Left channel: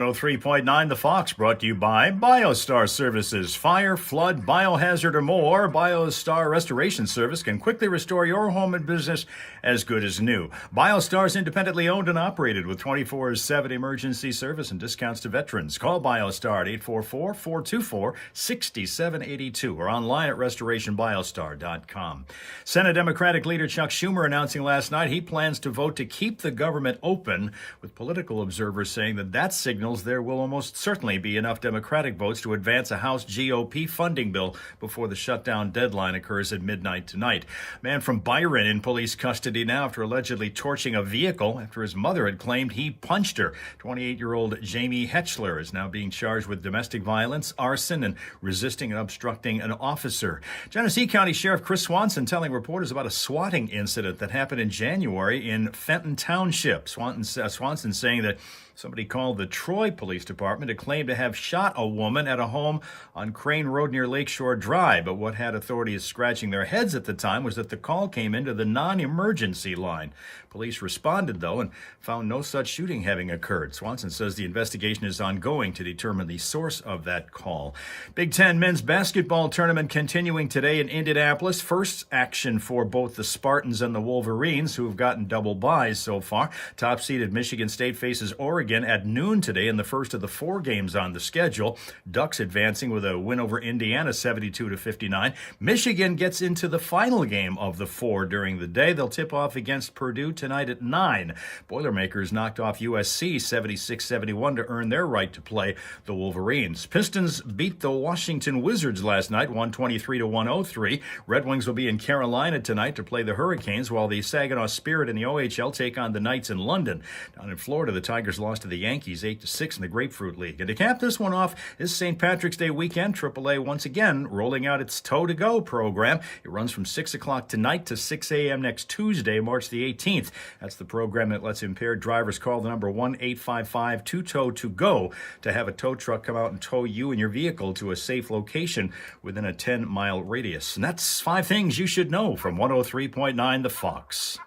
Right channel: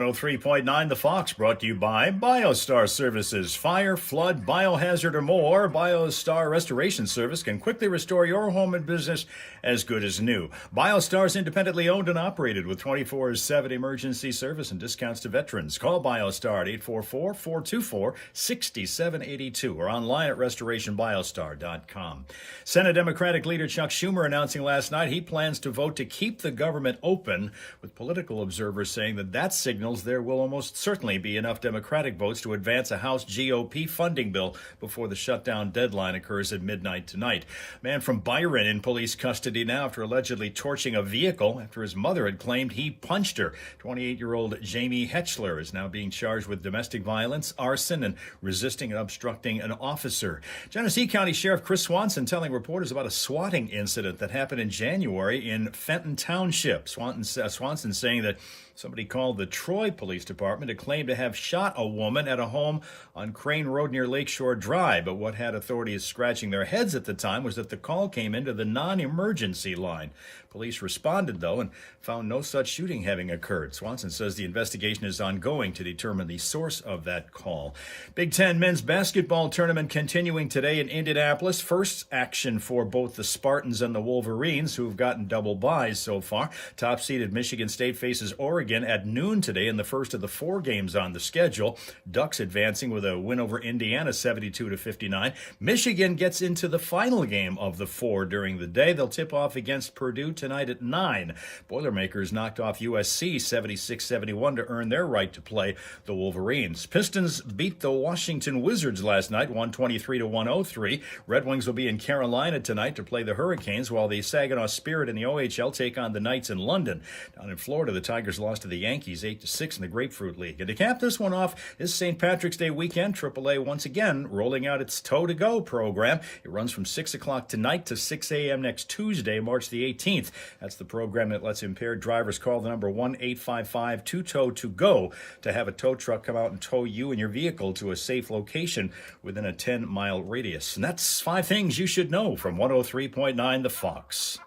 103.9 The Fox, brought to you by BioStar Services. Fire, flood, biohazard, or more, BioStar Restoration Service can quickly restore your home and business as good as new. BioStar is independently owned and operated with 24/7 emergency service and discounts to veterans. Call BioStar at 844-424-6782 or online at restorationbiostar.com. Senate Democratic leader Chuck Schumer announcing last night he plans to vote to keep the government open, with political observers saying that signals there will almost certainly be enough Democratic votes to advance a House GOP funding bill before the shutdown deadline occurs at midnight tonight. Man from Byron in police custody now after allegedly torching a vehicle after his mother had claimed he punched her. 28-year-old Jamie Hetchler is now being charged with domestic violence, arson, and resisting and obstructing an officer. Genesee County Sheriff Chris Swanson telling reporters about a swatting incident that happened in January in Fenton Township. Swanson saying that somebody called the Troy Police Department to claim to have shot a woman at a home on Crane Road near Lakeshore Drive. But what had authorities scratching their heads at the time was that the call came into the non-emergency line. Police responded, though, and found no such shooting having occurred. Swanson says the investigation is ongoing to determine the source of that call. Big Ten men's basketball tournament continuing today in Indianapolis. First action for both the Spartans and the Wolverines, who have gotten double byes so far. Top-seeded Michigan State faces Oregon at noon today in the first of the 4 games on the schedule. Ducks advancing with a win over Indiana 72-59. Michigan gets into the final game of the 4 during the day. They'll tip off against Purdue tonight at 9. Boilermakers knocked off USC 76-71 to earn their right to play the Wolverines. Pistons beat the Washington Wizards last night, 123-103. Red Wings will be in Carolina tonight to play the Hurricanes, while the Saginaw Spirit and the OHL take on the Knights in London. Down in Florida, the Tigers lost to the Yankees 8-6 in the Grapefruit League. And to cap this one off, this St. Patrick's Day weekend, AAA once again rolling out its Toe to Go program. It runs from 6 o'clock tonight to 6 a.m. next Tuesday, March the 18th. That's the program that lets impaired drivers call the number 1-855-2TOW-TO-GO to have a tow truck come out and tow you and your vehicle to a safe location within a 10-mile radius. And that's 5 things you should know from 103.9 The Fox.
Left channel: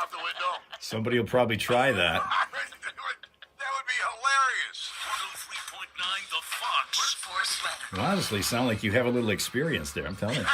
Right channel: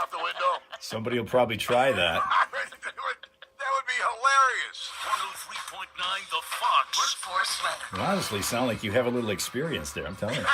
Out the window. Somebody will probably try that. That would be hilarious. 103.9 The Fox. You honestly sound like you have a little experience there, I'm telling you.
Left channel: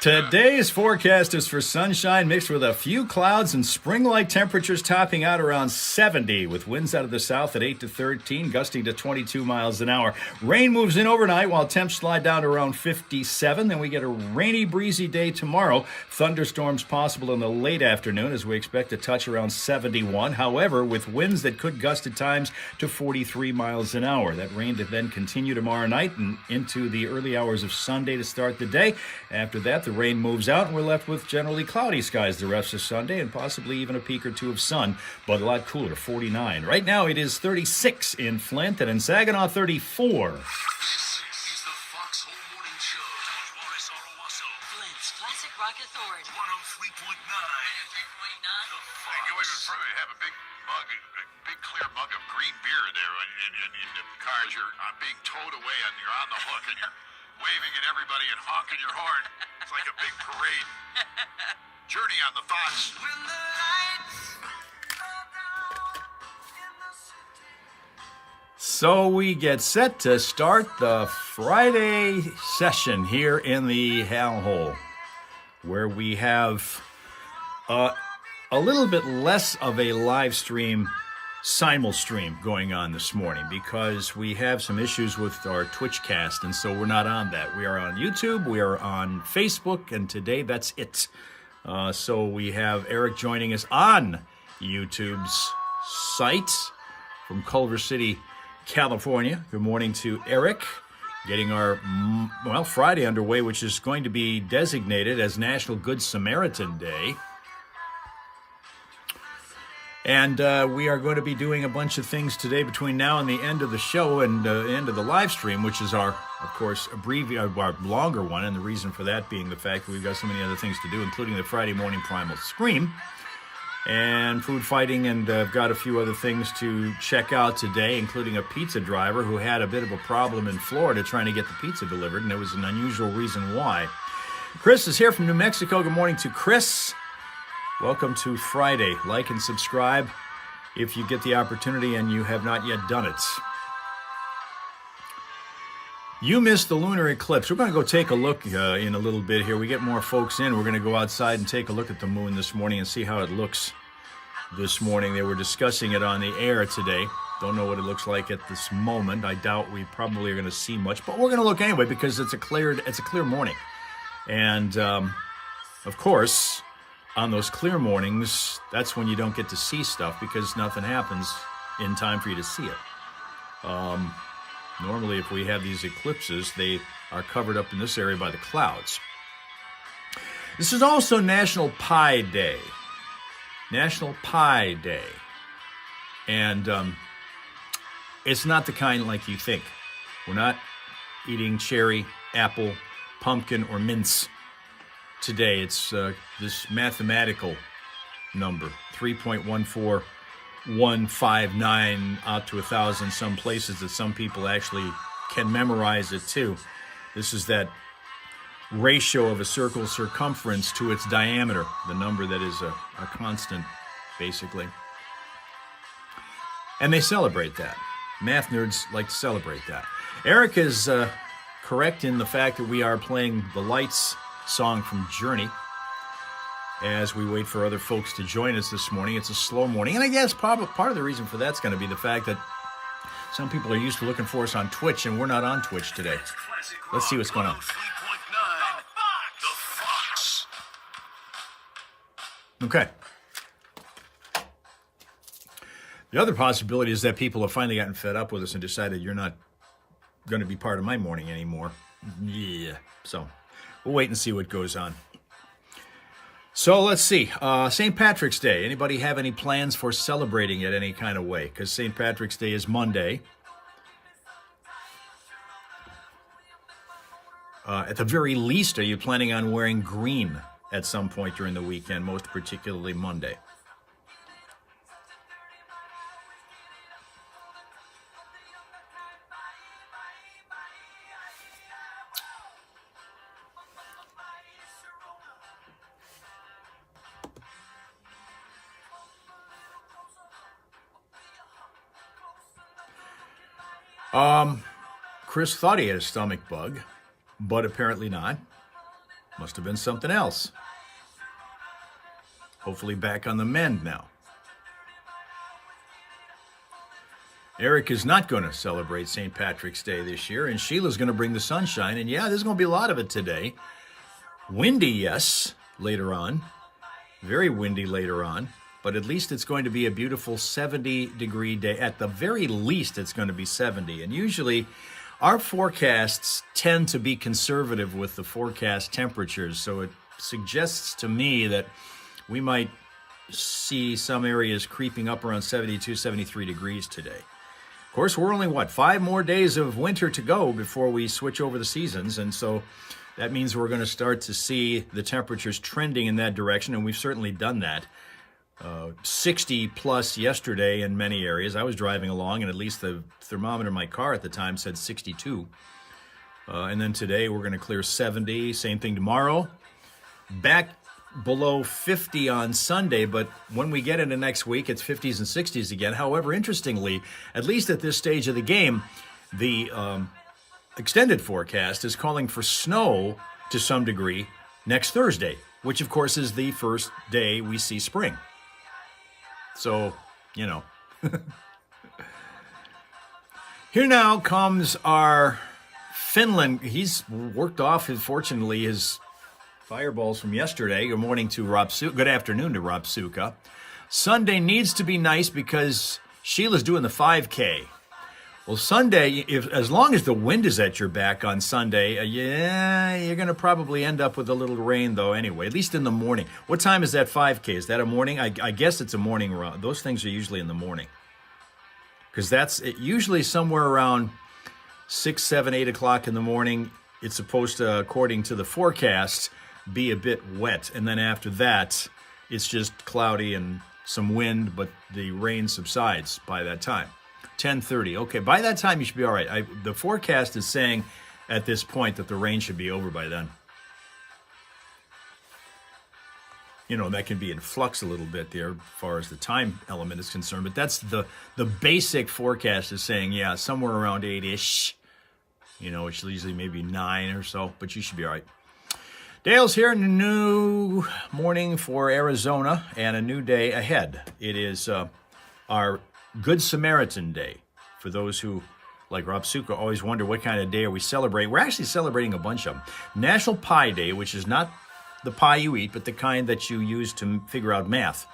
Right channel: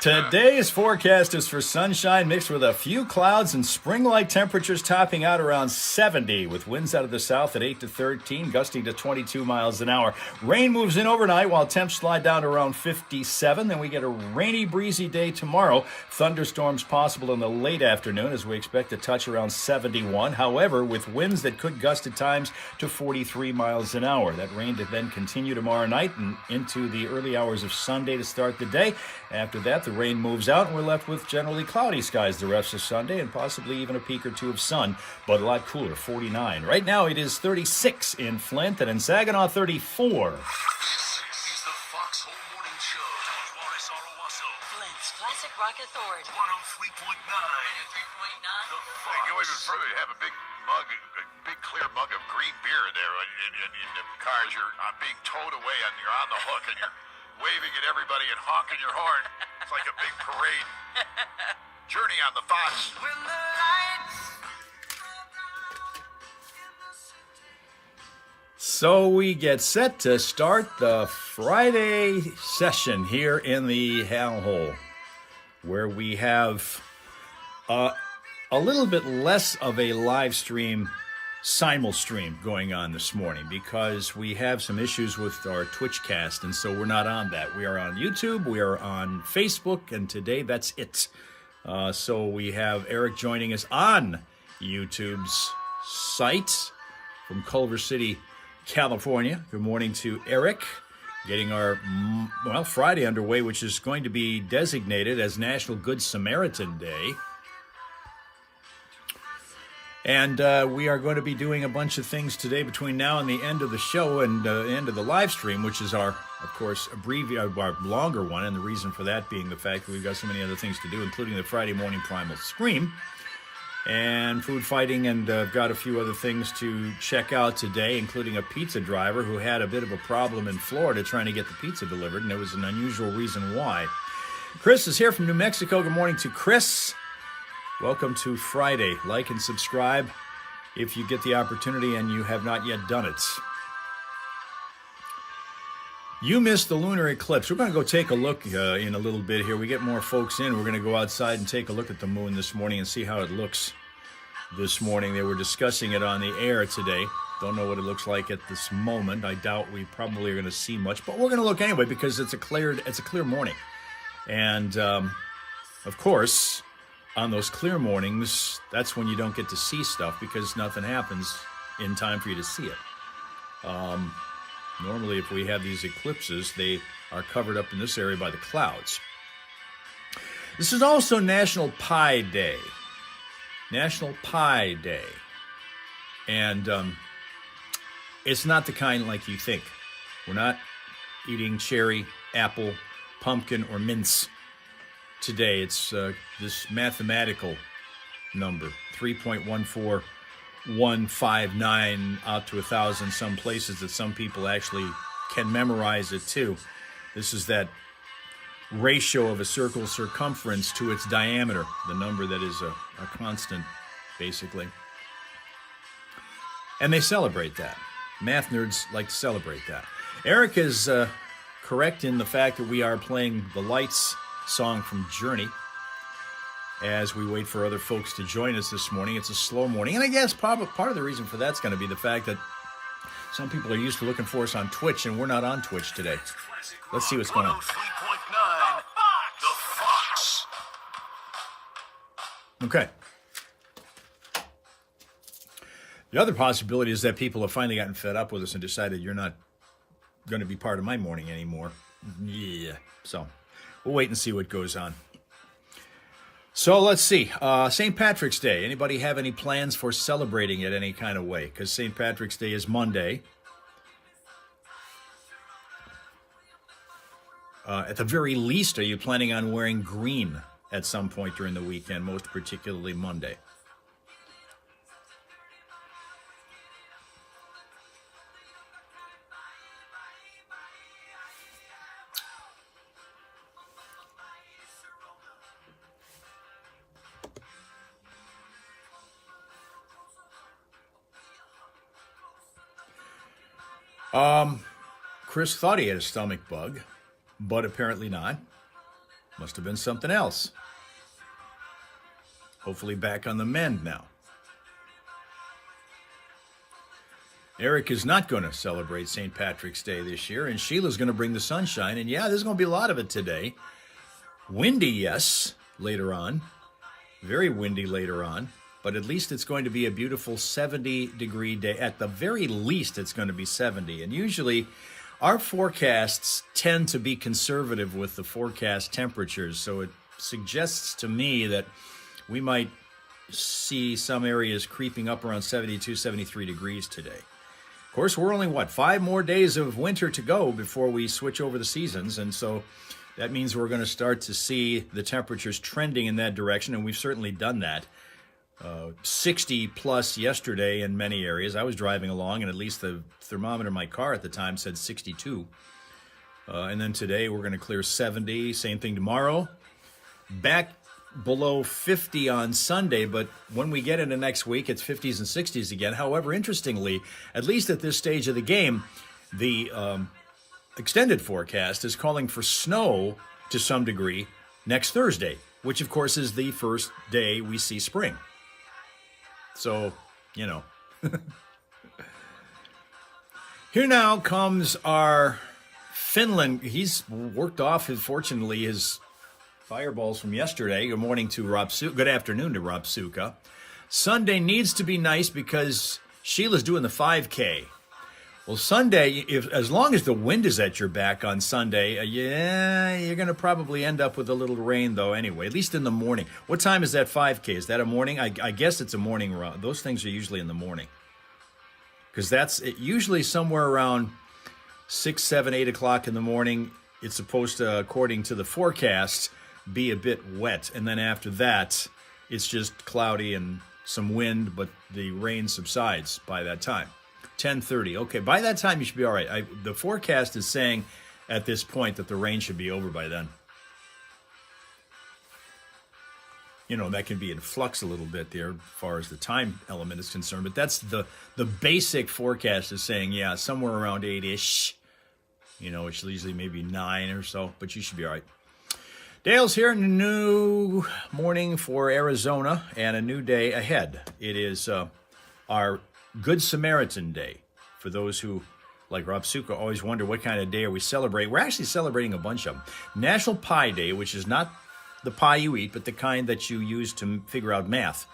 Today's forecast is for sunshine mixed with a few clouds and spring-like temperatures topping out around 70, with winds out of the south at 8 to 13, gusting to 22 miles an hour. Rain moves in overnight while temps slide down to around 57. Then we get a rainy, breezy day tomorrow. Thunderstorms possible in the late afternoon as we expect a touch around 71. However, with winds that could gust at times to 43 miles an hour. That rain to then continue tomorrow night and into the early hours of Sunday to start the day. After that, the rain moves out, and we're left with generally cloudy skies the rest of Sunday and possibly even a peak or two of sun, but a lot cooler, 49. Right now, it is 36 in Flint and in Saginaw, 34. This is the Fox Home Morning Show. Morris Owasso. Flint's Classic Rock Authority. 103.9. You always prefer to have a big mug, a big clear mug of green beer in there in the cars. You're being towed away and you're on the hook and you're waving at everybody and honking your horn. It's like a big parade. Journey on the Fox. When the lights go down in the city. So we get set to start the Friday session here in the Hal Hole, where we have a little bit less of a live stream, simul-stream going on this morning because we have some issues with our Twitch cast, and so we're not on that. We are on YouTube, we are on Facebook, and today that's it. So we have Eric joining us on YouTube's site from Culver City, California. Good morning to Eric. Getting our, Friday underway, which is going to be designated as National Good Samaritan Day. And we are going to be doing a bunch of things today between now and the end of the show and the end of the live stream, which is our, of course, our longer one. And the reason for that being the fact that we've got so many other things to do, including the Friday morning Primal Scream and food fighting. And I've got a few other things to check out today, including a pizza driver who had a bit of a problem in Florida trying to get the pizza delivered. And there was an unusual reason why. Chris is here from New Mexico. Good morning to Chris. Welcome to Friday. Like and subscribe if you get the opportunity and you have not yet done it. You missed the lunar eclipse. We're going to go take a look in a little bit here. We get more folks in. We're going to go outside and take a look at the moon this morning and see how it looks this morning. They were discussing it on the air today. Don't know what it looks like at this moment. I doubt we probably are going to see much, but we're going to look anyway because it's a clear morning. And, of course, on those clear mornings, that's when you don't get to see stuff because nothing happens in time for you to see it. Normally, if we have these eclipses, they are covered up in this area by the clouds. This is also National Pie Day. National Pie Day. And it's not the kind like you think. We're not eating cherry, apple, pumpkin, or mince today. It's this mathematical number, 3.14159 out to 1,000, some places that some people actually can memorize it too. This is that ratio of a circle's circumference to its diameter, the number that is a constant, basically. And they celebrate that. Math nerds like to celebrate that. Eric is correct in the fact that we are playing the Lights song from Journey as we wait for other folks to join us this morning. It's a slow morning, and I guess part of the reason for that's going to be the fact that some people are used to looking for us on Twitch, and we're not on Twitch today. Let's see what's going on. Okay. The other possibility is that people have finally gotten fed up with us and decided you're not going to be part of my morning anymore. Yeah. So we'll wait and see what goes on. So let's see. St. Patrick's Day. Anybody have any plans for celebrating it any kind of way? Because St. Patrick's Day is Monday. At the very least, are you planning on wearing green at some point during the weekend, most particularly Monday? Chris thought he had a stomach bug, but apparently not. Must have been something else. Hopefully back on the mend now. Eric is not going to celebrate St. Patrick's Day this year, and Sheila's going to bring the sunshine. And yeah, there's going to be a lot of it today. Windy, yes, later on. Very windy later on. But at least it's going to be a beautiful 70-degree day. At the very least, it's going to be 70. And usually, our forecasts tend to be conservative with the forecast temperatures. So it suggests to me that we might see some areas creeping up around 72, 73 degrees today. Of course, we're only, 5 more days of winter to go before we switch over the seasons. And so that means we're going to start to see the temperatures trending in that direction. And we've certainly done that. 60 plus yesterday in many areas. I was driving along, and at least the thermometer in my car at the time said 62. And then today we're going to clear 70. Same thing tomorrow. Back below 50 on Sunday, but when we get into next week, it's 50s and 60s again. However, interestingly, at least at this stage of the game, the extended forecast is calling for snow to some degree next Thursday, which, of course, is the first day we see spring. So, you know. Here now comes our Finland. He's worked off, fortunately, his fireballs from yesterday. Good morning to Rob Suka. Good afternoon to Rob Suka. Sunday needs to be nice because Sheila's doing the 5K. Well, Sunday, as long as the wind is at your back on Sunday, you're going to probably end up with a little rain, though, anyway, at least in the morning. What time is that 5K? Is that a morning? I guess it's a morning run. Those things are usually in the morning. Because that's usually somewhere around 6, 7, 8 o'clock in the morning. It's supposed to, according to the forecast, be a bit wet. And then after that, it's just cloudy and some wind, but the rain subsides by that time. 10:30. Okay, by that time you should be all right. The forecast is saying at this point that the rain should be over by then. that can be in flux a little bit there as far as the time element is concerned. But that's the basic forecast is saying, yeah, somewhere around 8-ish. It's usually maybe 9 or so, but you should be all right. Dale's here, new morning for Arizona and a new day ahead. It is our Good Samaritan Day. For those who, like Rob Suka, always wonder what kind of day are we celebrating. We're actually celebrating a bunch of them. National Pie Day, which is not the pie you eat, but the kind that you use to figure out math.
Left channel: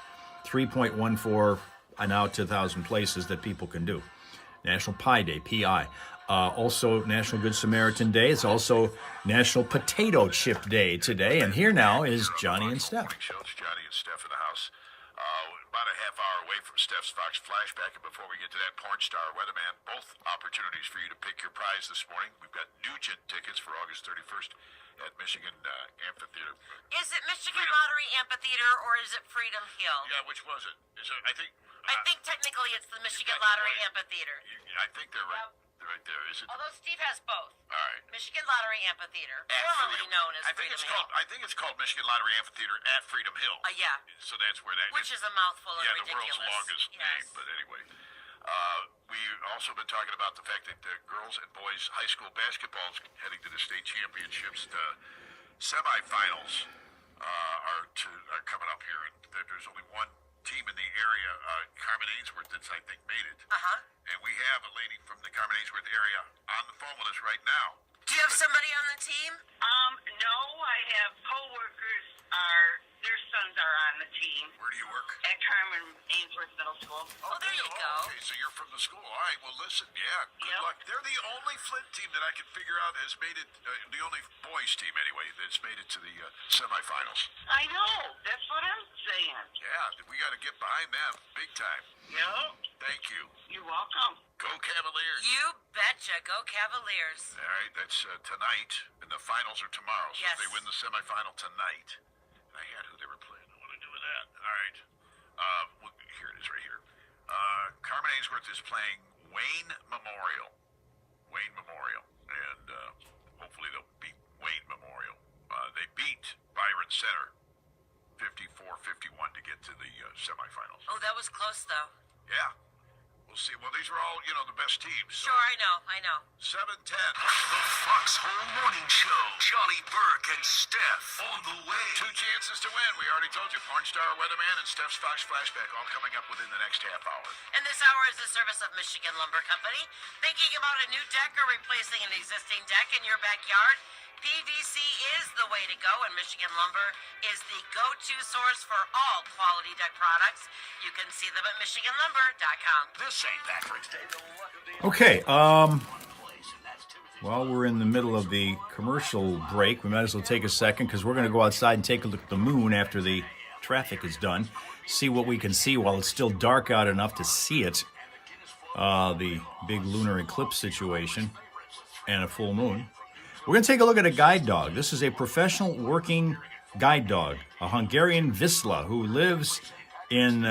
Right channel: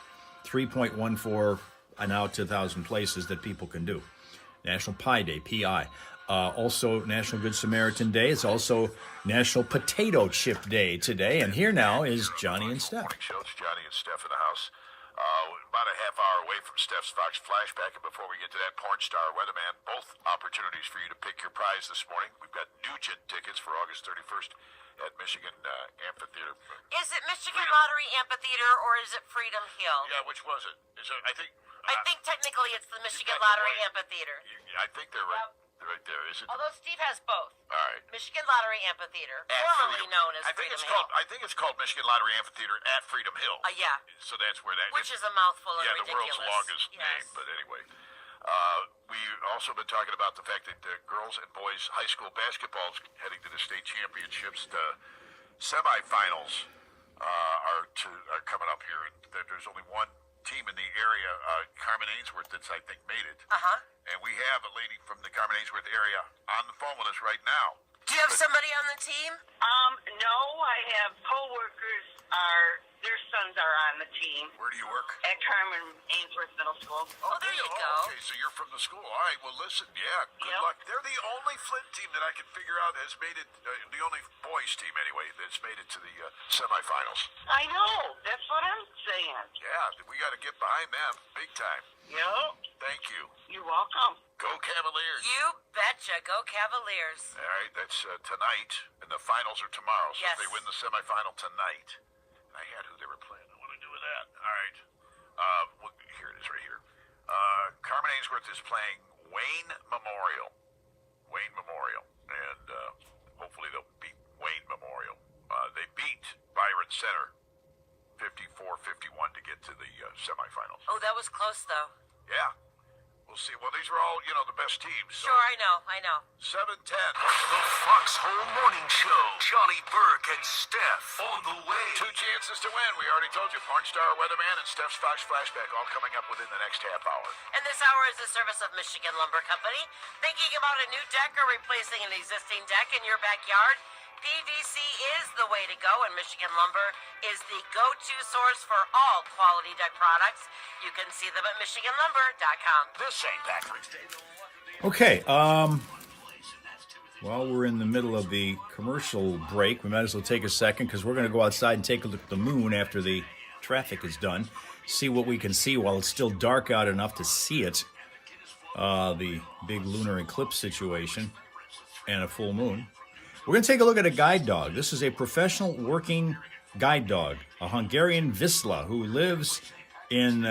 3.14 and out to 1,000 places that people can do. National Pie Day, P-I. Also National Good Samaritan Day. It's also National Potato Chip Day today. And here now is Johnny and Steph. Morning show. It's Johnny and Steph in the house. About a half hour away from Steph's Fox Flashback. And before we get to that, porn star weatherman, both opportunities for you to pick your prize this morning. We've got Nugent tickets for August 31st at Michigan Amphitheater. Is it Michigan Lottery Amphitheater or is it Freedom Hill? Yeah, which was it? Is it? I think technically it's the Michigan Lottery Amphitheater. I think they're right there. Is it? Although Steve has both. All right. Michigan Lottery Amphitheater, formerly known as Freedom Hill. I think it's called Michigan Lottery Amphitheater at Freedom Hill. Yeah. So that's where that Which is a mouthful and the ridiculous. world's longest Yes. name. But anyway, we've also been talking about the fact that girls and boys high school basketball is heading to the state championships. The semifinals are coming up here, and there's only one team in the area, Carmen Ainsworth, that's I think made it. And we have a lady from the Carmen Ainsworth area on the phone with us right now. Do you have somebody on the team? No, I have co-workers. Their sons are on the team Where do you work? at Carmen Ainsworth Middle School. Oh, there you go. Okay, so you're from the school. All right, well, listen, yeah, good Yep. luck. They're the only Flint team that I can figure out has made it, the only boys team anyway, that's made it to the semifinals. I know. That's what I'm saying. Yeah, we got to get behind them big time. Yep. Thank you. You're welcome. Go Cavaliers. You betcha. Go Cavaliers. All right, that's tonight, and the finals are tomorrow. So Yes. if they win the semifinal tonight, I had who they were playing. What do I do with that? All right. Here it is right here. Carmen Ainsworth is playing Wayne Memorial. And hopefully they'll beat Wayne Memorial. They beat Byron Center 54-51 to get to the semifinals. Oh, that was close, though. Yeah. We'll see. Well, these are all, the best teams. So Sure, I know. 7:10. The Foxhole Morning Show. Johnny Burke and Steph on the way. 2 chances to win. We already told you. Porn star, weatherman, and Steph's Fox Flashback all coming up within the next half hour. And this hour is the service of Michigan Lumber Company. Thinking about a new deck or replacing an existing deck in your backyard? PVC is the way to go, and Michigan Lumber is the go-to source for all quality deck products. You can see them at MichiganLumber.com. This ain't Patrick's Day. Okay, while we're in the middle of the commercial break, we might as well take a second because we're going to go outside and take a look at the moon after the traffic is done. See what we can see while it's still dark out enough to see it. The big lunar eclipse situation and a full moon. We're going to take a look at a guide dog. This is a professional working guide dog, a Hungarian Vizsla who lives in,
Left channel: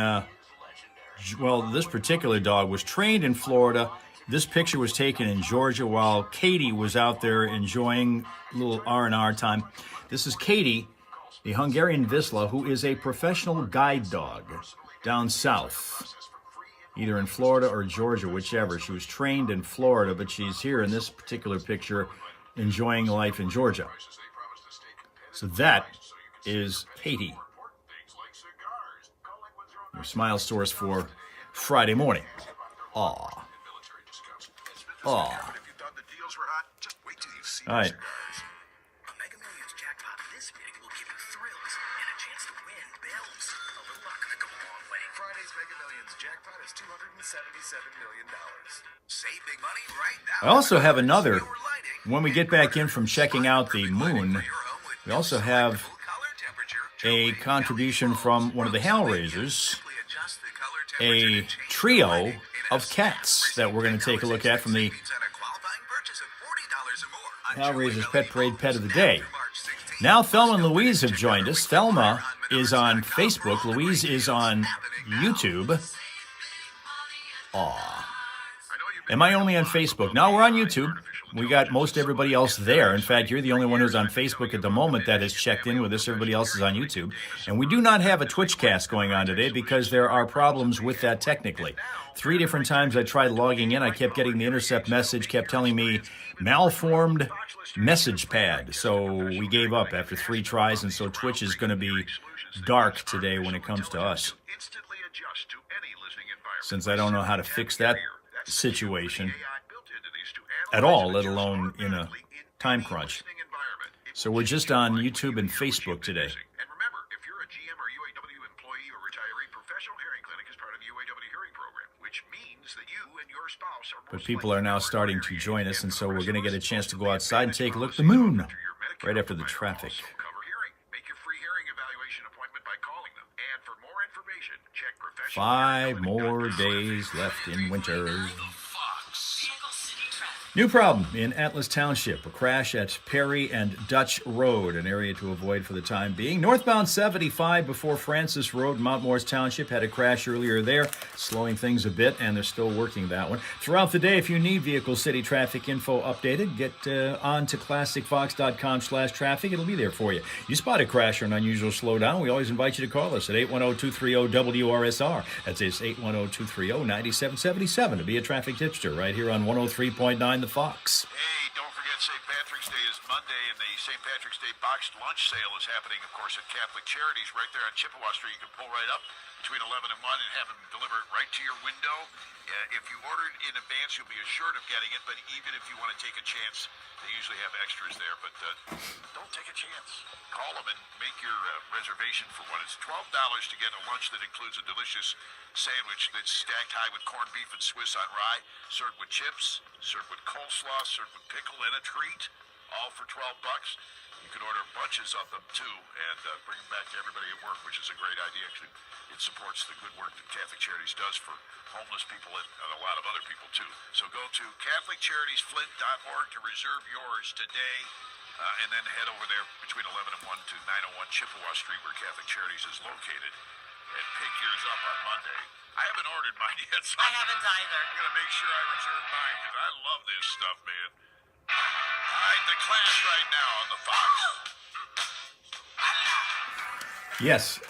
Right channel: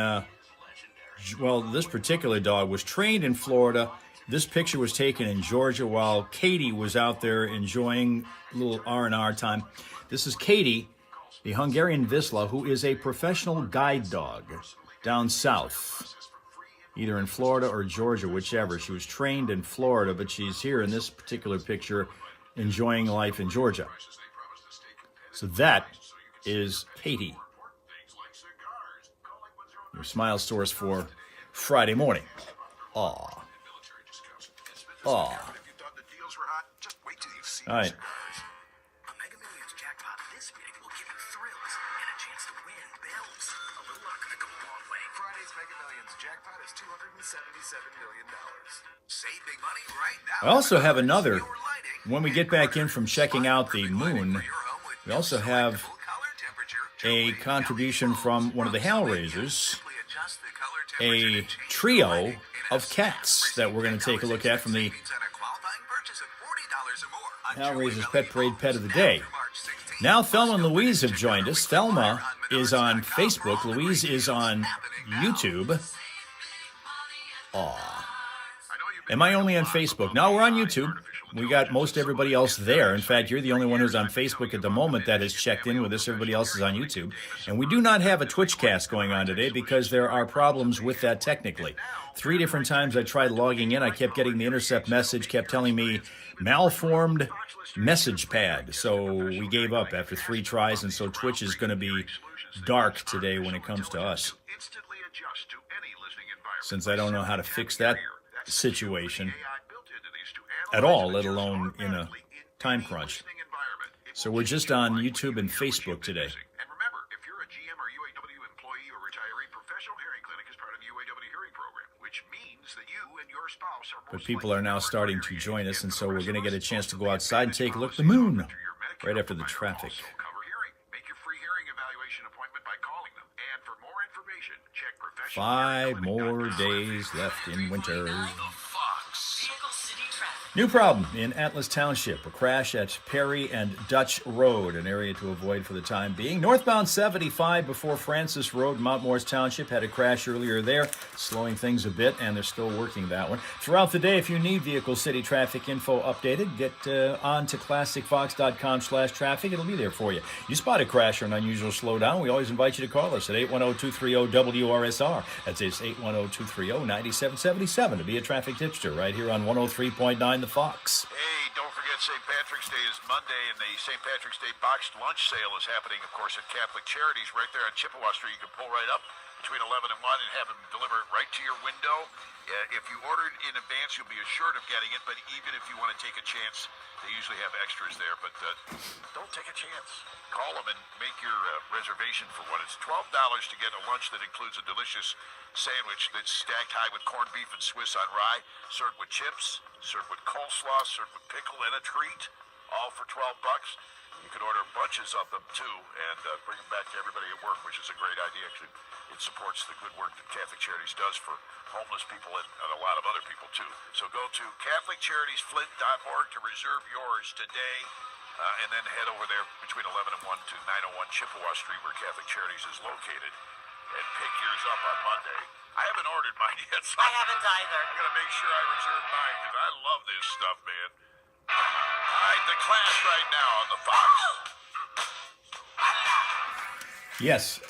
this particular dog was trained in Florida. This picture was taken in Georgia while Katie was out there enjoying a little R&R time. This is Katie, the Hungarian Vizsla, who is a professional guide dog down south, either in Florida or Georgia, whichever. She was trained in Florida, but she's here in this particular picture enjoying life in Georgia. So that is Katie. Your smile source for Friday morning. Aw. All right. A Mega Millions jackpot this big will give you thrills and a chance to win bills. A little luck could go a long way. Friday's Mega Millions jackpot is $277 million. Save big money right now. I also have another, when we get back in from checking out the moon, we also have a contribution from one of the Hellraisers, a trio of cats that we're going to take a look at from the Hellraiser's Pet Parade Pet of the Day. Now Thelma and Louise have joined us. Thelma is on Facebook. Louise is on YouTube. Aw. Am I only on Facebook? No, we're on YouTube. We got most everybody else there. In fact, you're the only one who's on Facebook at the moment that has checked in with us. Everybody else is on YouTube. And we do not have a Twitch cast going on today because there are problems with that technically. 3 different times I tried logging in. I kept getting the intercept message, kept telling me malformed message pad. So we gave up after 3 tries, and so Twitch is going to be dark today when it comes to us, since I don't know how to fix that situation at all, let alone in a time crunch. So we're just on YouTube and Facebook today. And remember, if you're a GM or UAW employee or retiree, Professional Hearing Clinic is part of the UAW Hearing Program, which means that you and your spouse are But people are now starting to join us, and so we're going to get a chance to go outside and take a look at the moon right after the traffic. cover hearing. Make your free hearing evaluation appointment by calling them. And for more information, check Professional 5 more days left in winter. New problem in Atlas Township, a crash at Perry and Dutch Road, an area to avoid for the time being. Northbound 75 before Francis Road, Mount Morris Township, had a crash earlier there, slowing things a bit, and they're still working that one. Throughout the day, if you need Vehicle City traffic info updated, get on to classicfox.com/traffic. It'll be there for you. You spot a crash or an unusual slowdown, we always invite you to call us at 810-230-WRSR. That's 810-230-9777 to be a traffic tipster right here on 103.9 The Fox. Hey, don't forget St. Patrick's Day is Monday, and the St. Patrick's Day boxed lunch sale is happening, of course, at Catholic Charities right there on Chippewa Street. You can pull right up between 11 and 1 and have them deliver it right to your window. If you ordered in advance, you'll be assured of getting it, but even if you want to take a chance, they usually have extras there. But don't take a chance. Call them and make your reservation for what is $12 to get a lunch that includes a delicious sandwich that's stacked high with corned beef and Swiss on rye, served with chips, served with coleslaw, served with pickle, and a treat, all for $12. You can order bunches of them, too, and bring them back to everybody at work, which is a great idea. It supports the good work that Catholic Charities does for homeless people and a lot of other people, too. So go to CatholicCharitiesFlint.org to reserve yours today, and then head over there between 11 and 1 to 901 Chippewa Street, where Catholic Charities is located, and pick yours up on Monday. I haven't ordered mine yet, so I haven't either. I'm going to make sure I reserve mine, because I love this stuff, man. All right, the Clash right now on the Fox. Yes.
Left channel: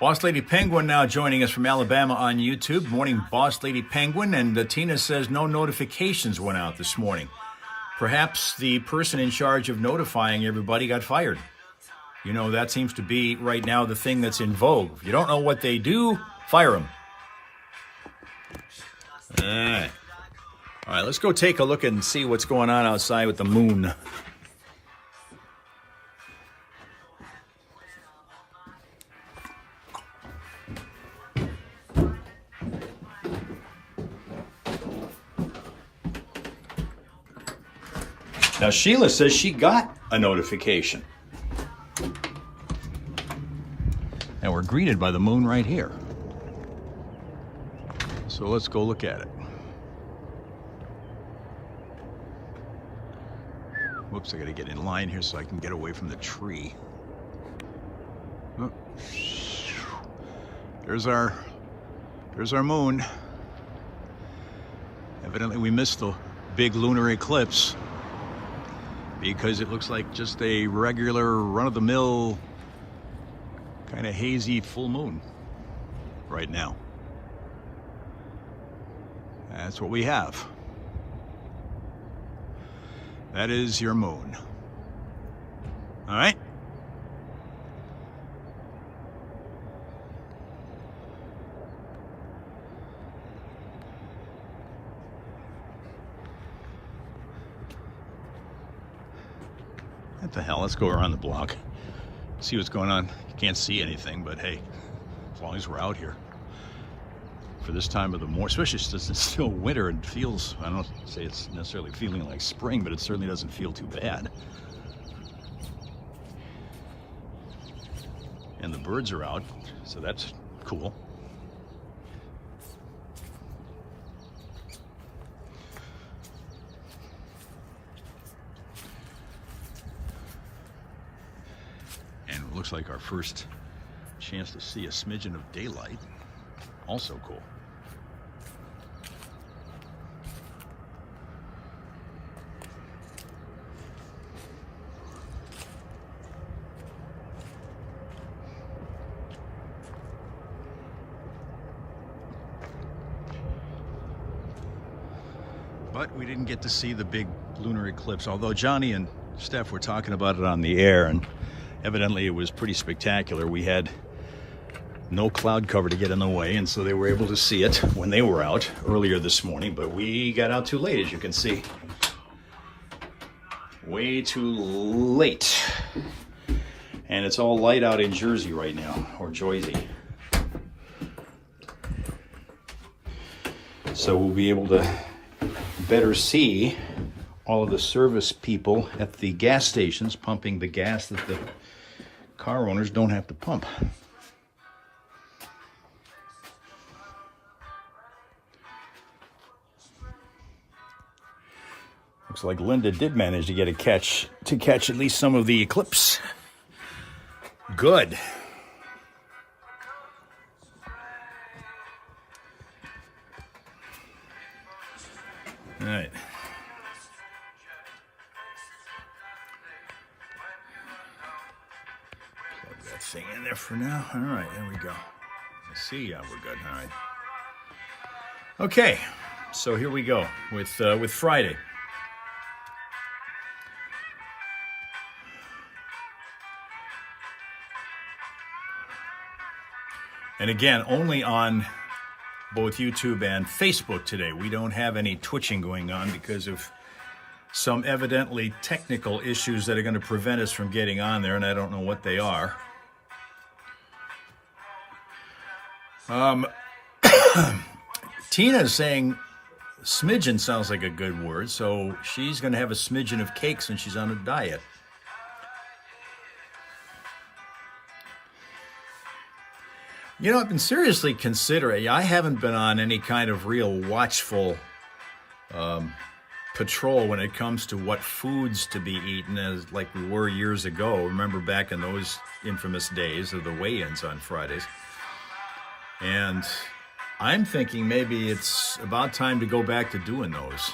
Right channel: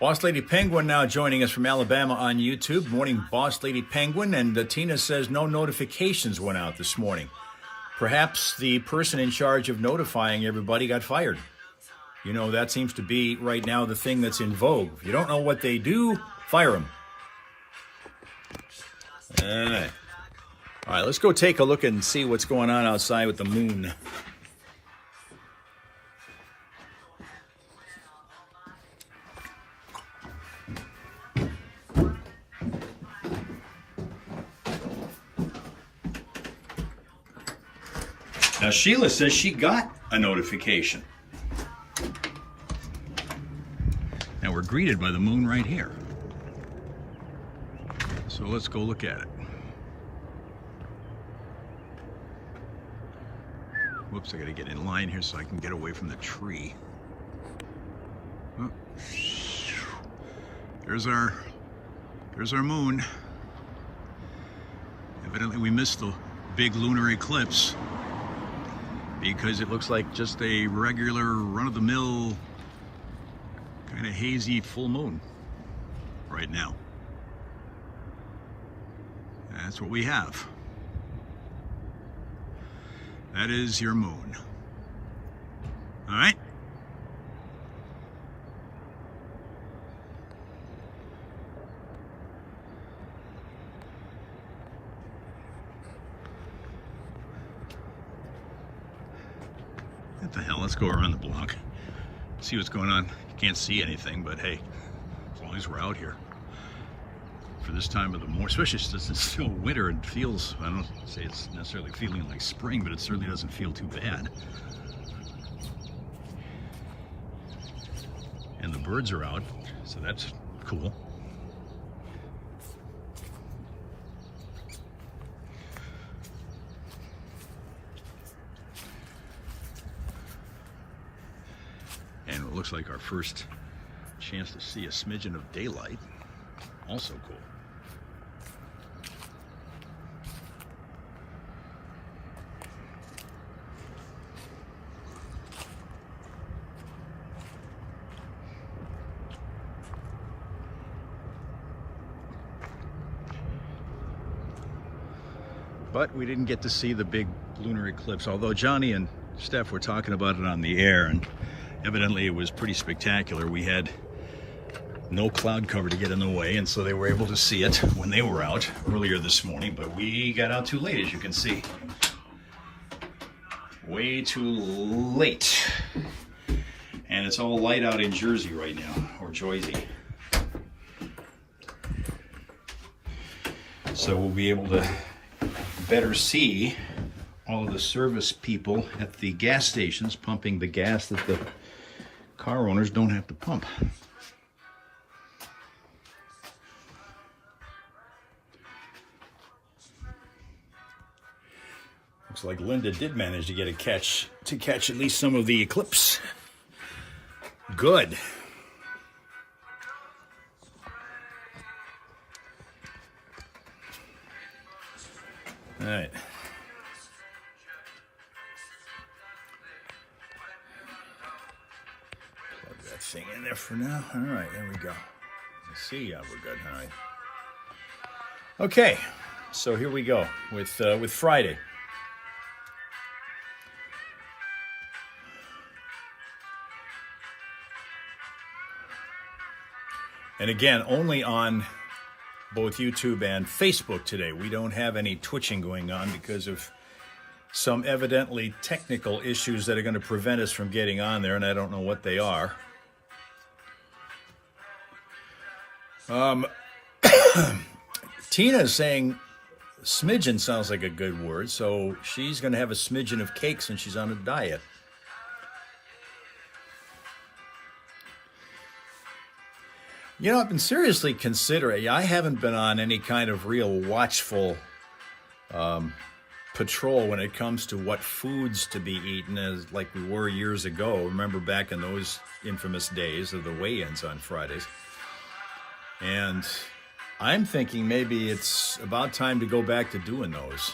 Boss Lady Penguin now joining us from Alabama on YouTube. Morning, Boss Lady Penguin. And Tina says no notifications went out this morning. Perhaps the person in charge of notifying everybody got fired. You know, that seems to be right now the thing that's in vogue. If you don't know what they do, fire them. All right, let's go take a look and see what's going on outside with the moon. Now, Sheila says she got a notification. And we're greeted by the moon right here. So let's go look at it. Whoops, I gotta get in line here so I can get away from the tree. Oh. There's our moon. Evidently we missed the big lunar eclipse, because it looks like just a regular run-of-the-mill kind of hazy full moon right now. That's what we have. That is your moon. All right? What the hell? Let's go around the block, see what's going on. You can't see anything, but hey, as long as we're out here for this time of the morning, especially since it's still winter and feels, I don't say it's necessarily feeling like spring, but it certainly doesn't feel too bad. And the birds are out, so that's cool. And it looks like our first chance to see a smidgen of daylight. Also cool. But we didn't get to see the big lunar eclipse, although Johnny and Steph were talking about it on the air, and evidently it was pretty spectacular. We had no cloud cover to get in the way, and so they were able to see it when they were out earlier this morning, but we got out too late, as you can see. Way too late. And it's all light out in Jersey right now, or Jersey. So we'll be able to better see all of the service people at the gas stations pumping the gas that the car owners don't have to pump. Looks like Linda did manage to get a catch at least some of the eclipse. Good. All right. Plug that thing in there for now. All right, there we go. Let's see. Yeah, we're good. All right. Okay, so here we go with Friday. And again, only on both YouTube and Facebook today. We don't have any twitching going on because of some evidently technical issues that are going to prevent us from getting on there, and I don't know what they are. Tina is saying smidgen sounds like a good word, so she's going to have a smidgen of cake since she's on a diet. You know, I've been seriously considering, I haven't been on any kind of real watchful patrol when it comes to what foods to be eaten as like we were years ago. Remember back in those infamous days of the weigh-ins on Fridays. And I'm thinking maybe it's about time to go back to doing those,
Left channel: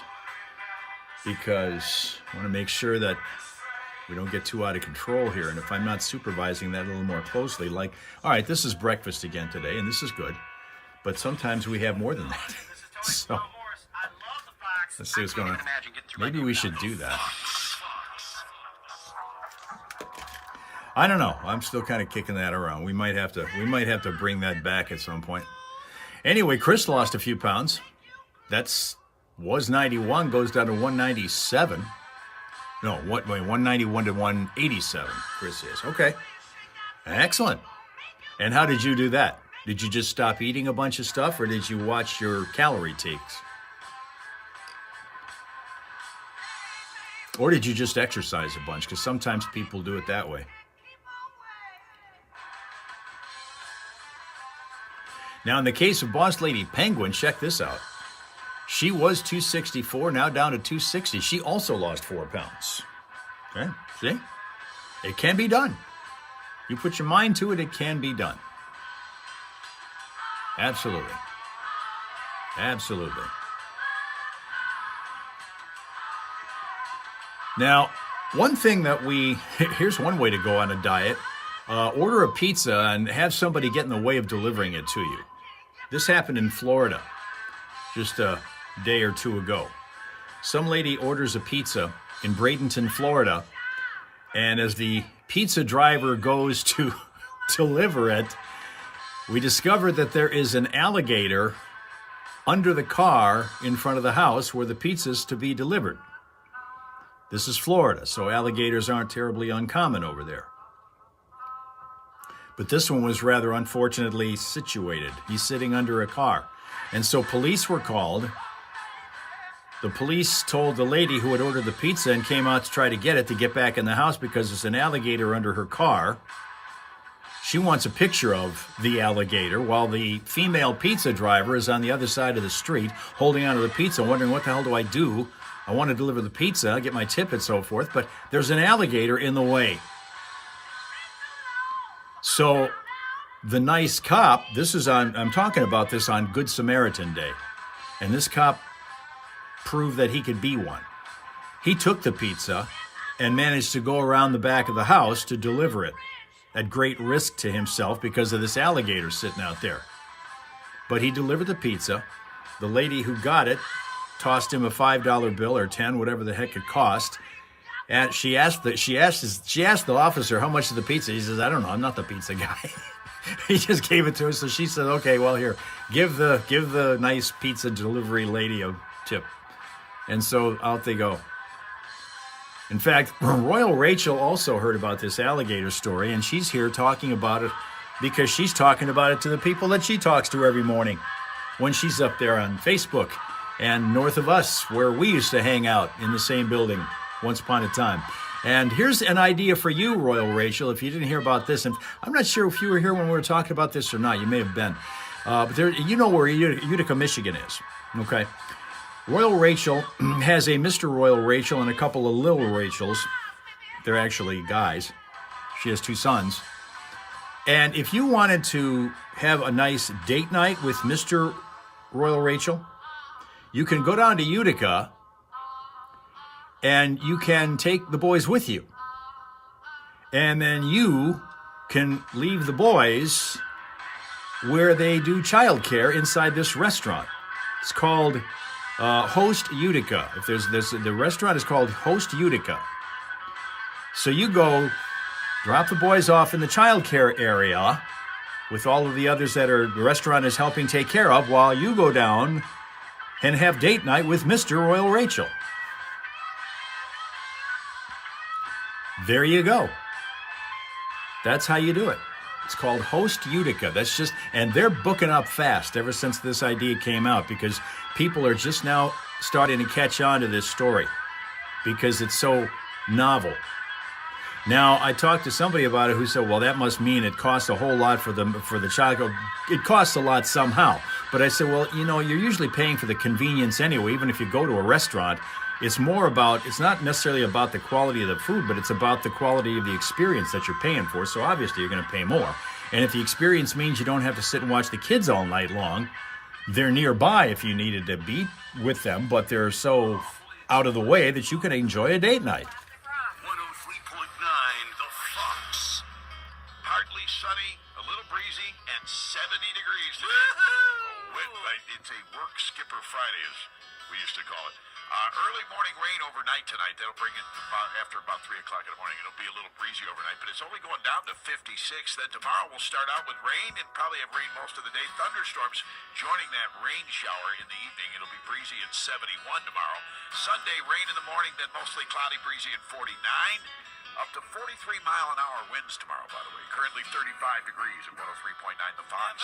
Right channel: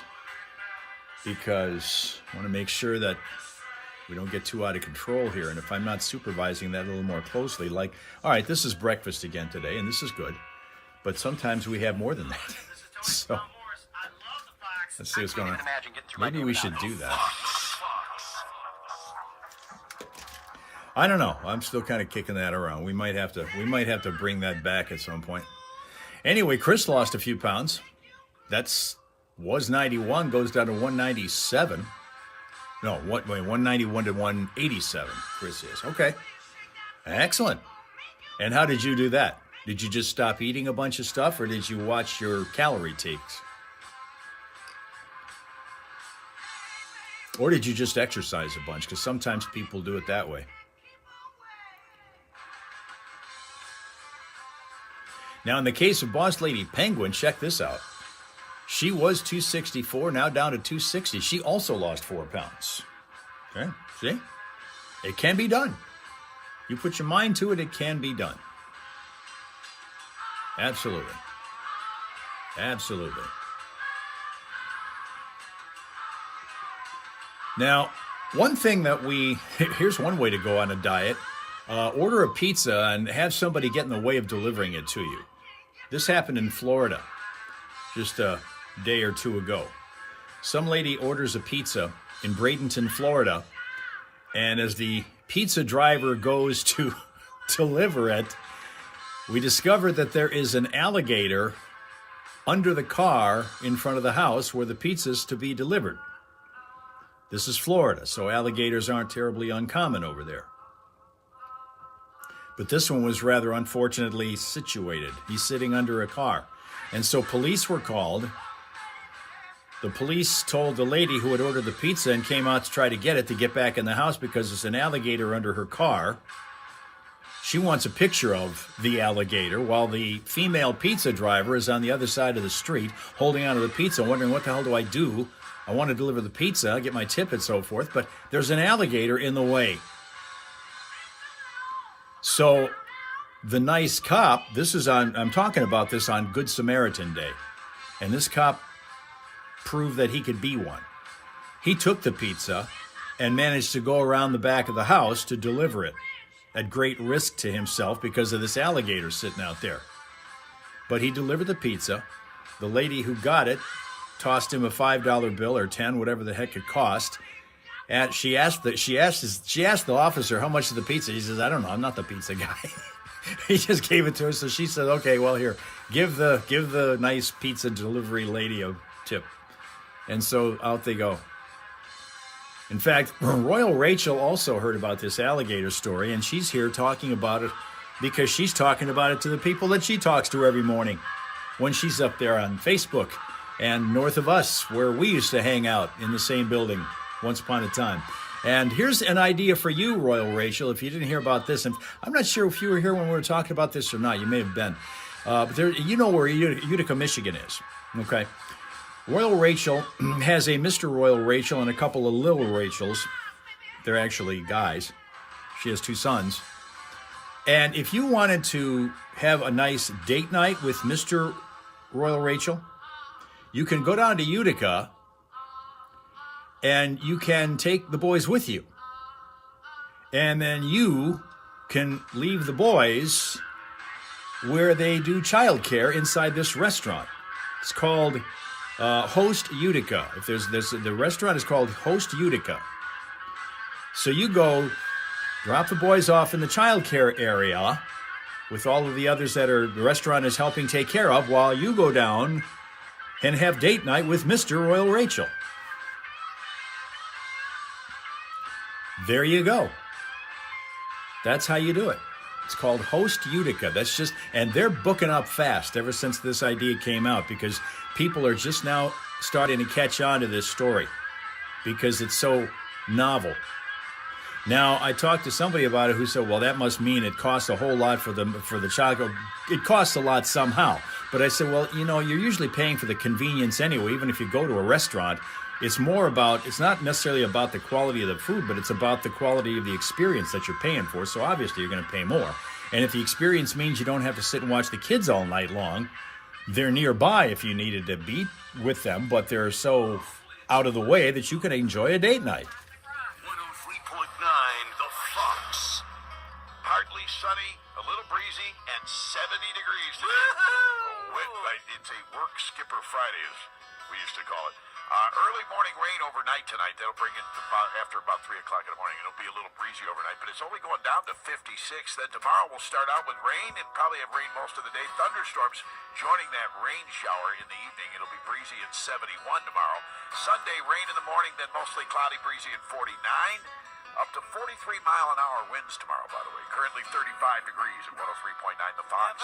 because I want to make sure that we don't get too out of control here. And if I'm not supervising that a little more closely, like, all right, this is breakfast again today, and this is good. But sometimes we have more than that. So let's see what's going on. Maybe we should do that. I don't know. I'm still kind of kicking that around. We might have to bring that back at some point. Anyway, Chris lost a few pounds. Was 91, goes down to 197. No, 191 to 187, Chris is. Okay. Excellent. And how did you do that? Did you just stop eating a bunch of stuff, or did you watch your calorie takes? Or did you just exercise a bunch? Because sometimes people do it that way. Now, in the case of Boss Lady Penguin, check this out. She was 264, now down to 260. She also lost 4 pounds. Okay, see? It can be done. You put your mind to it, it can be done. Absolutely. Absolutely. Now, one thing that here's one way to go on a diet. Order a pizza and have somebody get in the way of delivering it to you. This happened in Florida just a day or two ago. Some lady orders a pizza in Bradenton, Florida, and as the pizza driver goes to deliver it, we discover that there is an alligator under the car in front of the house where the pizza's to be delivered. This is Florida, so alligators aren't terribly uncommon over there. But this one was rather unfortunately situated. He's sitting under a car. And so police were called. The police told the lady who had ordered the pizza and came out to try to get back in the house because there's an alligator under her car. She wants a picture of the alligator while the female pizza driver is on the other side of the street holding onto the pizza, wondering, what the hell do I do? I want to deliver the pizza, get my tip and so forth, but there's an alligator in the way. So the nice cop, I'm talking about this on Good Samaritan Day, and this cop proved that he could be one. He took the pizza and managed to go around the back of the house to deliver it at great risk to himself because of this alligator sitting out there. But he delivered the pizza. The lady who got it tossed him a $5 bill or 10, whatever the heck it cost. And she asked the officer, how much is the pizza? He says, I don't know. I'm not the pizza guy. He just gave it to her. So she said, okay, well, here, give the nice pizza delivery lady a tip. And so out they go. In fact, Royal Rachel also heard about this alligator story, and she's here talking about it because she's talking about it to the people that she talks to every morning when she's up there on Facebook and north of us, where we used to hang out in the same building once upon a time. And here's an idea for you, Royal Rachel, if you didn't hear about this. And I'm not sure if you were here when we were talking about this or not. You may have been. But there, you know where Utica, Michigan is, okay? Royal Rachel has a Mr. Royal Rachel and a couple of little Rachels. They're actually guys. She has 2 sons. And if you wanted to have a nice date night with Mr. Royal Rachel, you can go down to Utica and you can take the boys with you. And then you can leave the boys where they do childcare inside this restaurant. It's called Host Utica. If the restaurant is called Host Utica. So you go drop the boys off in the childcare area with all of the others that the restaurant is helping take care of while you go down and have date night with Mr. Royal Rachel. There you go. That's how you do it. It's called Host Utica. And they're booking up fast ever since this idea came out because people are just now starting to catch on to this story because it's so novel. Now, I talked to somebody about it who said, well, that must mean it costs a whole lot for the child. It costs a lot somehow. But I said, well, you're usually paying for the convenience anyway, even if you go to a restaurant. It's not necessarily about the quality of the food, but it's about the quality of the experience that you're paying for. So obviously you're going to pay more. And if the experience means you don't have to sit and watch the kids all night long, they're nearby if you needed to be with them, but they're so out of the way that you can enjoy a date night. 103.9 The Fox. Partly sunny, a little breezy, and 70 degrees today. A wet night. It's a work skipper Friday, as we used to call it. Early morning rain overnight tonight. That'll bring it after about 3 o'clock in the morning. It'll be a little breezy overnight, but it's only going down to 56. Then tomorrow we'll start out with rain and probably have rain most of the day. Thunderstorms joining that rain shower in the evening. It'll be breezy at 71 tomorrow. Sunday, rain in the morning, then mostly cloudy, breezy at 49. Up to 43-mile-an-hour winds tomorrow, by the way. Currently 35 degrees at 103.9 The Fox.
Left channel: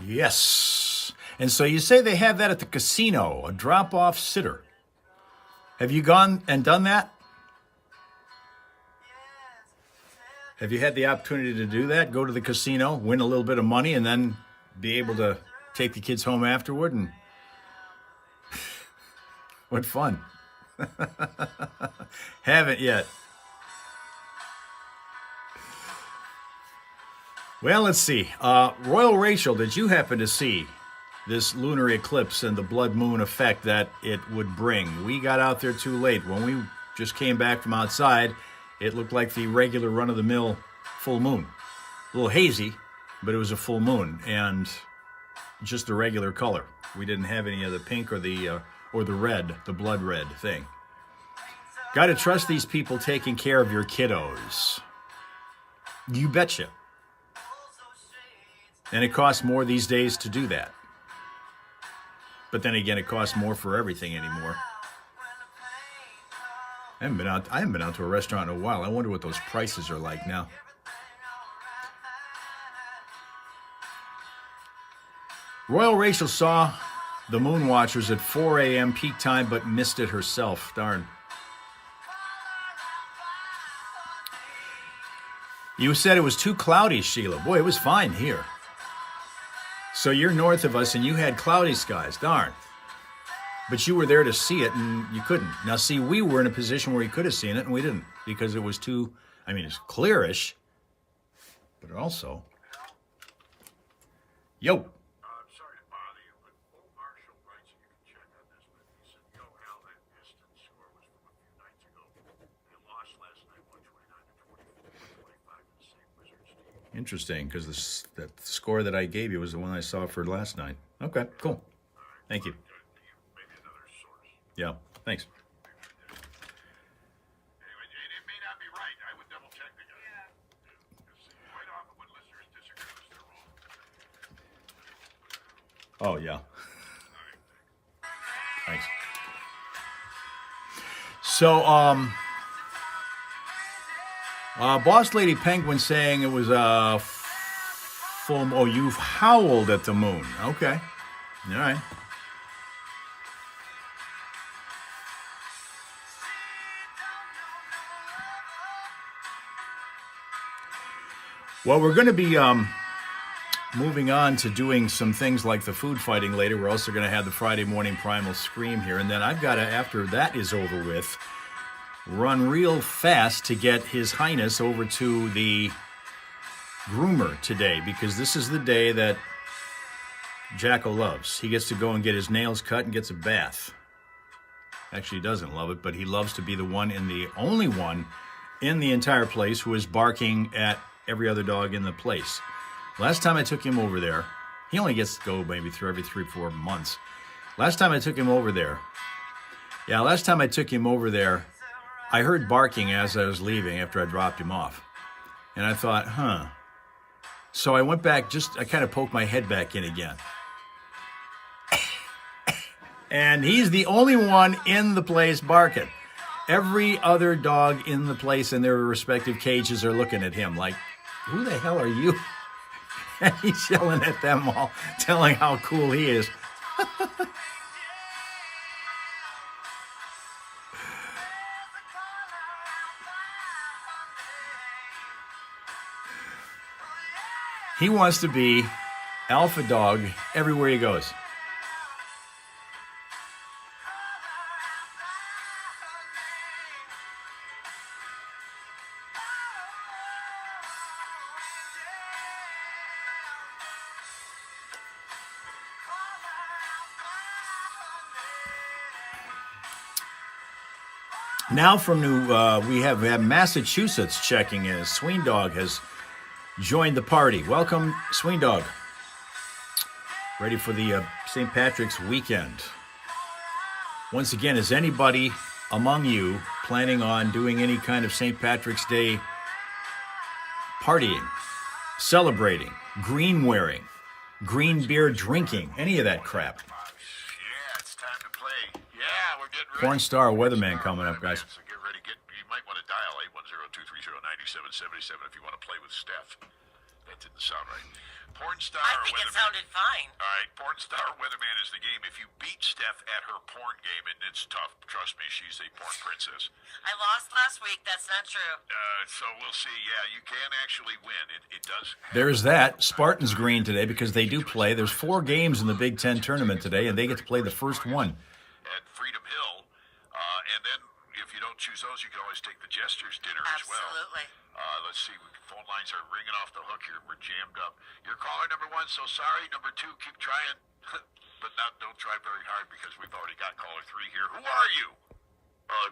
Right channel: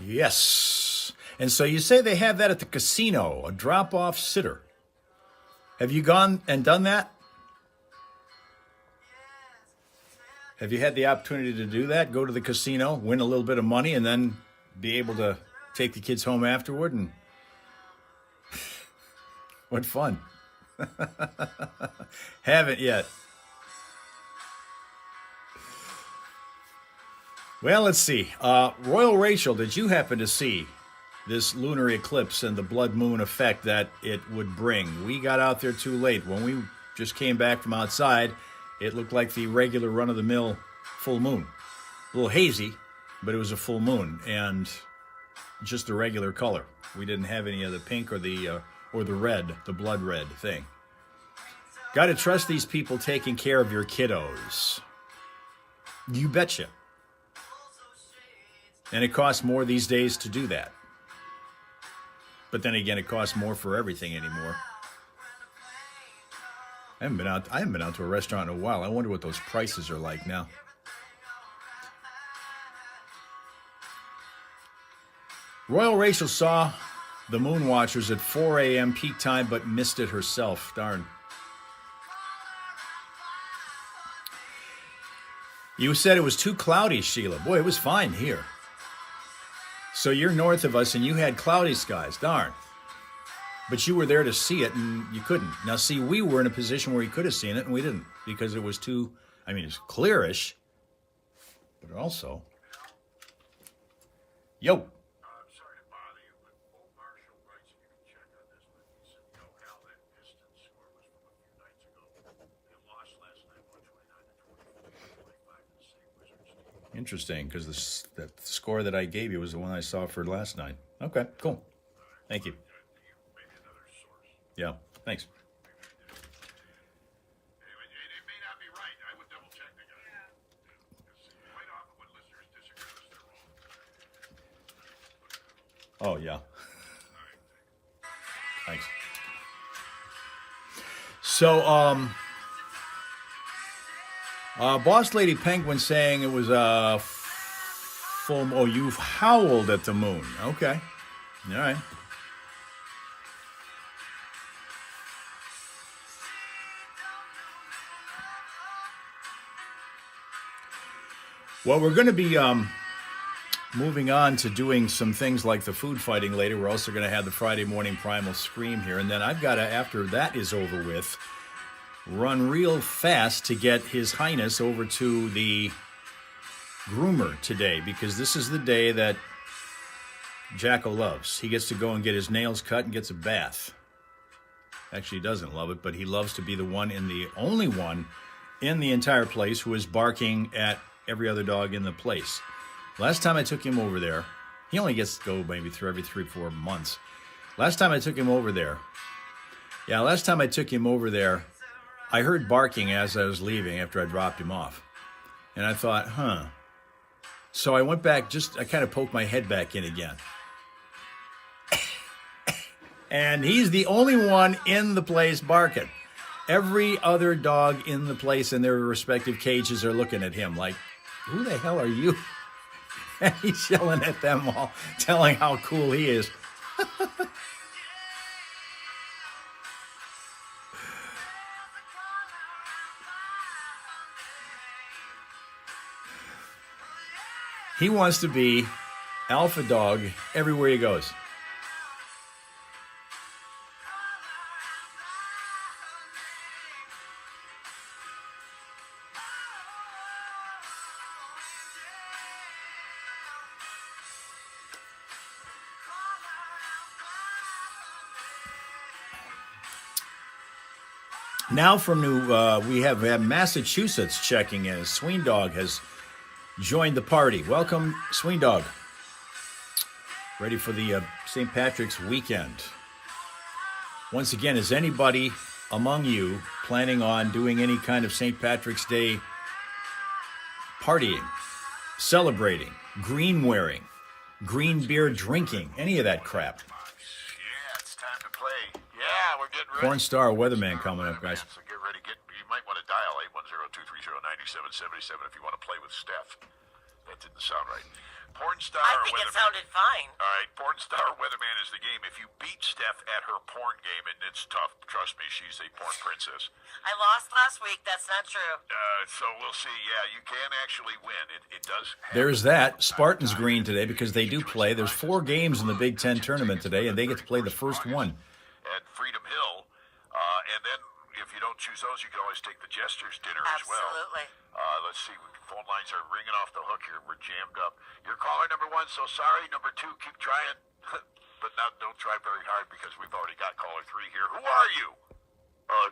Yes. And so you say they have that at the casino, a drop-off sitter. Have you gone and done that? Have you had the opportunity to do that? Go to the casino, win a little bit of money, and then be able to take the kids home afterward? And what fun. Haven't yet. Well, let's see. Royal Rachel, did you happen to see this lunar eclipse and the blood moon effect that it would bring? We got out there too late. When we just came back from outside, it looked like the regular run-of-the-mill full moon. A little hazy, but it was a full moon and just the regular color. We didn't have any of the pink or the red, the blood red thing. Got to trust these people taking care of your kiddos. You betcha. And it costs more these days to do that. But then again, it costs more for everything anymore. I haven't been out to a restaurant in a while. I wonder what those prices are like now. Royal Rachel saw the moon watchers at 4 a.m. peak time, but missed it herself. Darn. You said it was too cloudy, Sheila. Boy, it was fine here. So you're north of us and you had cloudy skies. Darn. But you were there to see it and you couldn't. Now, see, we were in a position where you could have seen it and we didn't because it was too, it's clearish, but also, yo. I'm sorry to bother you, but Old Marshall writes, and you can check on this, but he said, yo, Hal, that Pistons score was from a few nights ago. They lost last night, 129-24, 25 to the same Wizards team. Interesting, because that score that I gave you was the one I saw for last night. Okay, cool. Thank you. Maybe another source. Yeah, thanks. It may not be right. I would double check the guy. Because quite often when listeners disagree with us, they're wrong. Oh, yeah. Thanks. So, Boss Lady Penguin saying it was a full. Oh, you've howled at the moon. Okay. All right. Well, we're going to be moving on to doing some things like the food fighting later. We're also going to have the Friday morning primal scream here. And then I've got to, after that is over with, run real fast to get His Highness over to the groomer today, because this is the day that Jacko loves. He gets to go and get his nails cut and gets a bath. Actually, he doesn't love it, but he loves to be the only one in the entire place who is barking at every other dog in the place. Last time I took him over there, he only gets to go maybe through every 3-4 months. Last time I took him over there, I heard barking as I was leaving after I dropped him off. And I thought, So I went back, I kind of poked my head back in again. And he's the only one in the place barking. Every other dog in the place in their respective cages are looking at him like, who the hell are you? And he's yelling at them all, telling how cool he is. He wants to be alpha dog everywhere he goes. Now from we have Massachusetts checking in. Sween Dog has joined the party. Welcome, Sween Dog. Ready for the St. Patrick's weekend. Once again, is anybody among you planning on doing any kind of St. Patrick's Day partying, celebrating, green wearing, green beer drinking, any of that crap? Yeah, it's time to play. Yeah, we're getting ready. Porn star weatherman coming up, guys. So get ready. You might want to dial 810-230-9777 if you want to play with Steph. That didn't sound right. Porn star I think it weatherman. sounded fine. All right, porn star weatherman is the game. If you beat Steph at her porn game, and it's tough, trust me, she's a porn princess. I lost last week. That's not true. So we'll see. Yeah, you can actually win. It does happen. There's that. Spartans green today because they do play. There's 4 games in the Big Ten tournament today, and they get to play the first one. At Freedom Hill. And then if you don't choose those, you can always take the Jester's dinner as well. Absolutely. Let's see. Phone lines are ringing off the hook here. We're jammed up. You're caller number 1, so sorry. Number 2, keep trying. But now don't try very hard because we've already got caller 3 here. Who are you?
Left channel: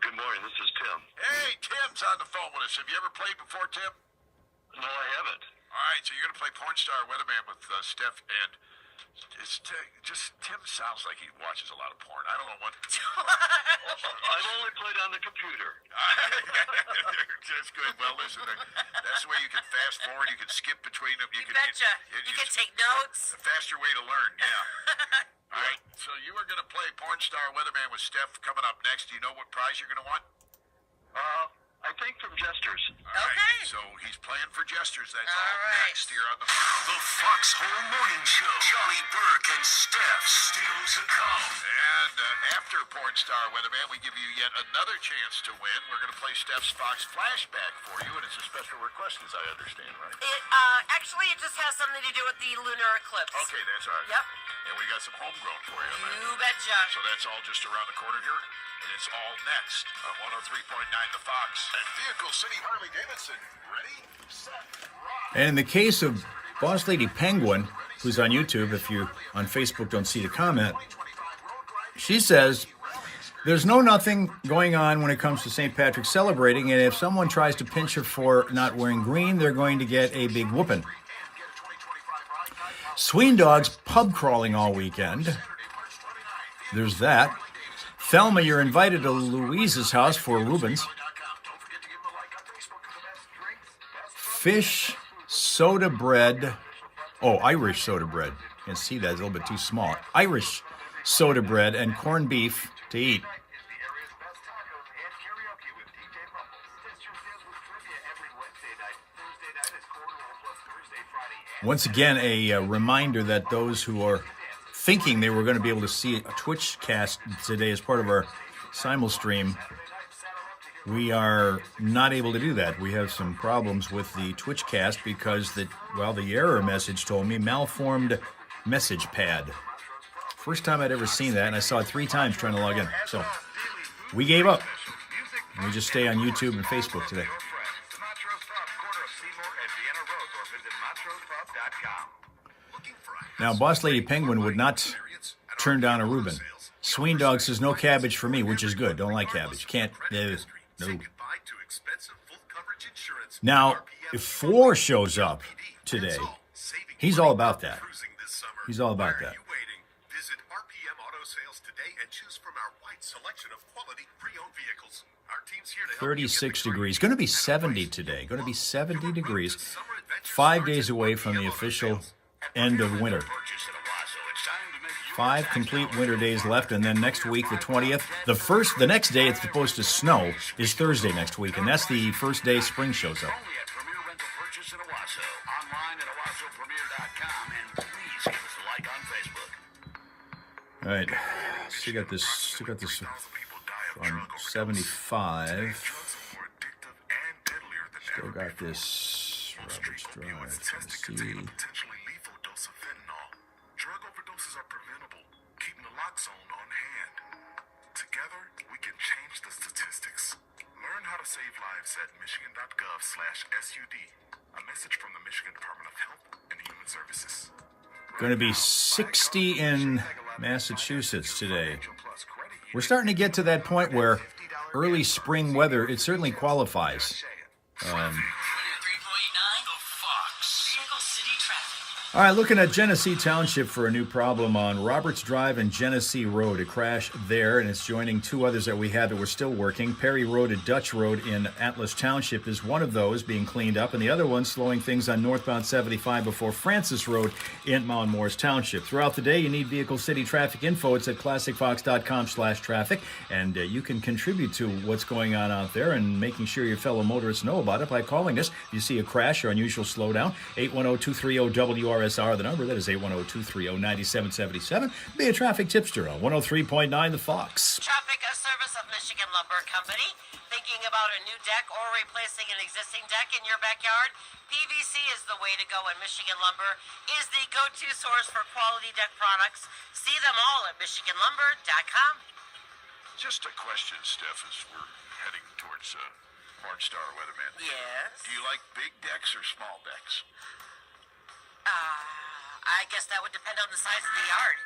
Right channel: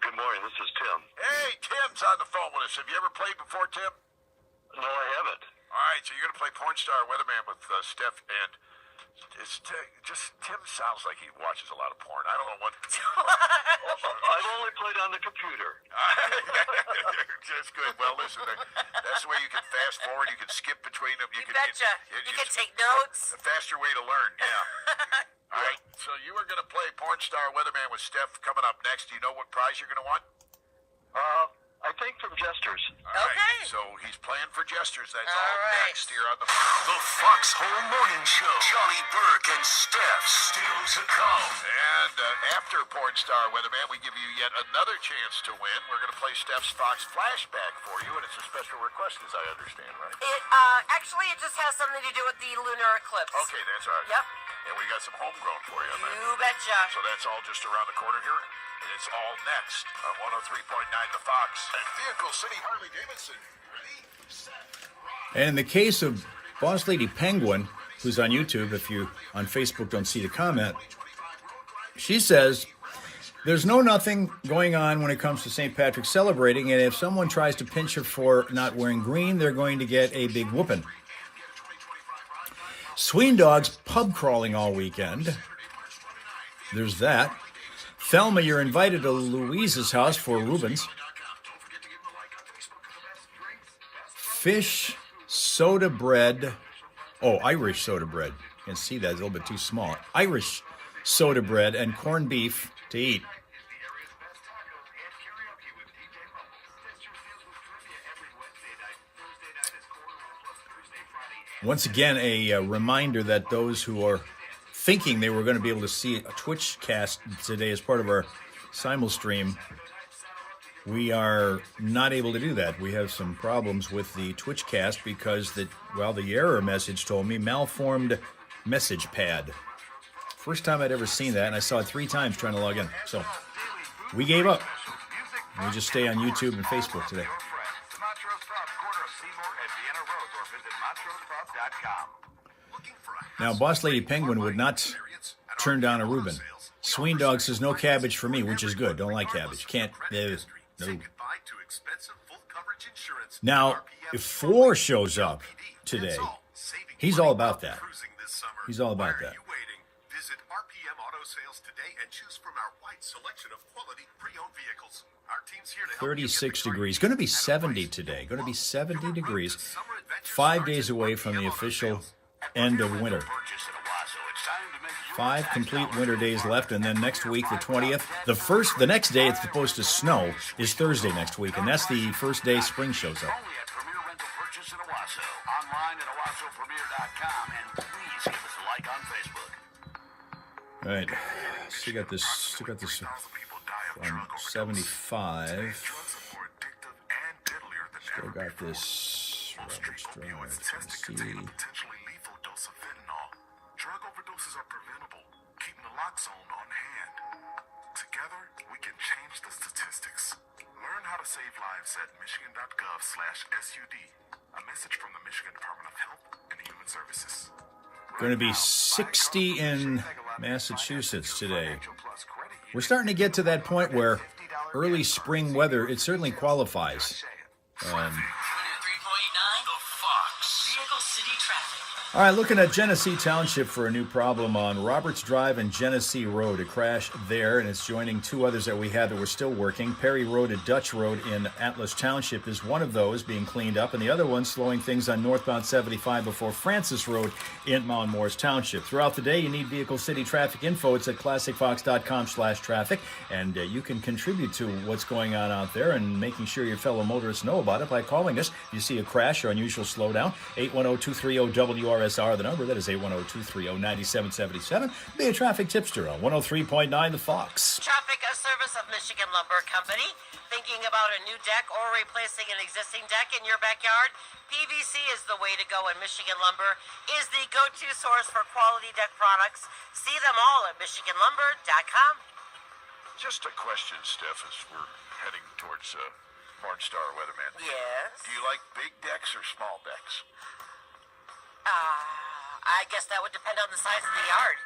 Good morning. This is Tim. Hey, Tim's on the phone with us. Have you ever played before, Tim? No, I haven't. All right, so you're going to play Porn Star Weatherman with Steph, and Tim sounds like he watches a lot of porn. I don't know what. I've only played on the computer. That's good. Well, listen, that's the way you can fast forward. You can skip between them. You betcha. You can take notes. The faster way to learn, yeah. All right, so you are going to play Porn Star Weatherman with Steph coming up next. Do you know what prize you're going to want? I think from Jester's. All right, Okay. so he's playing for Jester's. That's All all right. next here on the Foxhole Morning Show. Charlie Burke and Steph still to come. And after Porn Star Weatherman, we give you yet another chance to win. We're going to play Steph's Fox Flashback for you, and it's a special request, as I understand, right? Actually, it just has something to do with the lunar eclipse. Okay, that's all right. Yep. And we got some homegrown for you. You betcha. So that's all just around the corner here. It's all next on 103.9 The Fox. Vehicle City Harley Davidson. Ready, set, rock. And in the case of Boss Lady Penguin, who's on YouTube, if you on Facebook don't see the comment, she says there's nothing going on when it comes to St. Patrick's celebrating, and if someone tries to pinch her for not wearing green, they're going to get a big whooping. Sween Dog's pub crawling all weekend. There's that. Thelma, you're invited to Louise's house for Rubens. Fish, soda bread. Oh, Irish soda bread. You can see that it's a little bit too small. Irish soda bread and corned beef to eat. Once again, a reminder that those who are thinking they were going to be able to see a Twitch cast today as part of our simul stream, we are not able to do that. We have some problems with the Twitch cast because the error message told me malformed message pad. First time I'd ever seen that, and I saw it 3 times trying to log in. So we gave up. We just stay on YouTube and Facebook today. Now, Boss Lady Penguin would not turn down a Reuben. Sween Dog says no cabbage for me, which is good. Don't like cabbage. Can't. No. Now, if Floor shows up today, he's all about that. He's all about that. Visit RPM Auto Sales today and choose from our wide selection of quality pre-owned vehicles. Our team's here to help 36 degrees. Going to be 70 today. Going to be 70 degrees. 5 days away from the official end of winter. 5 complete winter days left, and then next week, the 20th, the next day it's supposed to snow is Thursday next week, and that's the first day spring shows up. All right, still got this on 75. Still got this Roberts Drive, Tennessee. Drug overdoses are preventable. Keep naloxone on hand. Together, we can change the statistics. Learn how to save lives at michigan.gov/SUD. A message from the Michigan Department of Health and Human Services. Going to be 60 in Massachusetts today. We're starting to get to that point where early spring weather, it certainly qualifies. All right, looking at Genesee Township for a new problem on Roberts Drive and Genesee Road. A crash there, and it's joining 2 others that we had that were still working. Perry Road and Dutch Road in Atlas Township is one of those being cleaned up, and the other one slowing things on northbound 75 before Francis Road in Mount Morris Township. Throughout the day, you need Vehicle City Traffic info. It's at classicfox.com/traffic, and you can contribute to what's going on out there and making sure your fellow motorists know about it by calling us. If you see a crash or unusual slowdown, 810-230-WRS. The number, that is 810-230-9777. Be a traffic tipster on 103.9 The Fox. Traffic, a service of Michigan Lumber Company. Thinking about a new deck or replacing an existing deck in your backyard? PVC is the way to go, and Michigan Lumber is the go-to source for quality deck products. See them all at MichiganLumber.com. Just a question, Steph, as we're heading towards Porn Star Weatherman. Yes? Do you like big decks or small decks? I guess that would depend on the size of the yard.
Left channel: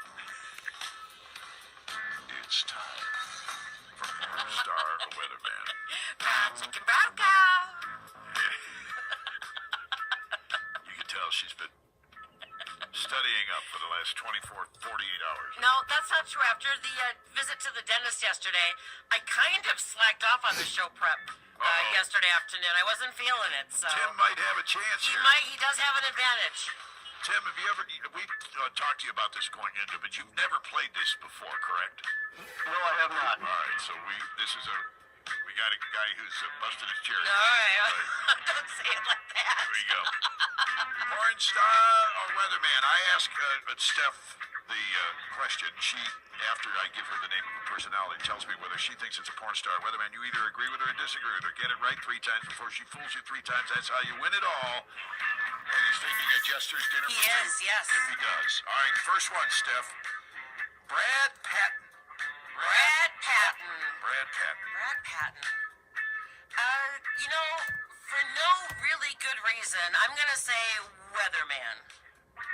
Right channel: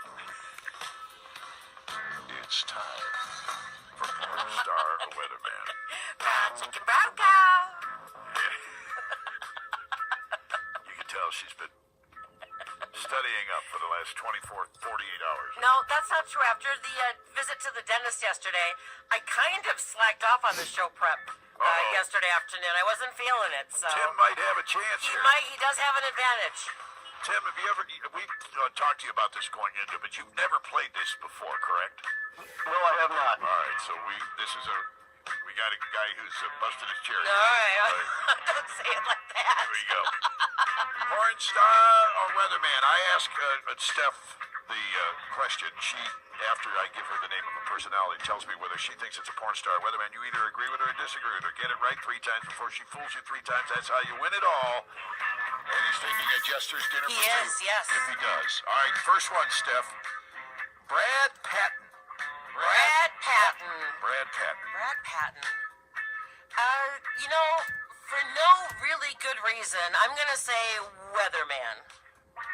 It's time for Porn Star Weatherman. Chicken brown cow. You can tell she's been studying up for the last 48 hours. No, that's not true. After the visit to the dentist yesterday, I kind of slacked off on the show prep yesterday afternoon. I wasn't feeling it, so... Tim might have a chance here. He does have an advantage. Tim, have you ever... We've talked to you about this going into, but you've never played this before, correct? No, I have not. All right, so we got a guy who's busted his cherry. All right. Don't say it like that. There you go. Porn Star or Weatherman? I ask Steph the question. She, after I give her the name of a personality, tells me whether she thinks it's a porn star weatherman. You either agree with her or disagree with her. Get it right 3 times before she fools you 3 times. That's how you win it all. And he's making a jester's dinner for Yes, two. yes. If he does. All right, first one, Steph. Brad Patton. Brad Patton. Brad Patton. Brad Patton. For no really good reason, I'm going to say Weatherman.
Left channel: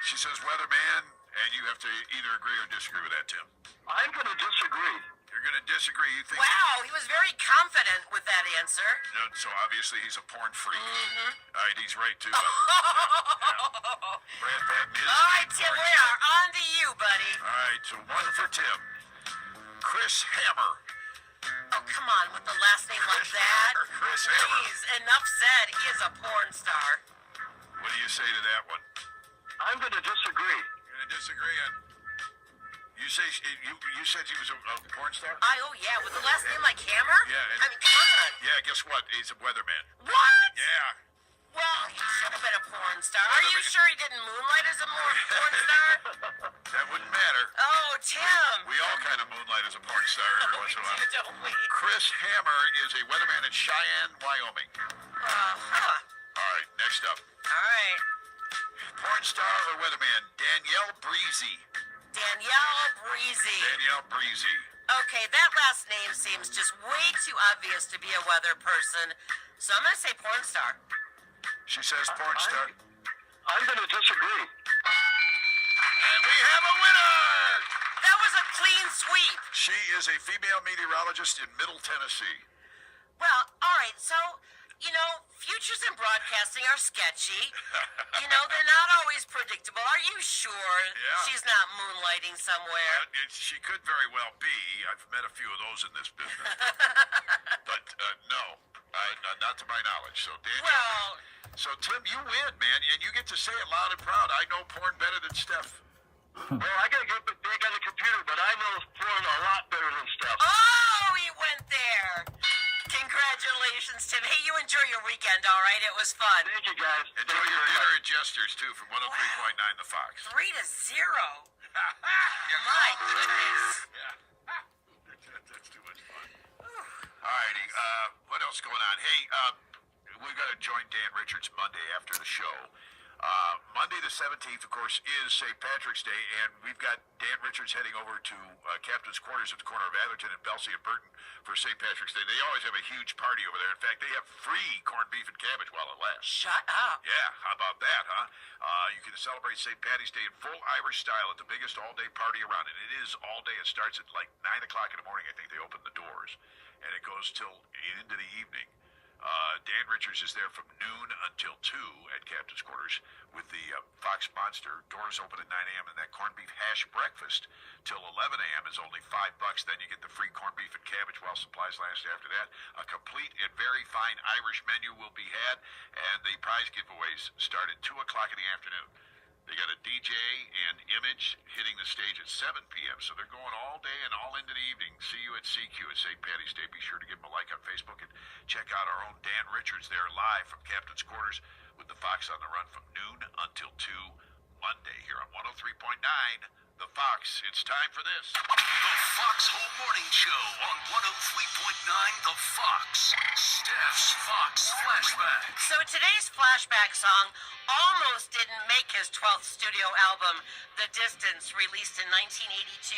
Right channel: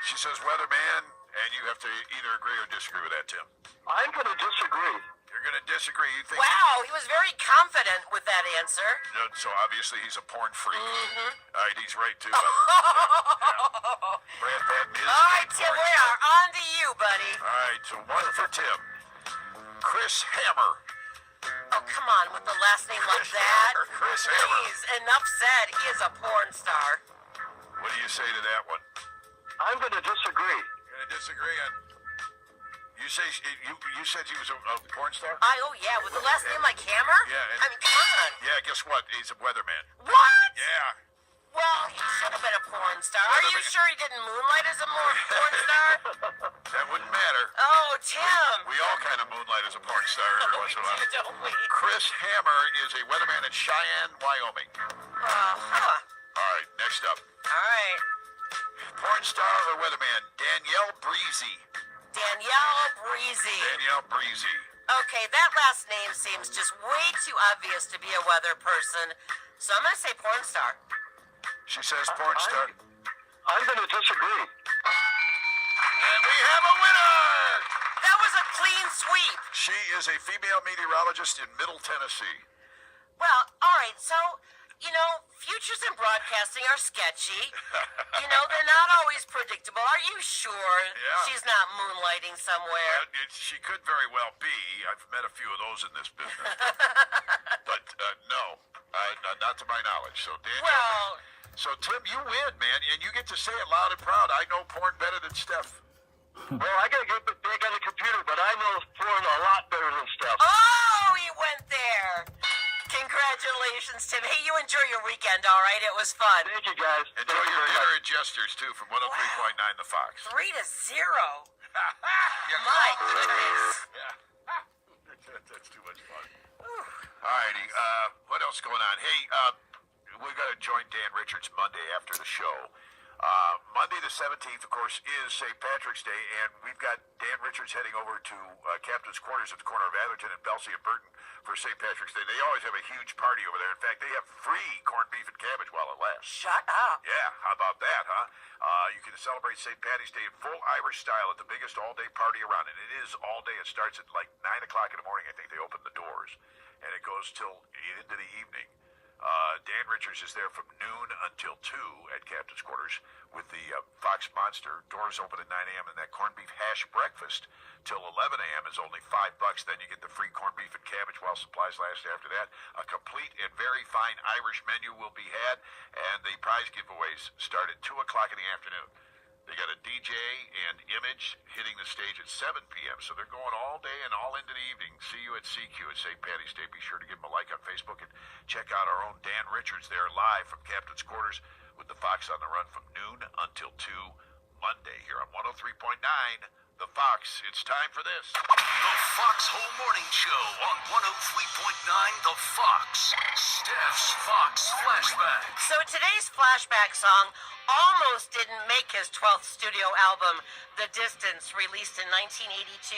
She says weatherman, and you have to either agree or disagree with that, Tim. I'm going to disagree. You're going to disagree. You think... Wow, he was very confident with that answer. So obviously he's a porn freak. Mm-hmm. All right, he's right, too. Brad Patton is All right, Tim, we are on to you, buddy. All right, so 1 for Tim. Chris Hammer. Oh, come on, with the last name like that? Chris Hammer. Please, enough said. He is a porn star. What do you say to that one? I'm going to disagree. You're going to disagree on... You said he was a porn star? Oh, yeah, with the last name like Hammer? Yeah, I mean, come on. Yeah, guess what? He's a weatherman. What? Yeah. Well, he should have been a porn star. Are you sure he didn't moonlight as a porn star? That wouldn't matter. Oh, Tim. We all kind of moonlight as a porn star every once in a while. Don't we? Chris Hammer is a weatherman in Cheyenne, Wyoming. Huh. All right, next up. All right. Porn star or weatherman? Danielle Breezy. Danielle Breezy. Danielle Breezy. Okay, that last name seems just way too obvious to be a weather person. So I'm going to say porn star. She says porn star. I'm going to disagree. And we have a winner! That was a clean sweep. She is a female meteorologist in Middle Tennessee. Well, all right, so, futures in broadcasting are sketchy. They're not always predictable. Are you sure she's not moonlighting somewhere? She could very well be. I've met a few of those in this business. But no, not to my knowledge. So, Daniel, so Tim, you win, man, and you get to say it loud and proud. I know porn better than Steph. Well, I got to get back on the computer, but I know porn a lot better than stuff. Oh, he went there. Congratulations, Tim. Hey, you enjoy your weekend, all right? It was fun. Thank you, guys. Enjoy your dinner and gestures, too, from 103.9 The Fox. 3-0. My goodness. That's too much fun. All righty. What else going on? Hey, we're going to join Dan Richards Monday after the show. Monday the 17th, of course, is St. Patrick's Day, and we've got Dan Richards heading over to Captain's Quarters at the corner of Atherton and Belsey and Burton for St. Patrick's Day. They always have a huge party over there. In fact, they have free corned beef and cabbage while it lasts. Shut up. Yeah, how about that, huh? You can celebrate St. Patty's Day in full Irish style at the biggest all-day party around, and it is all day. It starts at like 9 o'clock in the morning. I think they open the doors, and it goes till into the evening. Dan Richards is there from noon until 2 at Captain's Quarters with the Fox Monster. Doors open at 9 a.m. and that corned beef hash breakfast till 11 a.m. is only $5. Then you get the free corned beef and cabbage while supplies last after that. A complete and very fine Irish menu will be had, and the prize giveaways start at 2 o'clock in the afternoon. They got a DJ and Image hitting the stage at 7 p.m., so they're going all day and all into the evening. See you at CQ at St. Patty's Day. Be sure to give them a like on Facebook and check out our own Dan Richards there live from Captain's Quarters with the Fox on the Run from noon until 2 Monday here on 103.9 The Fox. It's time for this. The Foxhole Morning Show on 103.9 The Fox. Steph's Fox Flashback. So today's flashback song almost didn't make his 12th studio album, The Distance, released in 1982.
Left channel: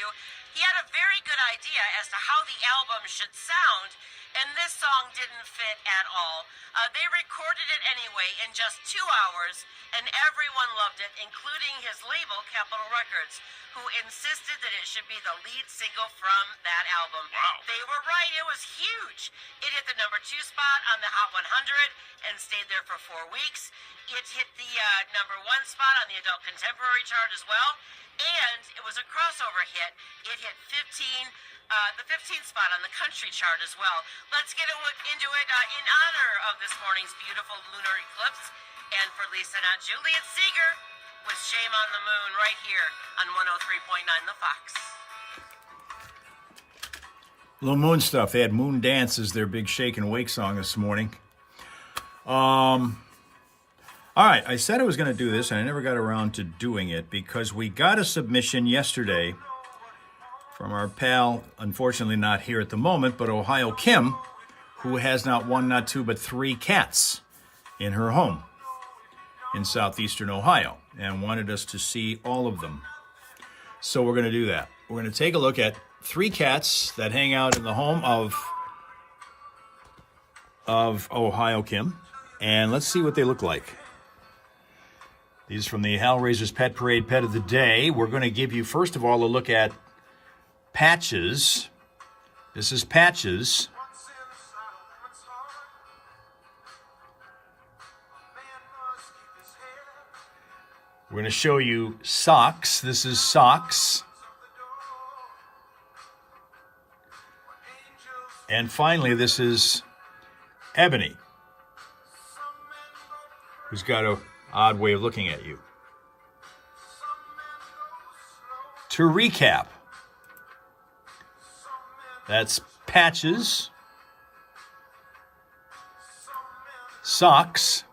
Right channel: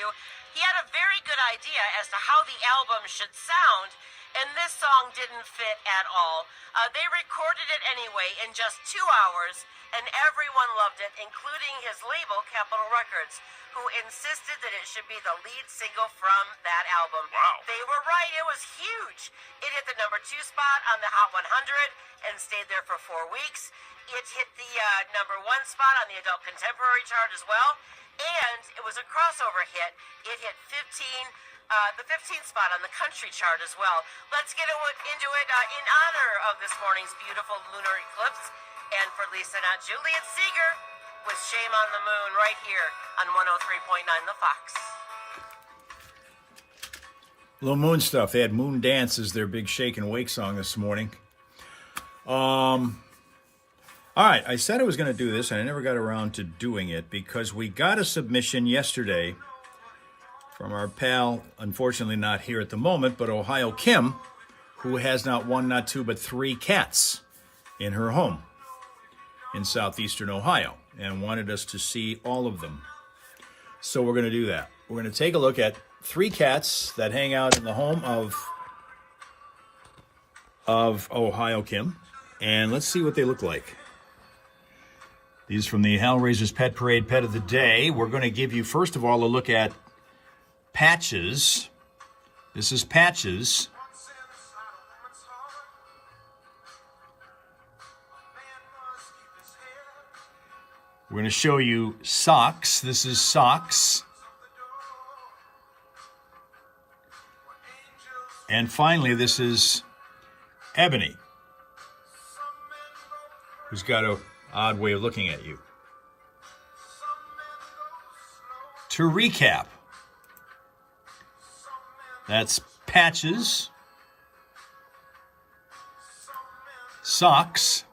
He had a very good idea as to how the album should sound, and this song didn't fit at all. They recorded it anyway in just 2 hours, and everyone loved it, including his label, Capitol Records, who insisted that it should be the lead single from that album. Wow. They were right. It was huge. It hit the number 2 spot on the Hot 100 and stayed there for 4 weeks. It hit the number 1 spot on the Adult Contemporary chart as well, and it was a crossover hit. It hit the 15th spot on the country chart as well. Let's get into it in honor of this morning's beautiful lunar eclipse. And for Lisa, not Juliet Seeger, with Shame on the Moon right here on 103.9 The Fox. Little Moon Stuff. They had Moon Dance as their big shake and wake song this morning. All right, I said I was going to do this, and I never got around to doing it because we got a submission yesterday from our pal, unfortunately not here at the moment, but Ohio Kim, who has not 1, not 2, but 3 cats in her home in southeastern Ohio and wanted us to see all of them. So we're going to do that. We're going to take a look at 3 cats that hang out in the home of Ohio Kim, and let's see what they look like. These from the Hellraiser's Pet Parade Pet of the Day. We're going to give you, first of all, a look at Patches. This is Patches. We're going to show you Socks. This is Socks. And finally, this is Ebony, who's got an odd way of looking at you. To recap, that's Patches, Socks,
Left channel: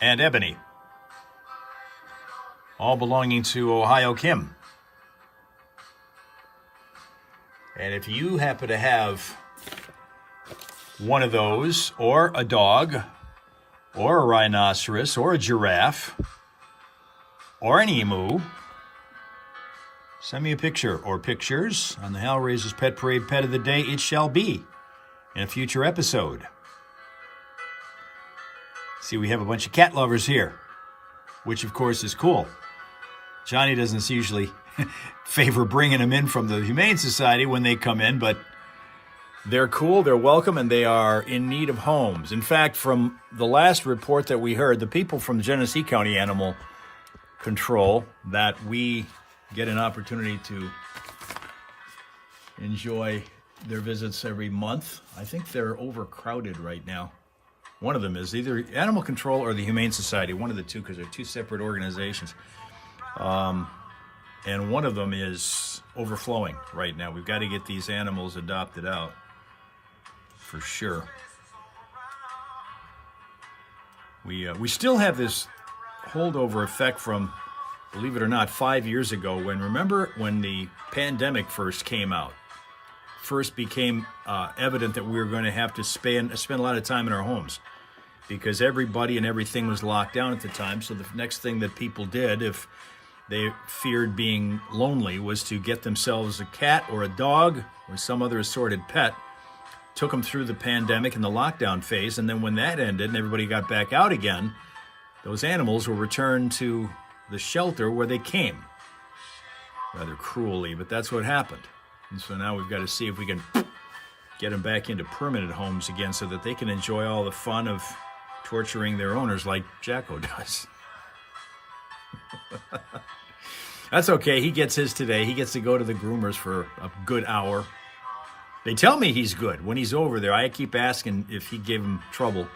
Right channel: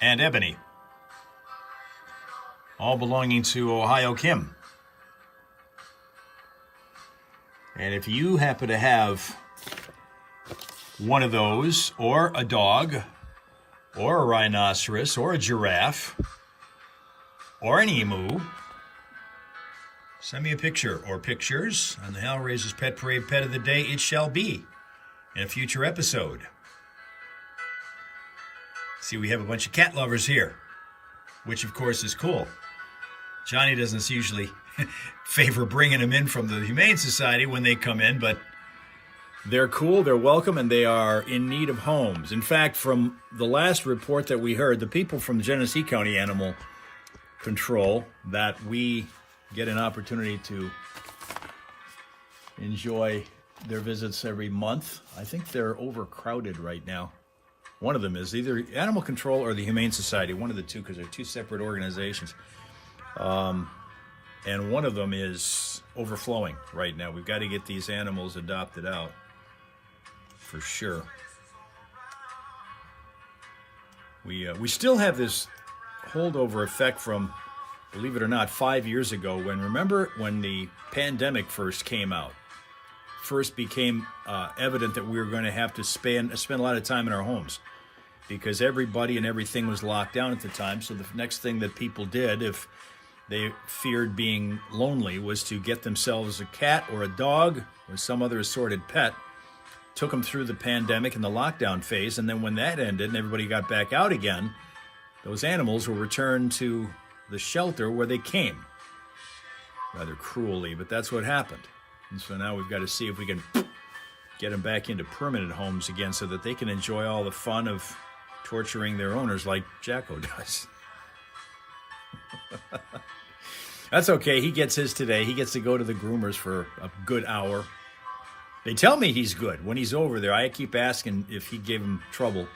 and Ebony, all belonging to Ohio Kim. And if you happen to have one of those, or a dog, or a rhinoceros, or a giraffe, or an emu, send me a picture or pictures on the Hal Raises Pet Parade Pet of the Day. It shall be in a future episode. See, we have a bunch of cat lovers here, which of course is cool. Johnny doesn't usually favor bringing them in from the Humane Society when they come in, but they're cool, they're welcome, and they are in need of homes. In fact, from the last report that we heard, the people from Genesee County Animal Control that we get an opportunity to enjoy their visits every month, I think they're overcrowded right now. One of them is either Animal Control or the Humane Society, one of the two, because they're two separate organizations. And one of them is overflowing right now. We've got to get these animals adopted out, for sure. We still have this holdover effect from, believe it or not, 5 years ago, remember when the pandemic first came out, first became evident that we were going to have to spend a lot of time in our homes because everybody and everything was locked down at the time. So the next thing that people did, if they feared being lonely, was to get themselves a cat or a dog or some other assorted pet, took them through the pandemic and the lockdown phase, and then when that ended and everybody got back out again, those animals were returned to the shelter where they came. Rather cruelly, but that's what happened. And so now we've got to see if we can get them back into permanent homes again so that they can enjoy all the fun of torturing their owners like Jacko does. That's okay. He gets his today. He gets to go to the groomers for a good hour. They tell me he's good. When he's over there, I keep asking if he gave him trouble.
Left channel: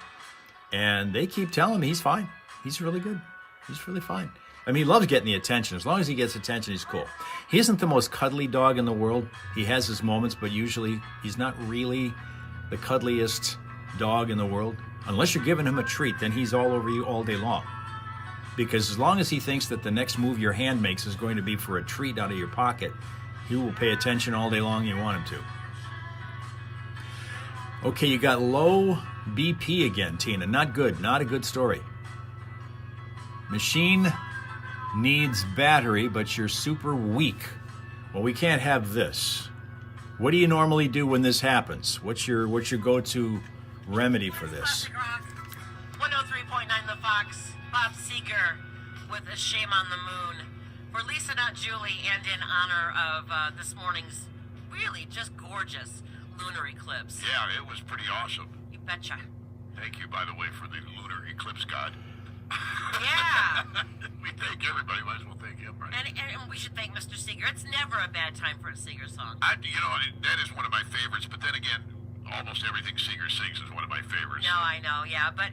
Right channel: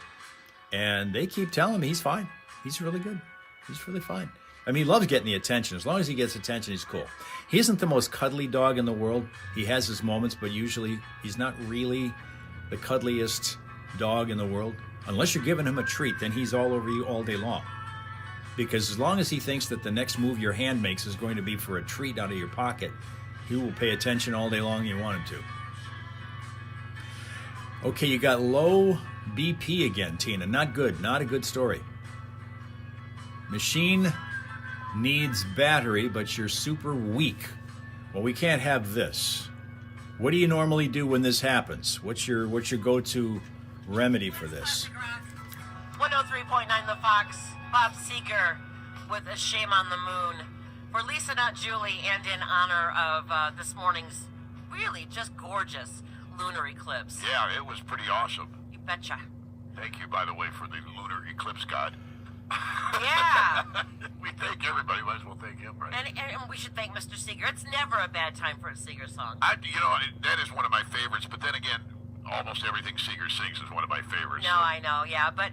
And they keep telling me he's fine. He's really good. He's really fine. I mean, he loves getting the attention. As long as he gets attention, he's cool. He isn't the most cuddly dog in the world. He has his moments, but usually he's not really the cuddliest dog in the world. Unless you're giving him a treat, then he's all over you all day long. Because as long as he thinks that the next move your hand makes is going to be for a treat out of your pocket, he will pay attention all day long. You want him to. Okay, you got low BP again, Tina. Not good. Not a good story. Machine needs battery, but you're super weak. Well, we can't have this. What do you normally do when this happens? What's your go-to remedy for this? 103.9 The Fox, Bob Seger with A Shame on the Moon. For Lisa, Not Julie, and in honor of this morning's really just gorgeous lunar eclipse. Yeah, it was pretty awesome. You betcha. Thank you, by the way, for the lunar eclipse god. Yeah. We thank everybody. Might as well thank him, right? And we should thank Mr. Seeger. It's never a bad time for a Seeger song. That is one of my favorites. But then again, almost everything Seeger sings is one of my favorites. No, I know, yeah. But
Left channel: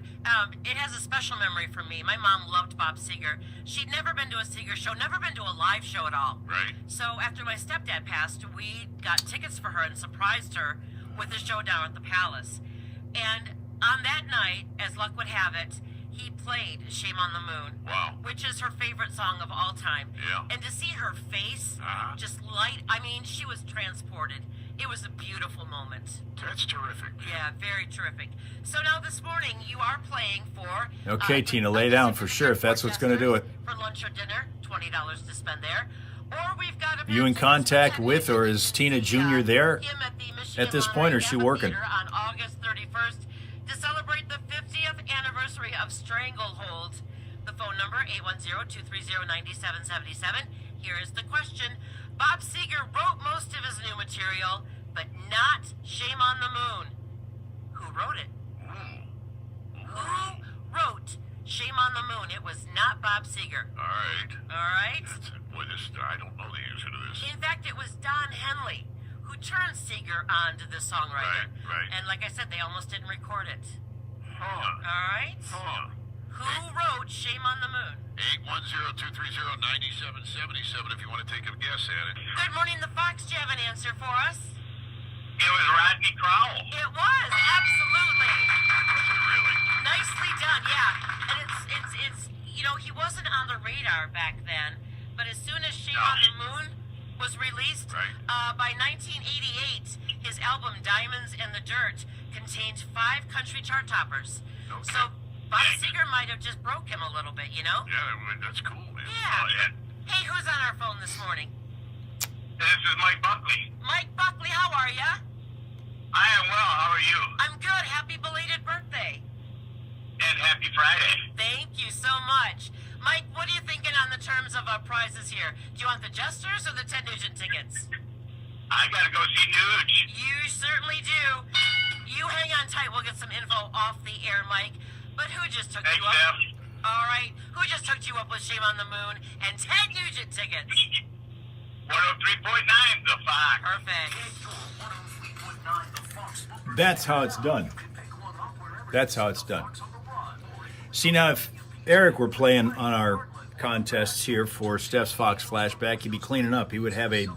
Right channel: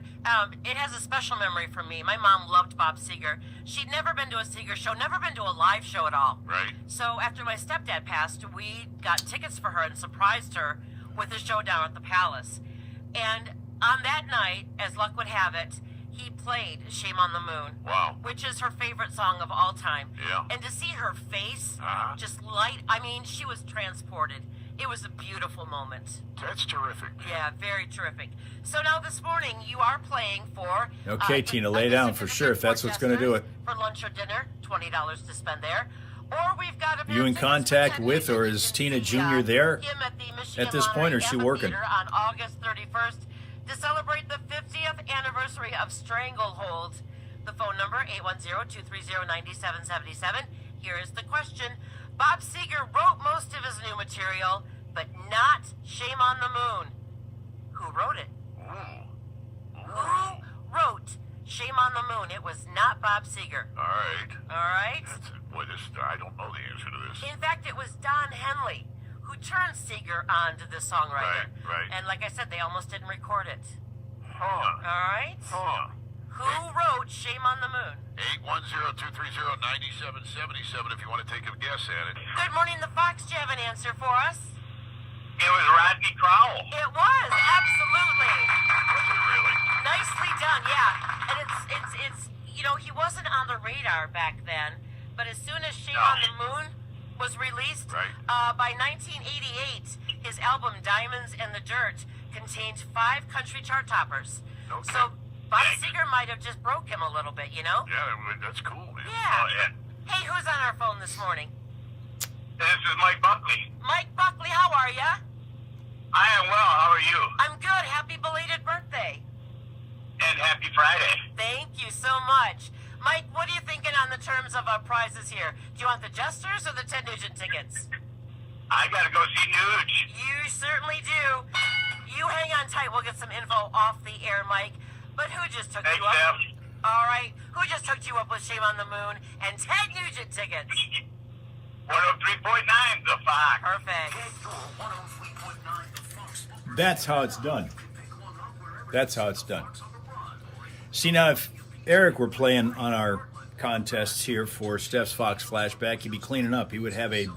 it has a special memory for me. My mom loved Bob Seger. She'd never been to a Seeger show, never been to a live show at all. Right. So after my stepdad passed, we got tickets for her and surprised her with a show down at the Palace. And on that night, as luck would have it, he played Shame on the Moon. Wow. Which is her favorite song of all time. Yeah. And to see her face just light, I mean, she was transported. It was a beautiful moment. That's terrific. Yeah, very terrific. So now this morning, you are playing for... Okay, Tina, lay down for sure if that's what's going to do it. For lunch or dinner, $20 to spend there. Or we've got Are you in contact with, or is Tina Jr. there at this point, or is she working? On August 31st to celebrate the 50th anniversary of Stranglehold. The phone number, 810-230-9777. Here is the question. Bob Seger wrote most of his new material, but not Shame on the Moon. Who wrote it? Who wrote Shame on the Moon? It was not Bob Seger. All right. All right? I don't know the answer to this. In fact, it was Don Henley. turned Seeger on to this songwriter. Right. And like I said, they almost didn't record it. Huh. All right? Huh. Who wrote Shame on the Moon? 810-230-9777 if you want to take a guess at it. Good morning, the Fox. Do you have an answer for us? It was Rodney Crowell. It was, absolutely. Was it really? Nicely done, yeah. And it's you know, he wasn't on the radar back then, but as soon as Shame on the Moon was released, Right. by 1988, his album Diamonds in the Dirt contained 5 country chart toppers. Okay. So Bob Seger might have just broke him a little bit, you know? Yeah, that's cool, man. Yeah. Oh, yeah. Hey, who's on our phone this morning? This is Mike Buckley. Mike Buckley, how are ya? I am well. How are you? I'm good. Happy belated birthday. And happy Friday. Thank you so much. Mike, what are you thinking on the terms of prizes here? Do you want the Jesters or the Ted Nugent tickets? I gotta go see Nuge. You certainly do. You hang on tight. We'll get some info off the air, Mike. But who just took Thanks, you up? Jeff. All right. Who just hooked you up with Shame on the Moon and Ted Nugent tickets? 103.9 The Fox. Perfect. That's how it's done. That's how it's done. See, now, if Eric were playing on our contests here for Steph's Fox Flashback, he'd be cleaning up. He would have a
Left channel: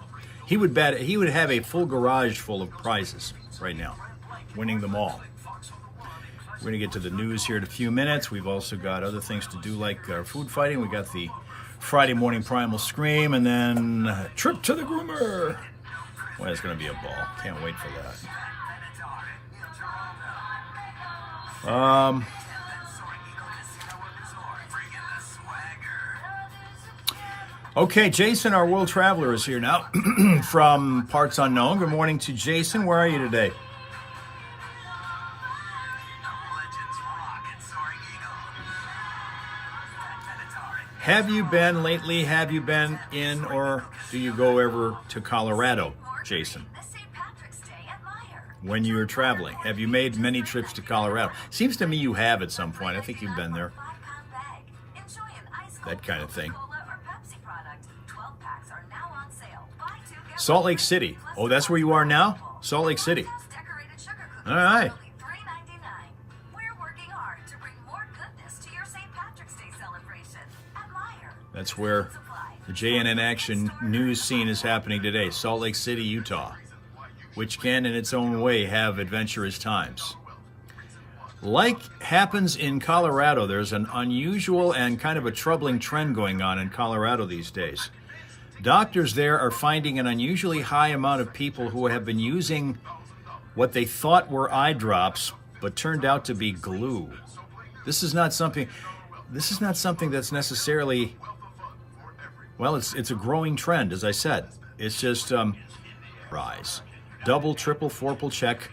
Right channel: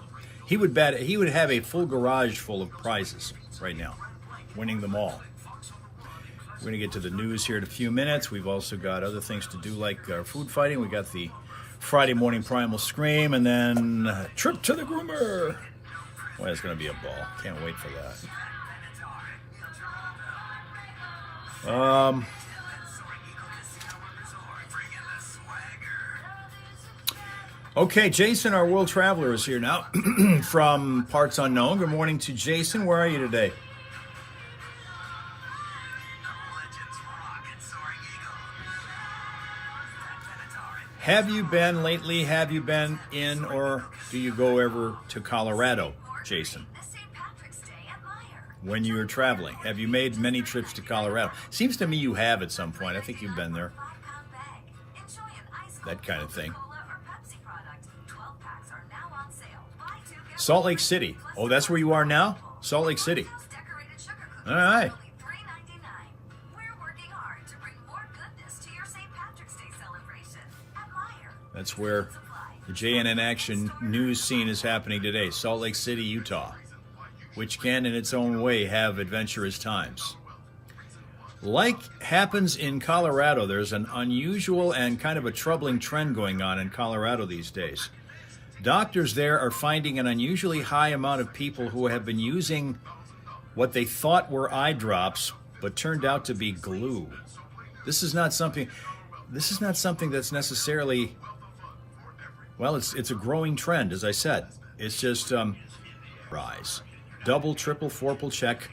full garage full of prizes right now, winning them all. We're going to get to the news here in a few minutes. We've also got other things to do, like our food fighting. We got the Friday morning Primal Scream, and then a trip to the groomer. Well, it's going to be a ball. Can't wait for that. Okay, Jason, our world traveler, is here now from Parts Unknown. Good morning to Jason. Where are you today? Have you been lately? Have you been in, or do you go ever to Colorado, Jason? When you were traveling, have you made many trips to Colorado? Seems to me you have at some point. I think you've been there. That kind of thing. Salt Lake City. Oh, that's where you are now? Salt Lake City. All right. That's where the JNN Action news scene is happening today. Salt Lake City, Utah, which can in its own way have adventurous times. Like happens in Colorado, there's an unusual and kind of a troubling trend going on in Colorado these days. Doctors there are finding an unusually high amount of people who have been using what they thought were eye drops, but turned out to be glue. This is not something that's necessarily, well, it's a growing trend, as I said. It's just rise. Double, triple, fourple check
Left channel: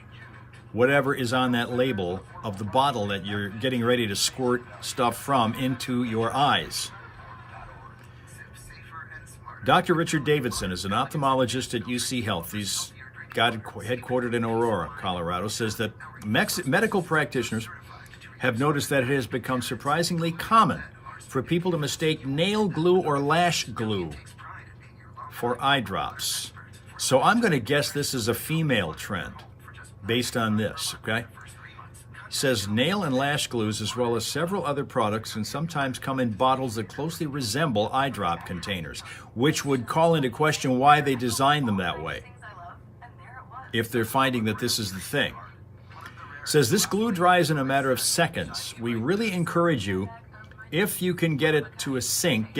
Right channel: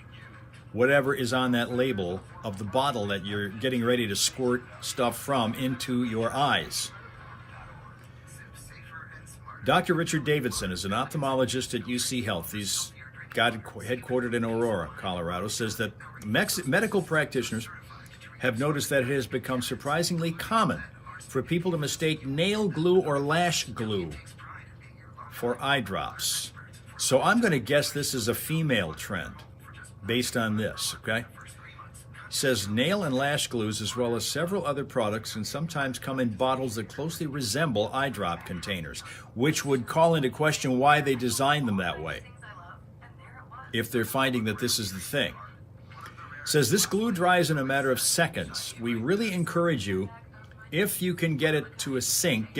whatever is on that label of the bottle that you're getting ready to squirt stuff from into your eyes. Dr. Richard Davidson is an ophthalmologist at UC Health. He's headquartered in Aurora, Colorado, says that medical practitioners have noticed that it has become surprisingly common for people to mistake nail glue or lash glue for eye drops. So I'm going to guess this is a female trend based on this, okay? Says nail and lash glues, as well as several other products, can sometimes come in bottles that closely resemble eye drop containers, which would call into question why they designed them that way, if they're finding that this is the thing. Says this glue dries in a matter of seconds. We really encourage you, if you can get to a sink,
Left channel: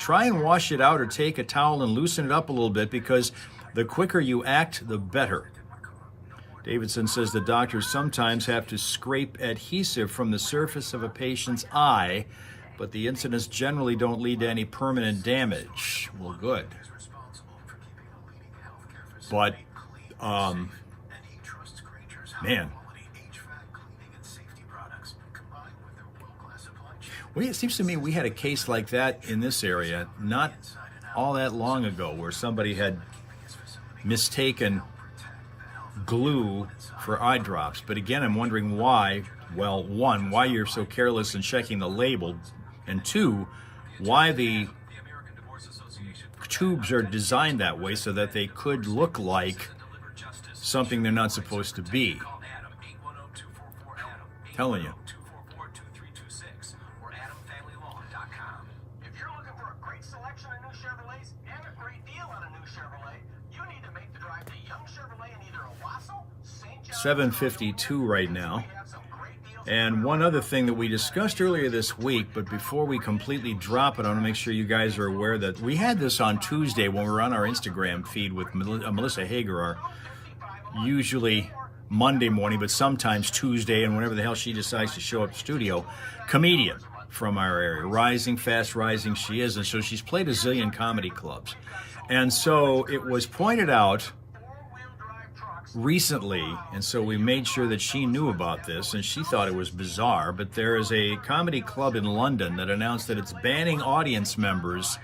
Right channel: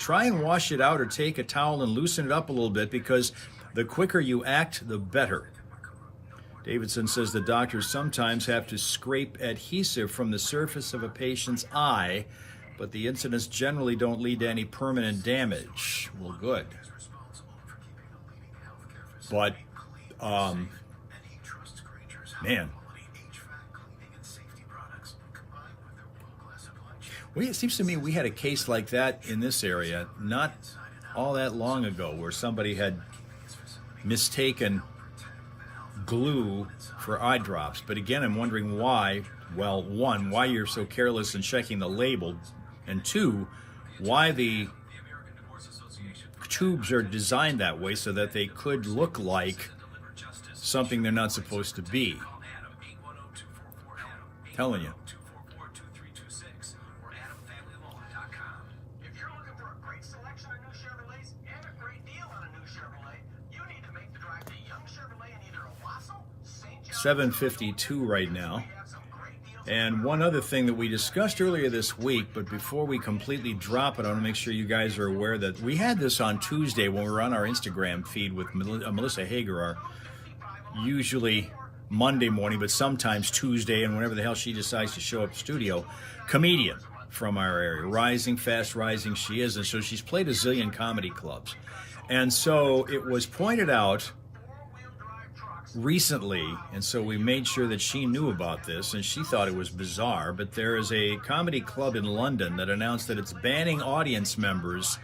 try and wash it out or take a towel and loosen it up a little bit, because the quicker you act, the better. Davidson says the doctors sometimes have to scrape adhesive from the surface of a patient's eye, but the incidents generally don't lead to any permanent damage. Well, good. But, man. Well, it seems to me we had a case like that in this area not all that long ago, where somebody had mistaken glue for eye drops. But again, I'm wondering why. Well, one, why you're so careless in checking the label, and two, why the tubes are designed that way so that they could look like something they're not supposed to be. Telling you. If you're looking for a great selection of new Chevrolets and a great deal on a new Chevrolet, you need to make the drive to Young Chevrolet in either Owasso, St. John, 7:52 right now. And one other thing that we discussed earlier this week, but before we completely drop it, I want to make sure you guys are aware that we had this on Tuesday when we were on our Instagram feed with Melissa Hager, our usually Monday morning, but sometimes Tuesday, and whenever the hell she decides to show up to studio, comedian from our area, rising, fast rising she is, and so she's played a zillion comedy clubs. And so it was pointed out recently, and so we made sure that she knew about this, and she thought it was bizarre, but there is a comedy club in London that announced that it's banning audience members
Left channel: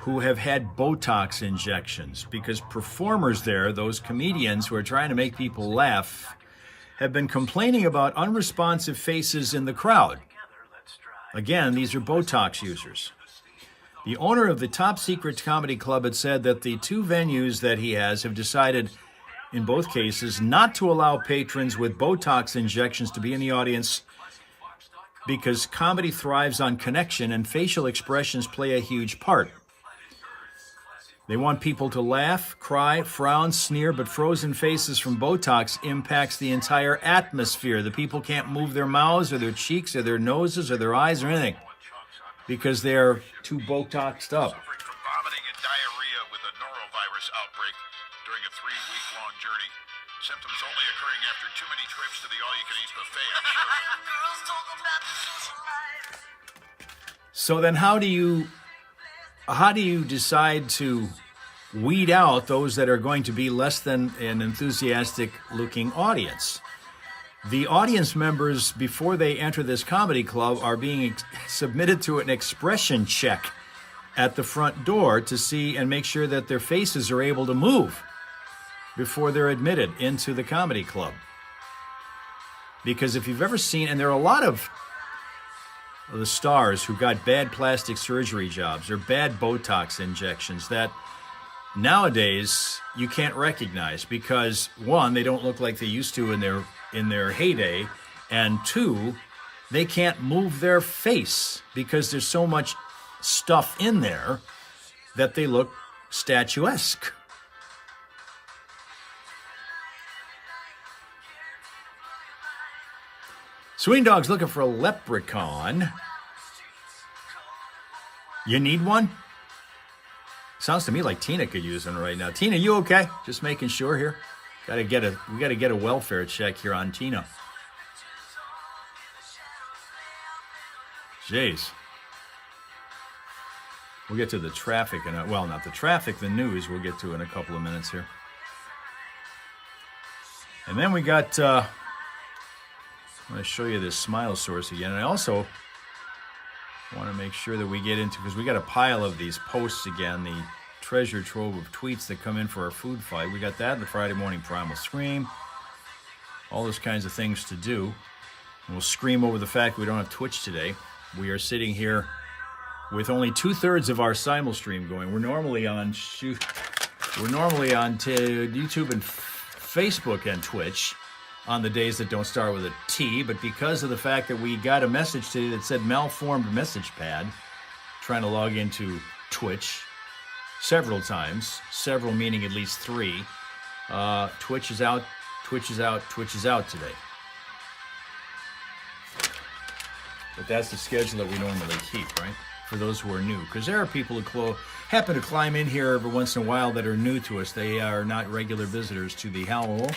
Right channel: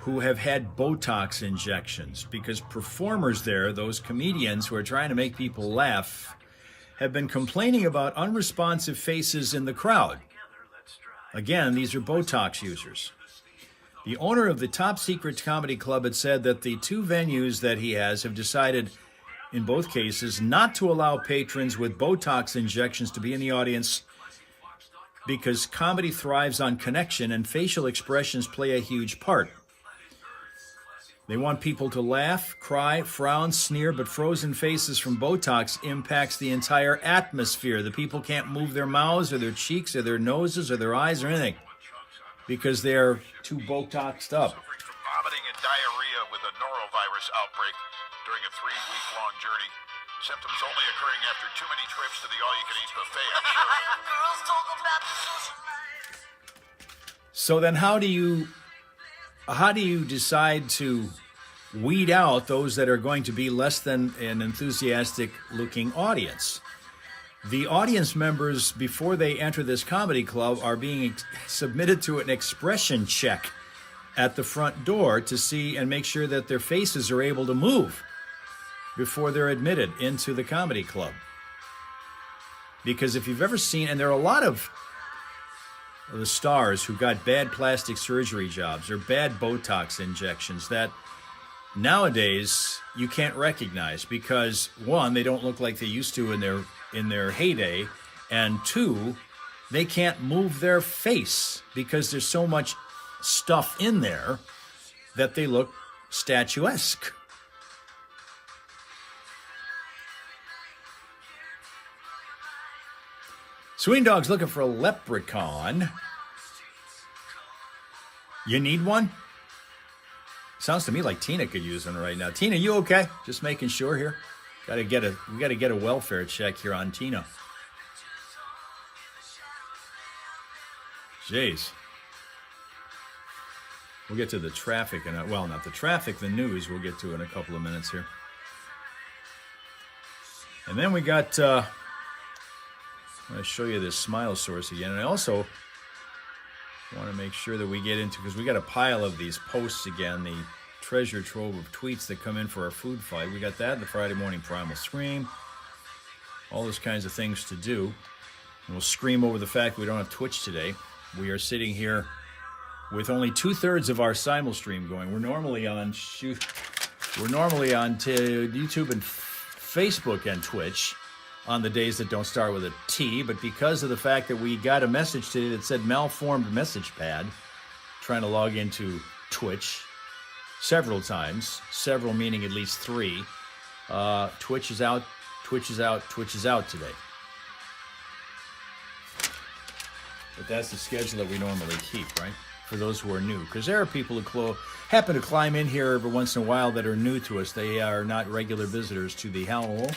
who have had Botox injections because performers there, those comedians who are trying to make people laugh, have been complaining about unresponsive faces in the crowd. Again, these are Botox users. The owner of the Top Secret Comedy Club had said that the two venues that he has have decided in both cases not to allow patrons with Botox injections to be in the audience because comedy thrives on connection and facial expressions play a huge part. They want people to laugh, cry, frown, sneer, but frozen faces from Botox impacts the entire atmosphere. The people can't move their mouths or their cheeks or their noses or their eyes or anything because they're too Botoxed up. Suffering from vomiting and diarrhea with a norovirus outbreak during a 3-week-long journey. Symptoms only occurring after too many trips to the all-you-can-eat buffet, I'm sure. So then how do you decide to weed out those that are going to be less than an enthusiastic looking audience? The audience members, before they enter this comedy club, are being submitted to an expression check at the front door to see and make sure that their faces are able to move before they're admitted into the comedy club. Because if you've ever seen, and there are a lot of the stars who got bad plastic surgery jobs or bad Botox injections that nowadays you can't recognize because, one, they don't look like they used to in their heyday, and two, they can't move their face because there's so much stuff in there that they look statuesque. Swing Dog's looking for a leprechaun. You need one? Sounds to me like Tina could use one right now. Tina, you okay? Just making sure here. We gotta get a welfare check here on Tina. Jeez. We'll get to the traffic and well, not the traffic, the news. We'll get to in a couple of minutes here. And then we got. I'm going to show you this smile source again. And I also want to make sure that we get into, because we got a pile of these posts again, the treasure trove of tweets that come in for our food fight. We got that in the Friday morning primal scream, all those kinds of things to do. And we'll scream over the fact we don't have Twitch today. We are sitting here with only 2/3 of our simul stream going. We're normally on YouTube and Facebook and Twitch on the days that don't start with a T, but because of the fact that we got a message today that said malformed message pad, trying to log into Twitch several times, several meaning at least 3, Twitch is out today. But that's the schedule that we normally keep, right? For those who are new, because there are people who happen to climb in here every once in a while that are new to us. They are not regular visitors to the Howl,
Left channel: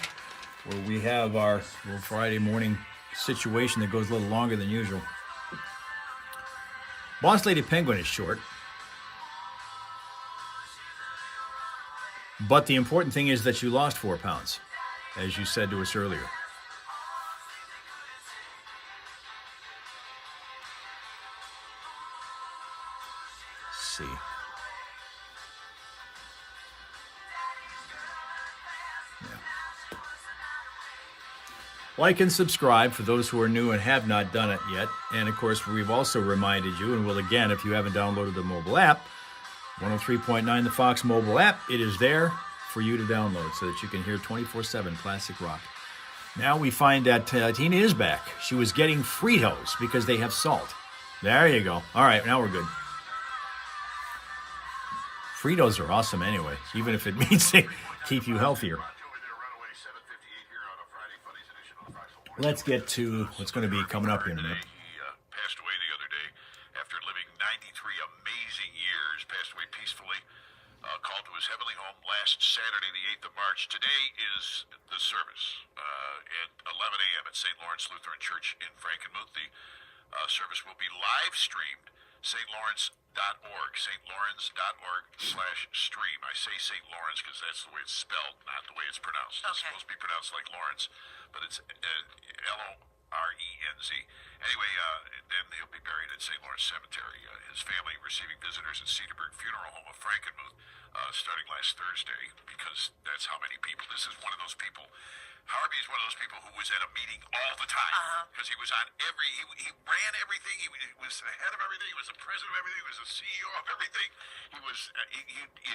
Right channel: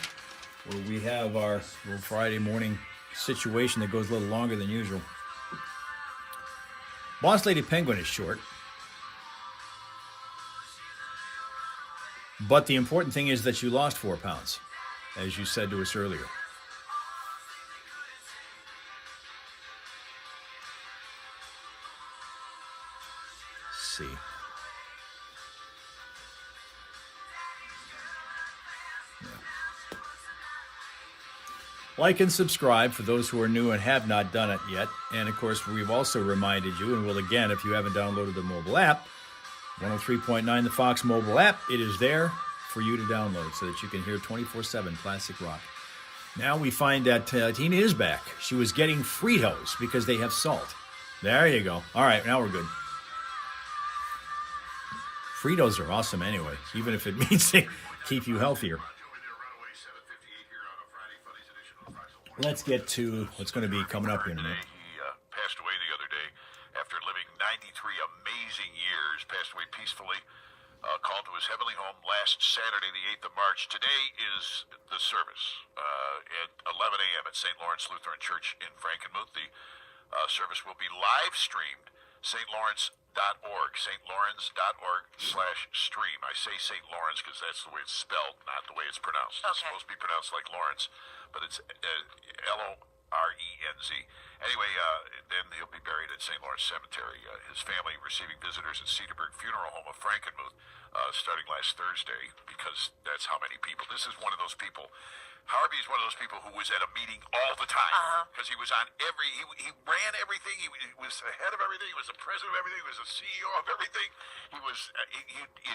where we have our little Friday morning situation that goes a little longer than usual. Boss Lady Penguin is short. But the important thing is that you lost 4 pounds, as you said to us earlier. Let's see. Like and subscribe for those who are new and have not done it yet. And, of course, we've also reminded you, and will again if you haven't downloaded the mobile app, 103.9, the Fox mobile app. It is there for you to download so that you can hear 24/7 classic rock. Now we find that Tina is back. She was getting Fritos because they have salt. There you go. All right, now we're good. Fritos are awesome anyway, even if it means they keep you healthier. Let's get to what's going to be coming up here in a minute. He passed away the other day after living 93 amazing years. Passed away peacefully. Called to his heavenly home last Saturday, the 8th of March. Today is the service at 11 a.m. at St. Lawrence Lutheran Church in Frankenmuth. The service will be live streamed. stlawrence.org, stlawrence.org/stream. I say St. Lawrence because that's the way it's spelled, not the way it's pronounced. It's supposed to be pronounced like Lawrence, but it's L-O-R-E-N-Z. Anyway, then he'll be buried at St. Lawrence Cemetery. His family receiving visitors at Cedarburg Funeral Home of Frankenmuth starting last Thursday, because that's how many people. This is one of those people. Harvey is one of those people who was at a meeting all the time, because he was on every, he ran everything, he was the head of everything, he was the president of everything, he was the CEO of everything. He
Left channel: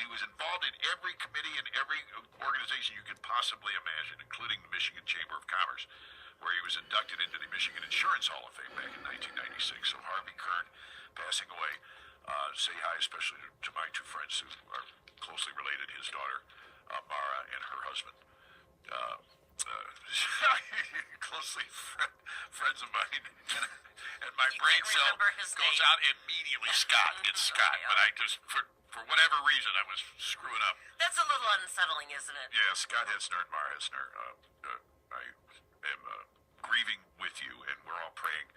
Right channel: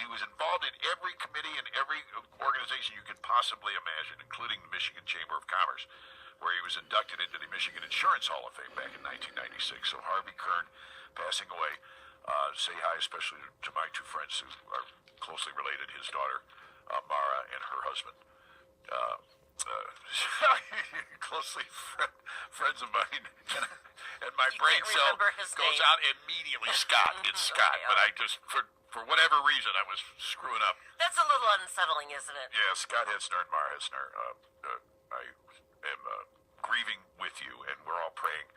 was involved in every committee and every organization you could possibly imagine, including the Michigan Chamber of Commerce, where he was inducted into the Michigan Insurance Hall of Fame back in 1996. So Harvey Kern passing away. Say hi especially to my two friends who are closely related, his daughter, Mara, and her husband. Closely friends of mine, and my brain cell goes out immediately. Scott, it's Scott, but I just, for whatever reason, I was screwing up. That's a little unsettling, isn't it? Yeah, Scott Hesner and Mara Hesner. I am grieving with you, and we're all praying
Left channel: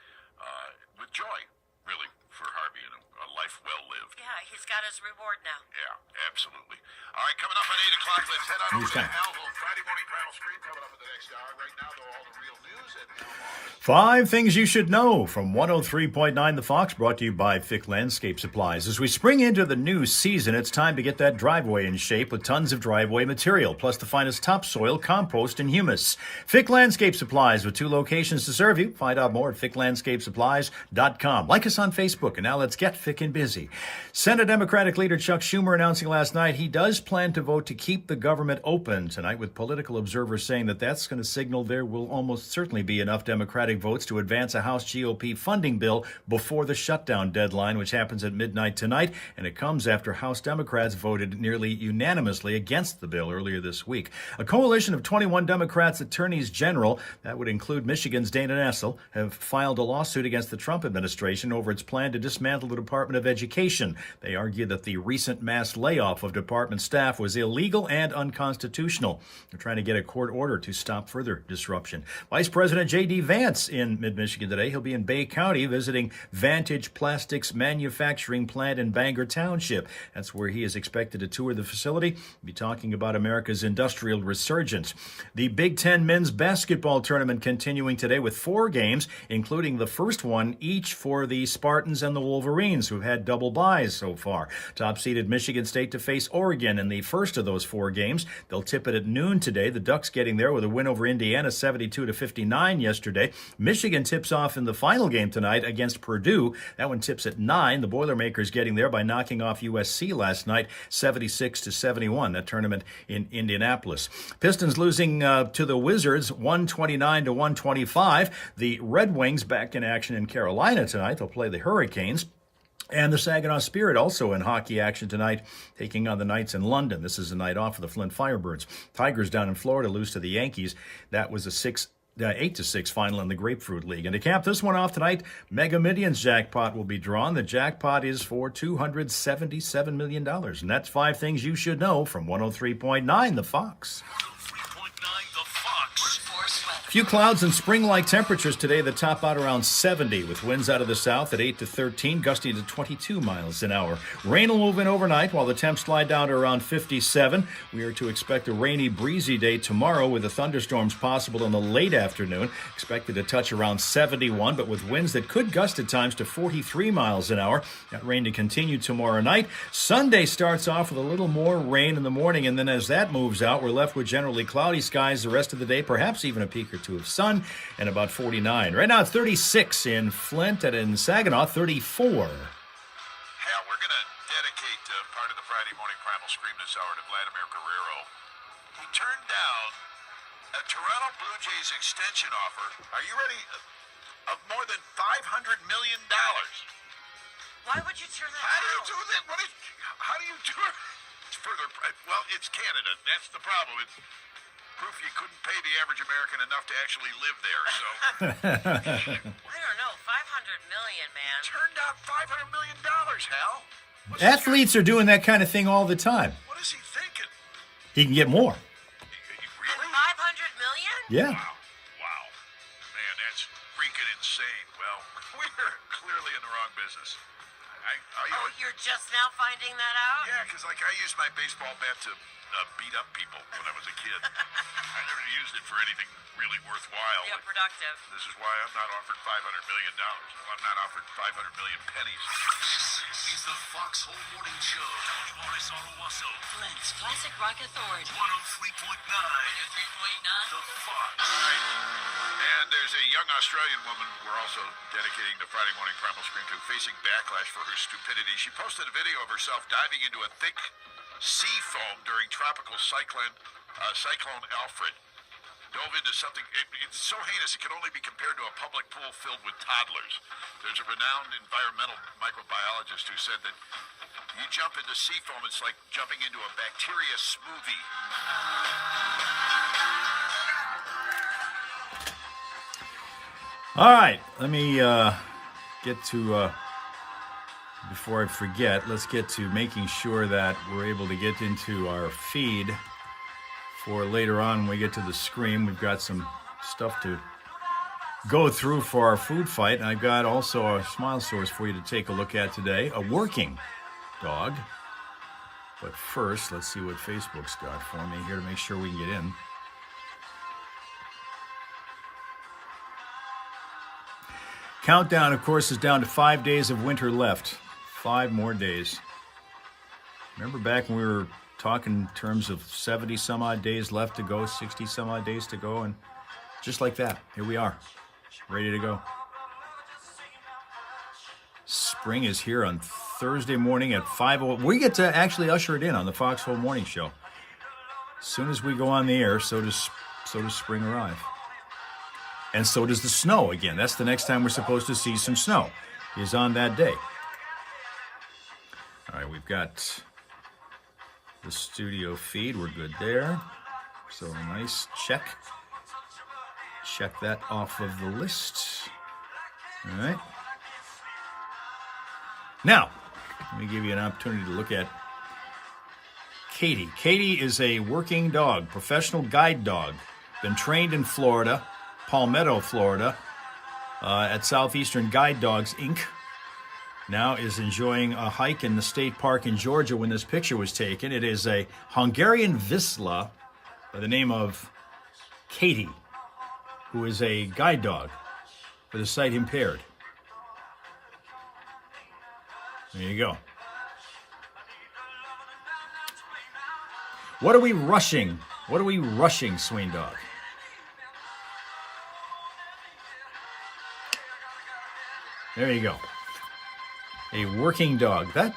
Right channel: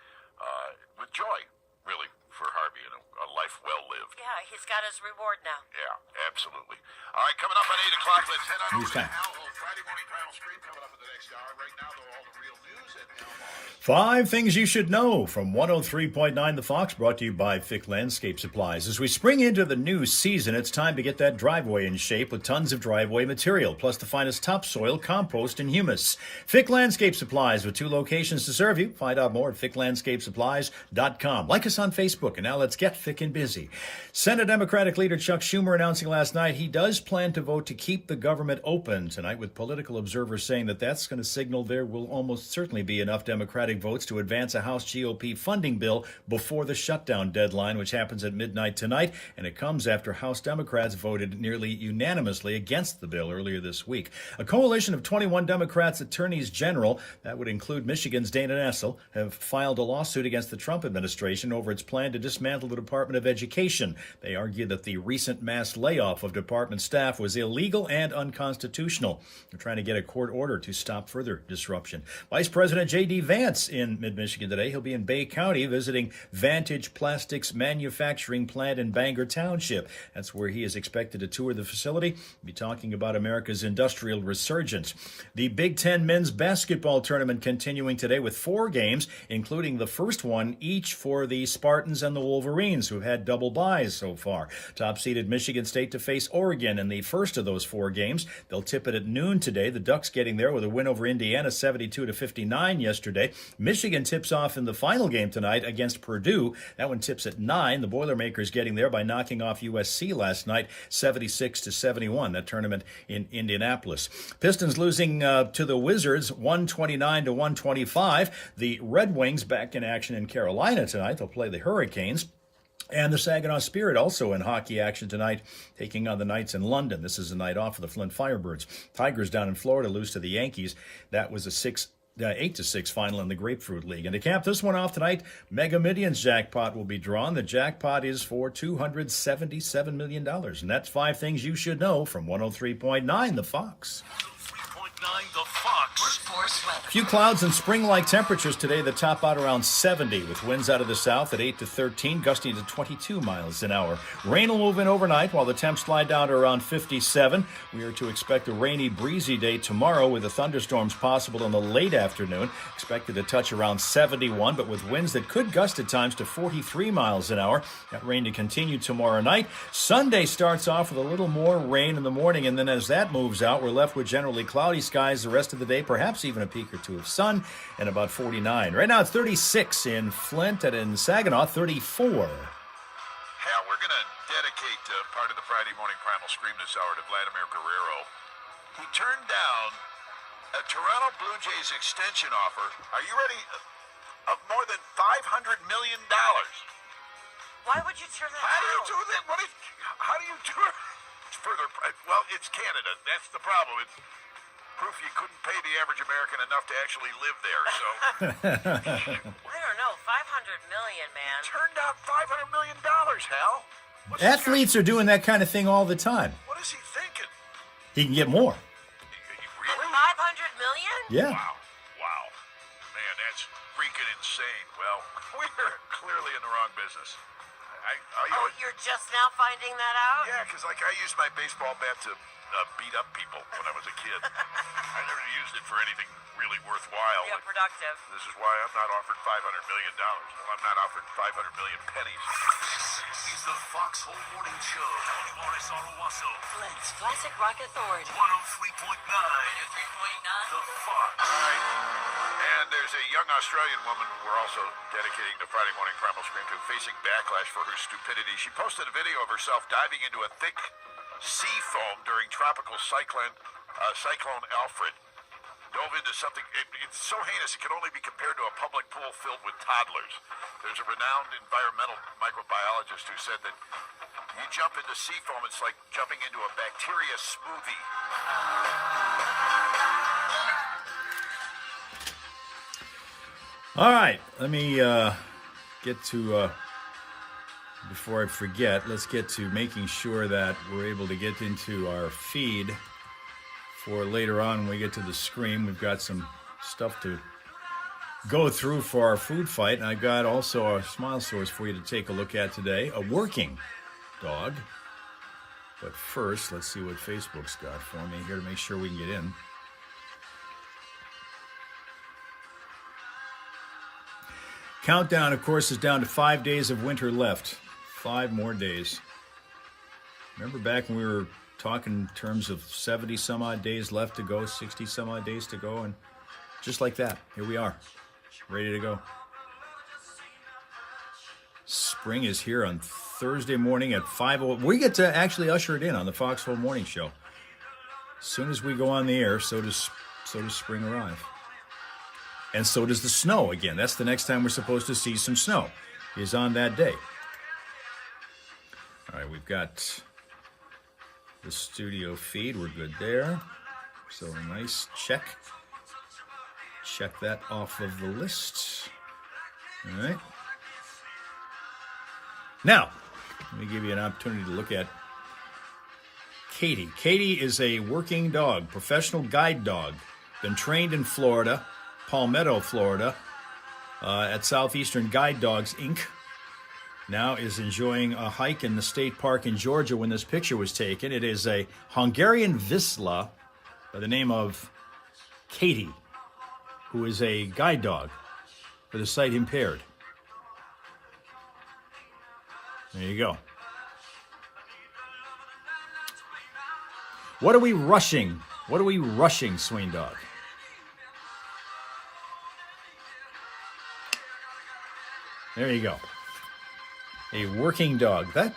with joy, really, for Harvey and a life well lived. Yeah, he's got his reward now. Yeah, absolutely. All right, coming up at 8 o'clock, let's head on over to Hal Home. Friday morning Primal Stream coming up in the next hour. Right now, though, all the real news at Hal Maas. 5 things you should know from 103.9 The Fox, brought to you by Fick Landscape Supplies. As we spring into the new season, it's time to get that driveway in shape with tons of driveway material, plus the finest topsoil, compost, and humus. Fick Landscape Supplies with 2 locations to serve you. Find out more at ficklandscapesupplies.com. Like us on Facebook, and now let's get Fick and busy. Senate Democratic leader Chuck Schumer announcing last night he does plan to vote to keep the government open tonight, with political observers saying that that's going to signal there will almost certainly be enough Democratic votes to advance a House GOP funding bill before the shutdown deadline, which happens at midnight tonight, and it comes after House Democrats voted nearly unanimously against the bill earlier this week. A coalition of 21 Democrats attorneys general, that would include Michigan's Dana Nessel, have filed a lawsuit against the Trump administration over its plan to dismantle the Department of Education. They argue that the recent mass layoff of department staff was illegal and unconstitutional. They're trying to get a court order to stop further disruption. Vice President J.D. Vance in mid-Michigan today. He'll be in Bay County visiting Vantage Plastics manufacturing plant in Bangor Township. That's where he is expected to tour the facility. He'll be talking about America's industrial resurgence. The Big Ten men's basketball tournament continuing today with 4 games, including the first one each for the Spartans and the Wolverines, who've had double byes so far. Top-seeded Michigan State to face Oregon in the first of those 4 games. They'll tip it at noon today. The Ducks getting there with a win over Indiana, 72-59 yesterday. Michigan tips off in the final game tonight against Purdue. That one tips at 9. The Boilermakers getting there by knocking off USC last night, 76-71. That tournament in Indianapolis. Pistons losing to the Wizards, 129-125. The Red Wings back in action in Carolina tonight. They'll play the Hurricanes. And the Saginaw Spirit also in hockey action tonight, taking on the Knights in London. This is a night off for the Flint Firebirds. Tigers down in Florida lose to the Yankees. That was a 8-6 final in the Grapefruit League. And to cap this one off tonight, Mega Millions jackpot will be drawn. The jackpot is for $277 million. And that's 5 things you should know from 103.9 The Fox. 103.9 The Fox. Few clouds and spring-like temperatures today that top out around 70, with winds out of the south at 8 to 13, gusting to 22 miles an hour. Rain will move in overnight while the temps slide down to around 57. We are to expect a rainy, breezy day tomorrow with the thunderstorms possible in the late afternoon. Expected to touch around 71, but with winds that could gust at times to 43 miles an hour. That rain to continue tomorrow night. Sunday starts off with a little more rain in the morning, and then as that moves out, we're left with generally cloudy skies the rest of the day, perhaps even a peak or two of sun, and about 49. Right now it's 36 in Flint, and in Saginaw, 34. Hal, we're going to dedicate part of the Friday morning Primal Scream this hour to Vladimir Guerrero. his extension offer. Are you ready? Of more than $500 million. Why would you turn that How do you down? do that? How do you do it? It's further. Well, it's Canada. That's the problem. It's proof you couldn't pay the average American enough to actually live there. So I don't know. 500 million, man. turned out $500 million, Hal. Athletes are doing that kind of thing all the time. What is he thinking? He can get more. Really? 500 million? Yeah. Wow. Man, that's freaking insane. Well, we're clearly in the wrong business. Oh, you're just now finding that out? Yeah, because I used my baseball bat to beat up people when I was a kid. I never used it for anything really worthwhile. Yeah, productive. This is why I'm not offered $500 million. Well, I'm not offered 500 million pennies. This is the Foxhole Morning Show. Morris on Owasso. Flint's Classic Rock Authority. 103.9. The Fox. And there's a young Australian woman we're also dedicating the Friday Morning Primal Scream to, facing backlash for her stupidity. She posted a video of herself diving into a thick sea foam during tropical cyclone Alfred. Dove into something, it's so heinous it can only be compared to a public pool filled with toddlers. There's a renowned environmental microbiologist who said that you jump into sea foam, it's like jumping into a bacteria smoothie. All right, let me get to, before I forget, let's get to making sure that we're able to get into our feed for later on when we get to the Scream. We've got some stuff to go through for our food fight, and I've got also a smile source for you to take a look at today, a working dog. But first, let's see what Facebook's got for me here to make sure we can get in. Countdown, of course, is down to 5 days of winter left. 5 more days. Remember back when we were talking in terms of 70 some odd days left to go, 60 some odd days to go, and just like that, here we are, ready to go. Spring is here on Thursday morning at 5:00. We get to actually usher it in on the Foxhole Morning Show. As soon as we go on the air, so does spring arrive. And so does the snow again. That's the next time we're supposed to see some snow, is on that day. All right, we've got the studio feed. We're good there. So nice check. Check that off of the list. All right. Now, let me give you an opportunity to look at Katie. Katie is a working dog, professional guide dog. Been trained in Florida, Palmetto, Florida, at Southeastern Guide Dogs, Inc. Now is enjoying a hike in the state park in Georgia when this picture was taken. It is a Hungarian Vizsla by the name of Katie, who is a guide dog for the sight impaired. There you go. What are we rushing? What are we rushing, Sween Dog? There you go. A working dog. That,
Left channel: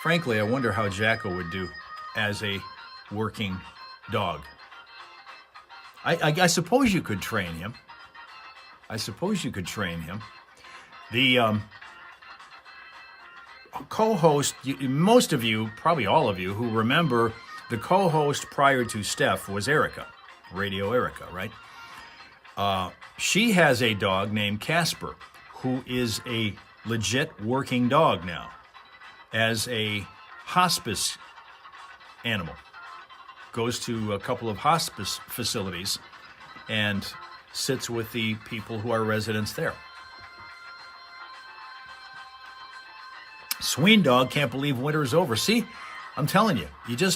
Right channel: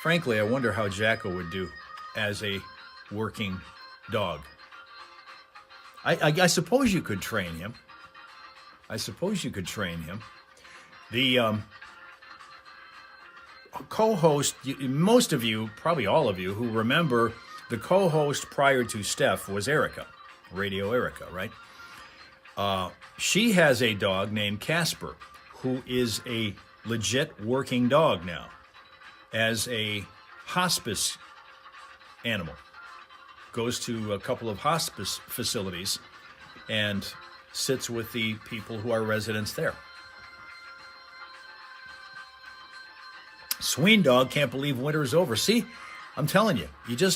frankly, I wonder how Jacko would do as a working dog. I suppose you could train him. The co-host, most of you, probably all of you, who remember the co-host prior to Steph was Erica, Radio Erica, right? She has a dog named Casper, who is a legit working dog now as a hospice animal. Goes to a couple of hospice facilities and sits with the people who are residents there. Sween Dog can't believe winter is over. See, I'm telling you, the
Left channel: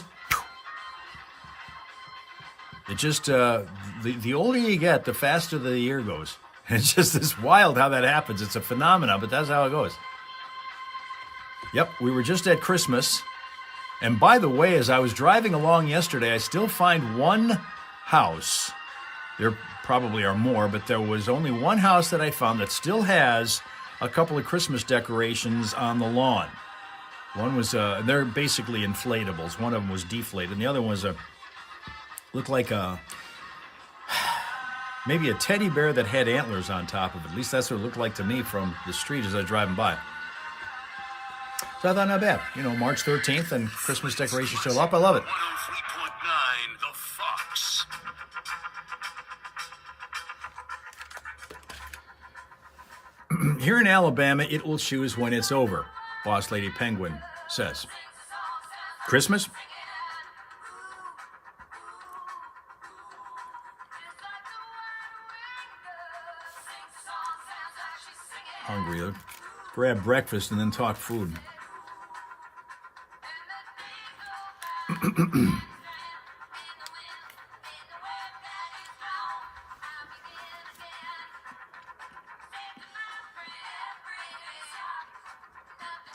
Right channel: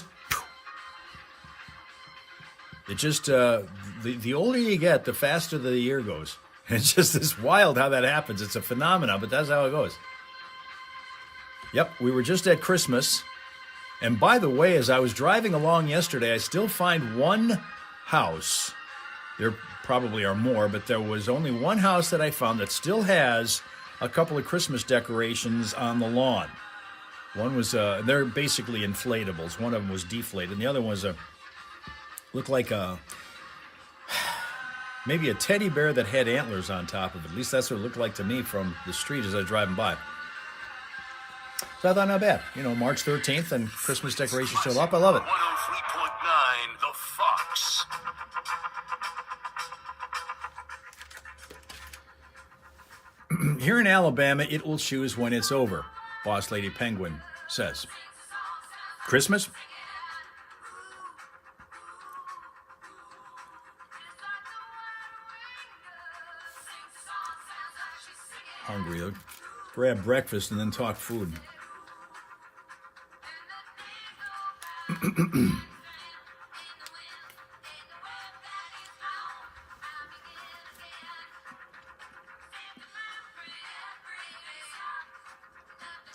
older you get, the faster the year goes. It's just this wild how that happens. It's a phenomenon, but that's how it goes. Yep, we were just at Christmas. And by the way, as I was driving along yesterday, I still find one house. There probably are more, but there was only one house that I found that still has a couple of Christmas decorations on the lawn. One was, they're basically inflatables. One of them was deflated, and the other one was looked like a Maybe a teddy bear that had antlers on top of it. At least that's what it looked like to me from the street as I was driving by. So I thought, not bad. You know, March 13th and Christmas decorations still up. I love it. 103.9 The Fox. Here in Alabama, it will choose when it's over, Boss Lady Penguin says. Christmas? Hungry. I'll grab breakfast and then talk food.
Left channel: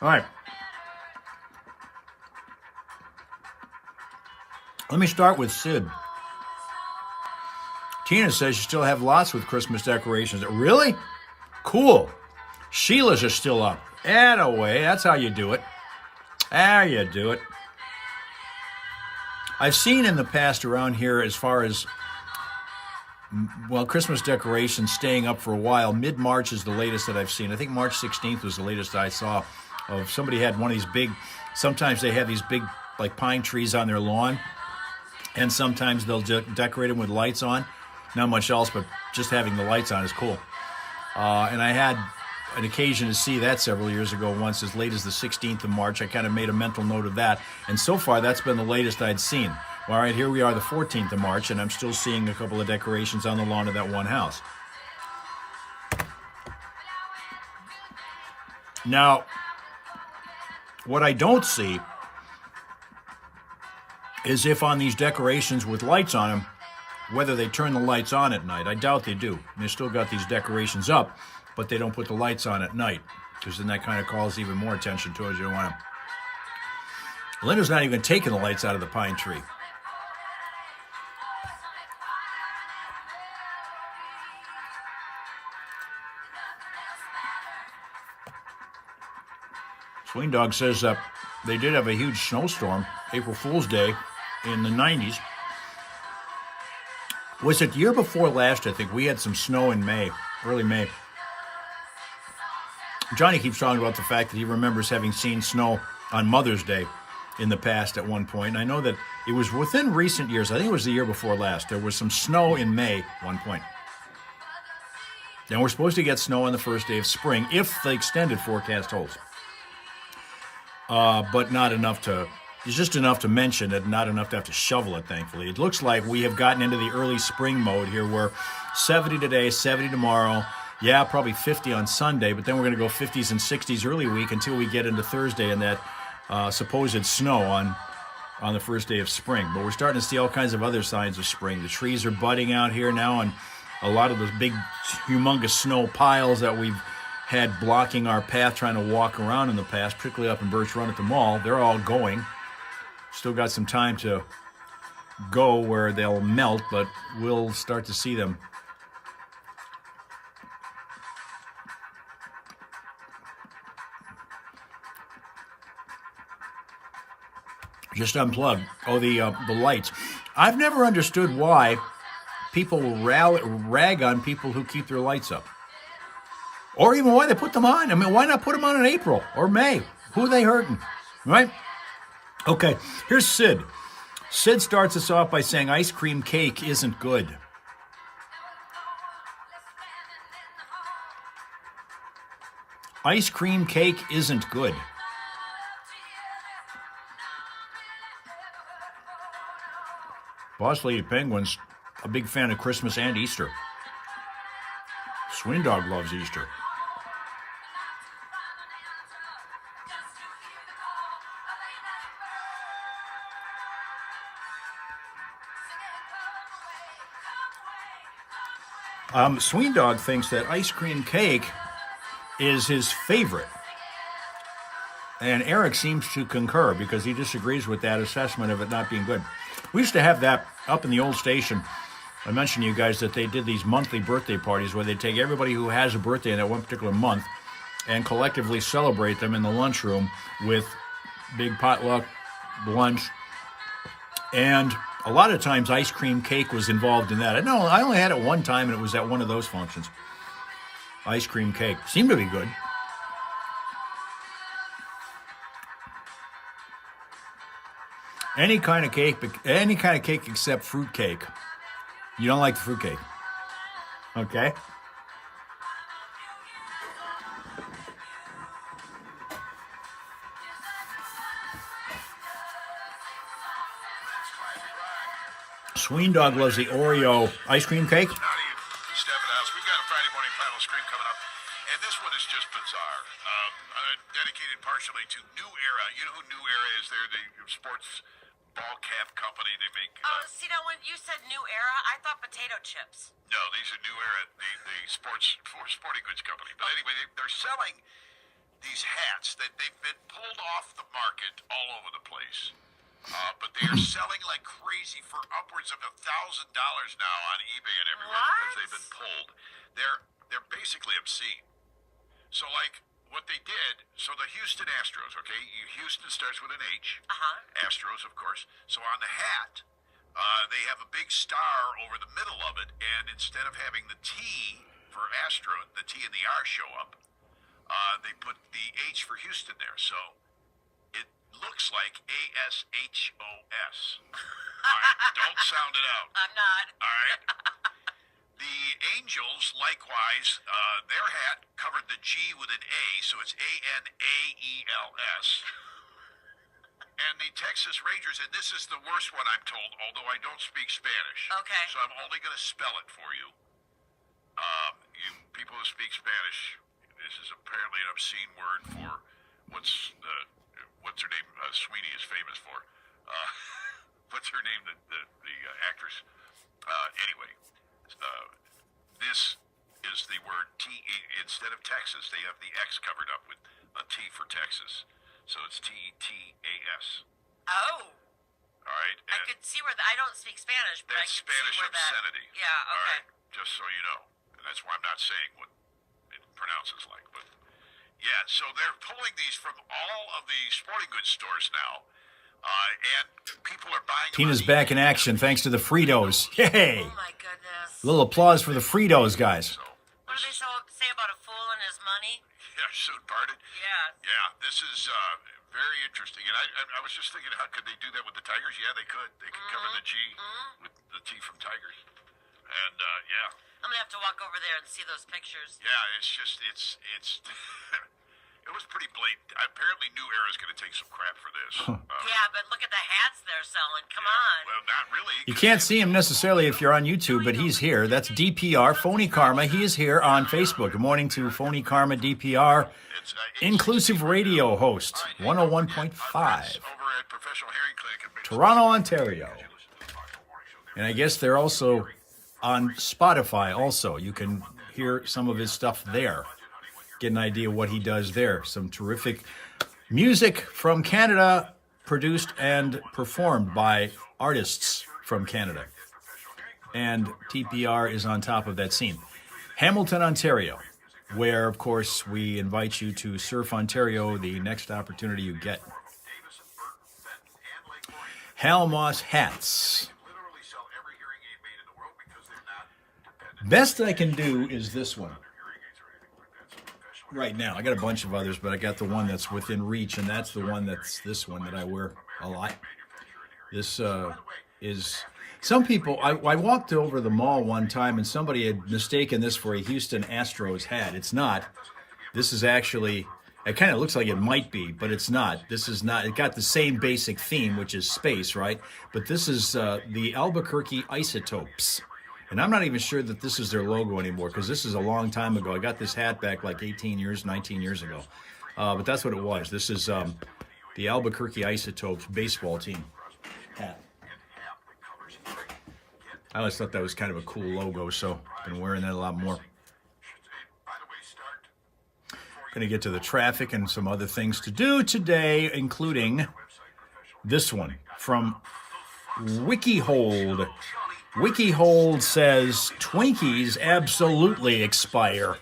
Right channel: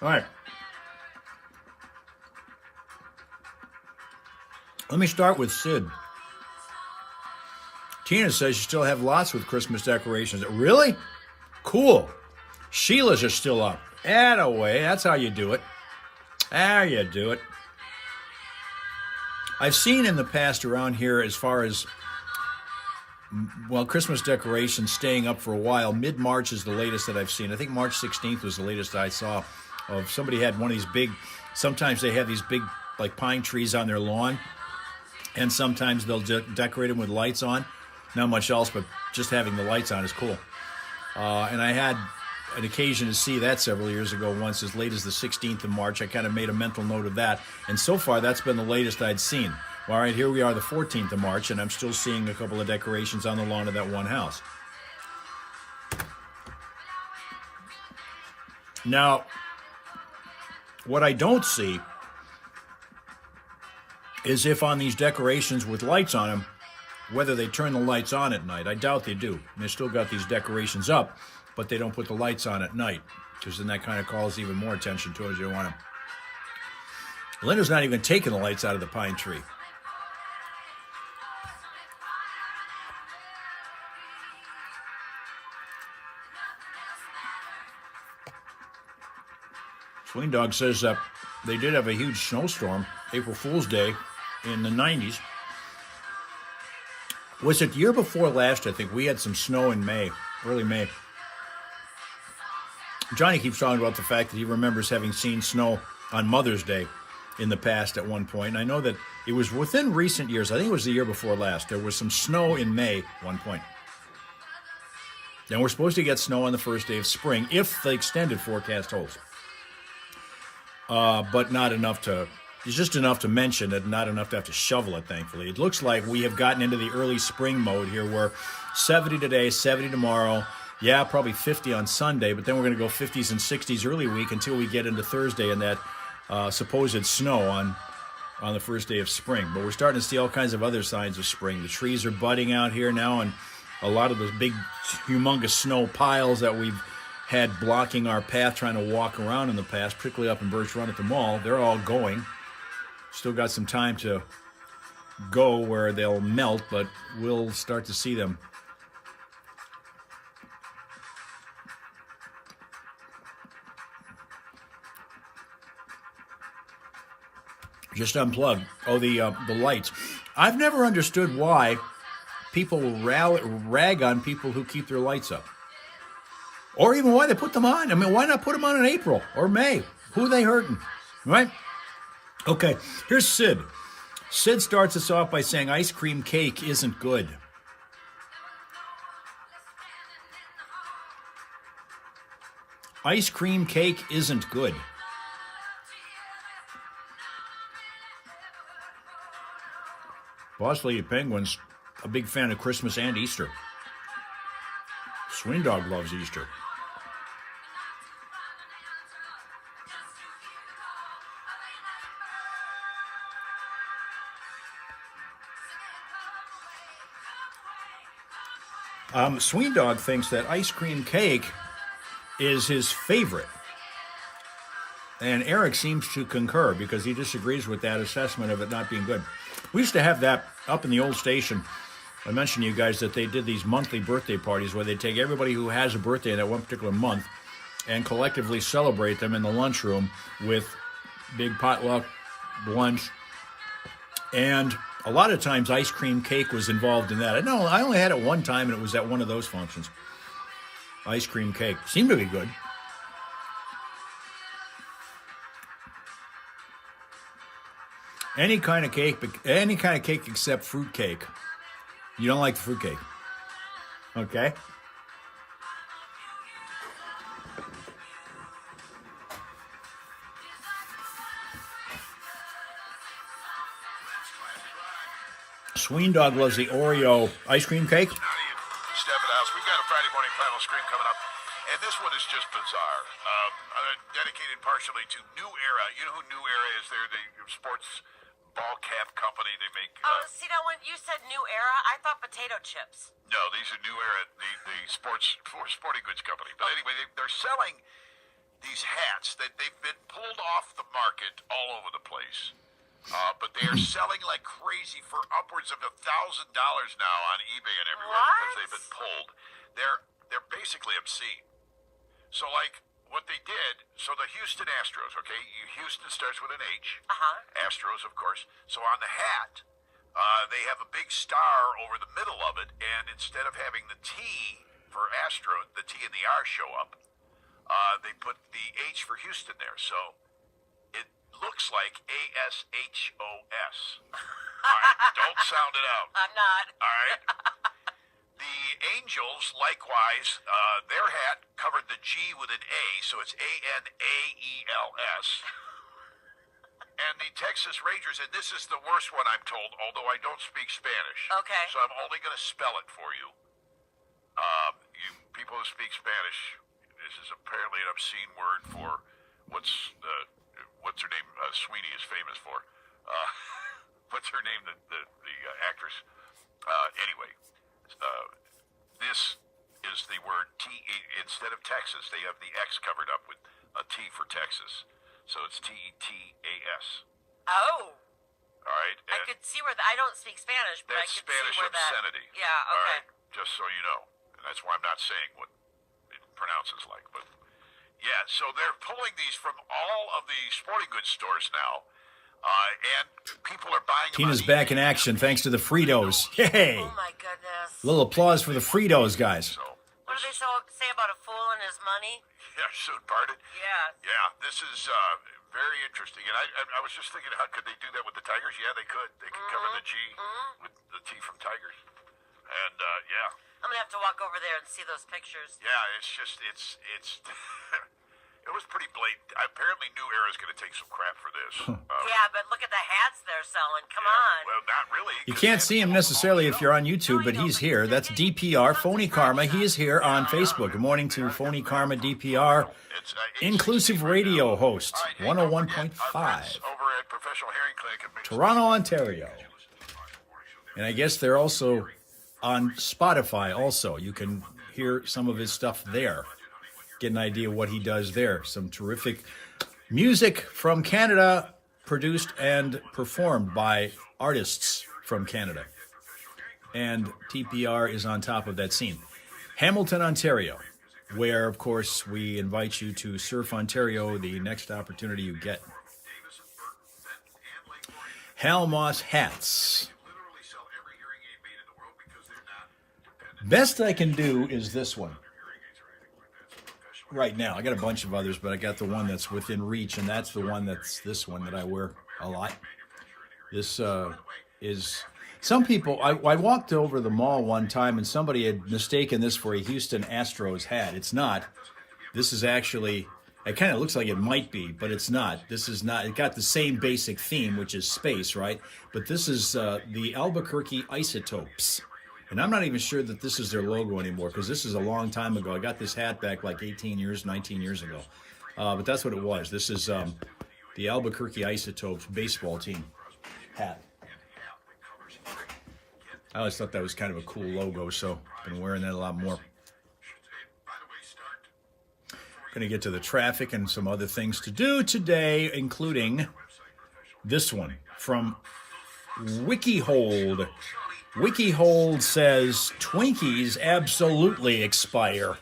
All right. Let me start with Sid. Tina says you still have lots with Christmas decorations. Really? Cool. Sheila's are still up. Attaway. That's how you do it. How you do it. I've seen in the past around here as far as, well, Christmas decorations staying up for a while. Mid-March is the latest that I've seen. I think March 16th was the latest I saw of somebody had one of these big, sometimes they have these big like pine trees on their lawn, and sometimes they'll decorate them with lights on. Not much else, but just having the lights on is cool. And I had an occasion to see that several years ago once, as late as the 16th of March. I kind of made a mental note of that. And so far, that's been the latest I'd seen. All right, here we are, the 14th of March, and I'm still seeing a couple of decorations on the lawn of that one house. Now, what I don't see is if on these decorations with lights on them, whether they turn the lights on at night. I doubt they do. And they still got these decorations up, but they don't put the lights on at night, because then that kind of calls even more attention to it. You don't want to. Linda's not even taking the lights out of the pine tree. Swing Dog says they did have a huge snowstorm, April Fool's Day, in the 90s. Was it the year before last? I think we had some snow in May, early May. Johnny keeps talking about the fact that he remembers having seen snow on Mother's Day in the past at one point. And I know that it was within recent years. I think it was the year before last. There was some snow in May at one point. Then we're supposed to get snow on the first day of spring if the extended forecast holds. But not enough to, it's just enough to mention it, not enough to have to shovel it, thankfully. It looks like we have gotten into the early spring mode here, where 70 today, 70 tomorrow, yeah, probably 50 on Sunday, but then we're going to go 50s and 60s early week until we get into Thursday and that supposed snow on the first day of spring. But we're starting to see all kinds of other signs of spring. The trees are budding out here now, and a lot of those big, humongous snow piles that we've had blocking our path trying to walk around in the past, particularly up in Birch Run at the mall, they're all going. Still got some time to go where they'll melt, but we'll start to see them. Just unplugged. Oh, the lights. I've never understood why people rag on people who keep their lights up. Or even why they put them on. I mean, why not put them on in April or May? Who are they hurting? Right? Okay, here's Sid. Sid starts us off by saying ice cream cake isn't good. Ice cream cake isn't good. Boss Lady Penguin's a big fan of Christmas and Easter. Swing Dog loves Easter. Swing Dog thinks that ice cream cake is his favorite. And Eric seems to concur because he disagrees with that assessment of it not being good. We used to have that up in the old station. I mentioned to you guys that they did these monthly birthday parties where they take everybody who has a birthday in that one particular month and collectively celebrate them in the lunchroom with big potluck lunch. And A lot of times ice cream cake was involved in that. I know I only had it one time, and it was at one of those functions. Ice cream cake. Seemed to be good. Any kind of cake except fruit cake. You don't like the fruit cake. Okay? Sween Dog loves the Oreo ice cream cake. Howdy, Stephen House. We've got a Friday morning panel stream coming up, and this one is just bizarre. Dedicated partially to New Era. You know who New Era is? They're the sports ball cap company. They make. See, now when you said New Era, I thought potato chips. No, these are New Era, the sporting goods company. But anyway, they're selling these hats that they've been pulled off the market all over the place. But they are selling like crazy for upwards of $1,000 now on eBay and everywhere because they've been pulled. They're basically obscene. So like what they did, so the Houston Astros, okay, Houston starts with an H. Astros, of course. So on the hat, they have a big star over the middle of it, and instead of having the T for Astro, the T and the R show up, they put the H for Houston there. So it looks like ASHOS. All right, don't sound it out. I'm not. All right. The Angels, likewise, their hat covered the G with an A, so it's ANAELS. And the Texas Rangers, and this is the worst one I'm told, although I don't speak Spanish. Okay. So I'm only going to spell it for you. You people who speak Spanish, this is apparently an obscene word for what's her name? Sweeney is famous for. What's her name? The actress. Anyway, this is the word T. Instead of Texas, they have the X covered up with a T for Texas. So it's TETAS. Oh. All right. I could see where I don't speak Spanish, but I That's could Spanish see where obscenity. Yeah, All okay. right. Just so you know. And that's why I'm not saying what it pronounces like. But yeah, so they're pulling these from all of the sporting goods stores now. And people are buying. Tina's back in action thanks to the Fritos. Yay! Oh my goodness. A little applause for the Fritos, guys. So, What do they say about a fool and his money? yeah, so pardon. Yeah. Yeah, this is very interesting. And I was just thinking, how could they do that with the Tigers? Yeah, they could. They could cover the G with the T from Tigers. And yeah. I'm gonna have to walk over there and see those pictures. Yeah, it's just it's it was pretty blatant. Apparently, New Era is going to take some crap for this. Yeah, but look at the hats they're selling. Come on. Well, not really. You can't see him necessarily if you're on YouTube, but he's here. That's DPR, Phony Karma. He is here on Facebook. Good morning to Phony Karma DPR, inclusive radio host, 101.5, Over at Professional Hearing Clinic in Big Toronto, Ontario. And I guess they're also on Spotify also. You can hear some of his stuff there. Get an idea what he does there. Some terrific music from Canada, produced and performed by artists from Canada. And TPR is on top of that scene. Hamilton, Ontario, where, of course, we invite you to Surf Ontario the next opportunity you get. Hal Maas hats. Best I can do is this one. Right now, I got a bunch of others, but I got the one that's within reach, and that's the one that's this one that I wear a lot. This is some people. I walked over the mall one time, and somebody had mistaken this for a Houston Astros hat. It's not. This is actually. It kind of looks like it might be, but it's not. This is not. It got the same basic theme, which is space, right? But this is the Albuquerque Isotopes. And I'm not even sure that this is their logo anymore because this is a long time ago. I got this hat back like 19 years ago. But that's what it was. This is the Albuquerque Isotopes baseball team hat. I always thought that was kind of a cool logo, so I've been wearing that a lot more. Going to get to the traffic and some other things to do today, including this one from WikiHold. WikiHold says Twinkies absolutely expire. 20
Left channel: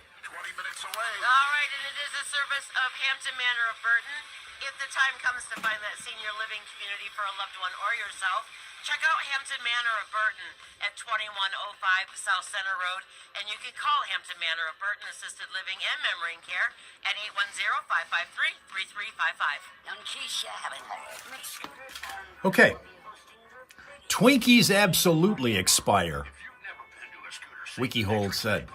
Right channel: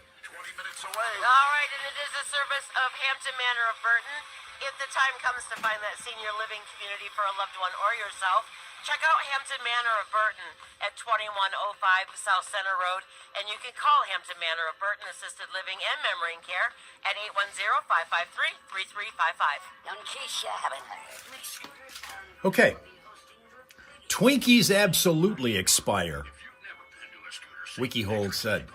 minutes away. All right, and it is the service of Hampton Manor of Burton. If the time comes to find that senior living community for a loved one or yourself, Check out Hampton Manor of Burton at 2105 South Center Road, and you can call Hampton Manor of Burton Assisted Living and Memory Care at 810-553-3355. Young Keisha having a Okay. Twinkies absolutely expire, WikiHold said.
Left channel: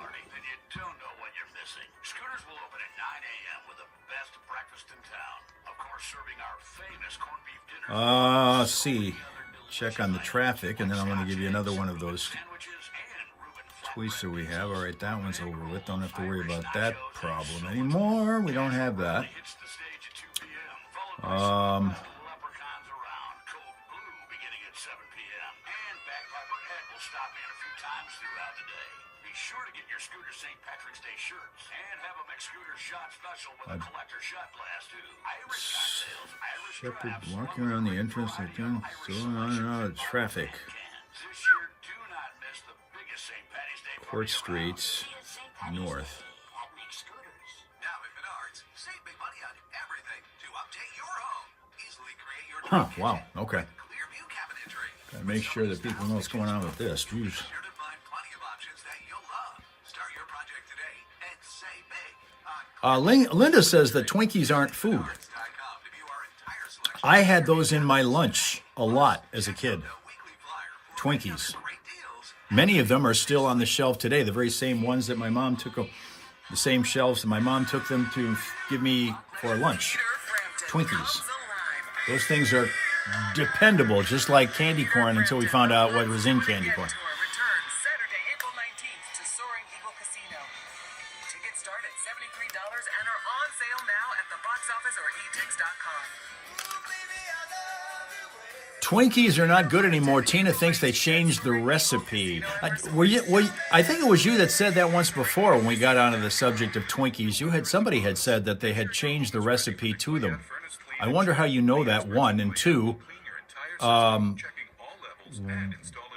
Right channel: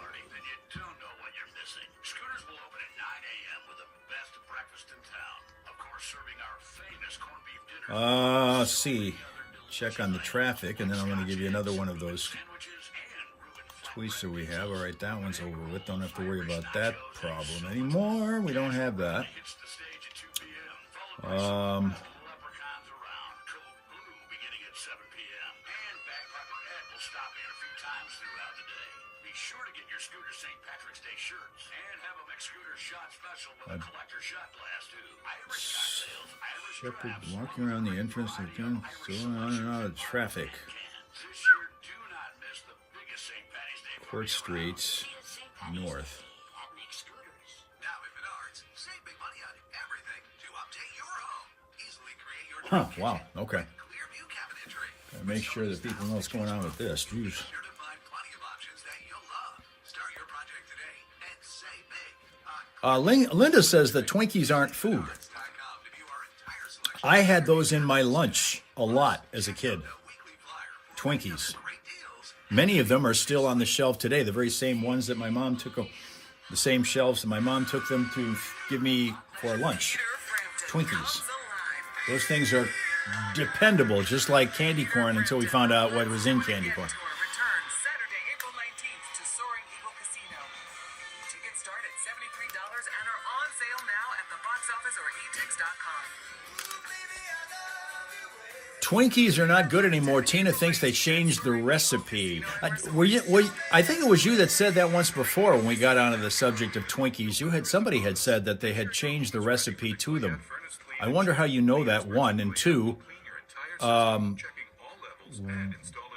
Don't know what you're missing. Scooters will open at 9 a.m. with the best breakfast in town. Of course, serving our famous corned beef dinner. Let's see. Check on the traffic, and then I'm going to give you another one of those tweets that we have. All right, that one's over with. Don't have to worry about that problem anymore. We don't have that. Hits the stage at 2 p.m. Followed by Leprechauns Around, Cold Blue beginning at 7 p.m. And Bagpiper Ed will stop in a few times throughout the day. Be sure to get your Scooter St. Patrick's Day shirts and have a McScooter shot special with a collector shot glass too. Irish cocktails, Irish Shepherd crafts, walking around the entrance of going on and out of traffic. This year, do not miss the biggest St. Patty's Day Court party Street North. at Nick Scooters. Now at Menards, save big money on everything to update your home. Easily create your Huh, wow, okay. clear view cabinetry. Gotta make sure that people know what's going on with this. Jeez. Sure to find plenty of options that you'll love. Start your project today and save big on Linda says that Twinkies aren't food. Menards.com to view our entire selection I had those in my lunch a lot as a kid. of weekly flyer. Twinkies. Great deals. Many of them are still on the shelf today, the very same ones that my mom took them, the same shelves that my mom took them to give me for lunch. Twinkies. Those things are dependable, just like candy corn until we found out what was in candy corn. Returns Saturday, April 19th to Soaring Eagle Casino. Tickets start at $73 and are on sale now at the box office or etix.com. Twinkies are not good anymore. Tina thinks they changed the recipe. I think it was you that said that once before when we got onto the subject of Twinkies. Somebody had said that they had changed the recipe to them. I wonder how you know that, one, and two,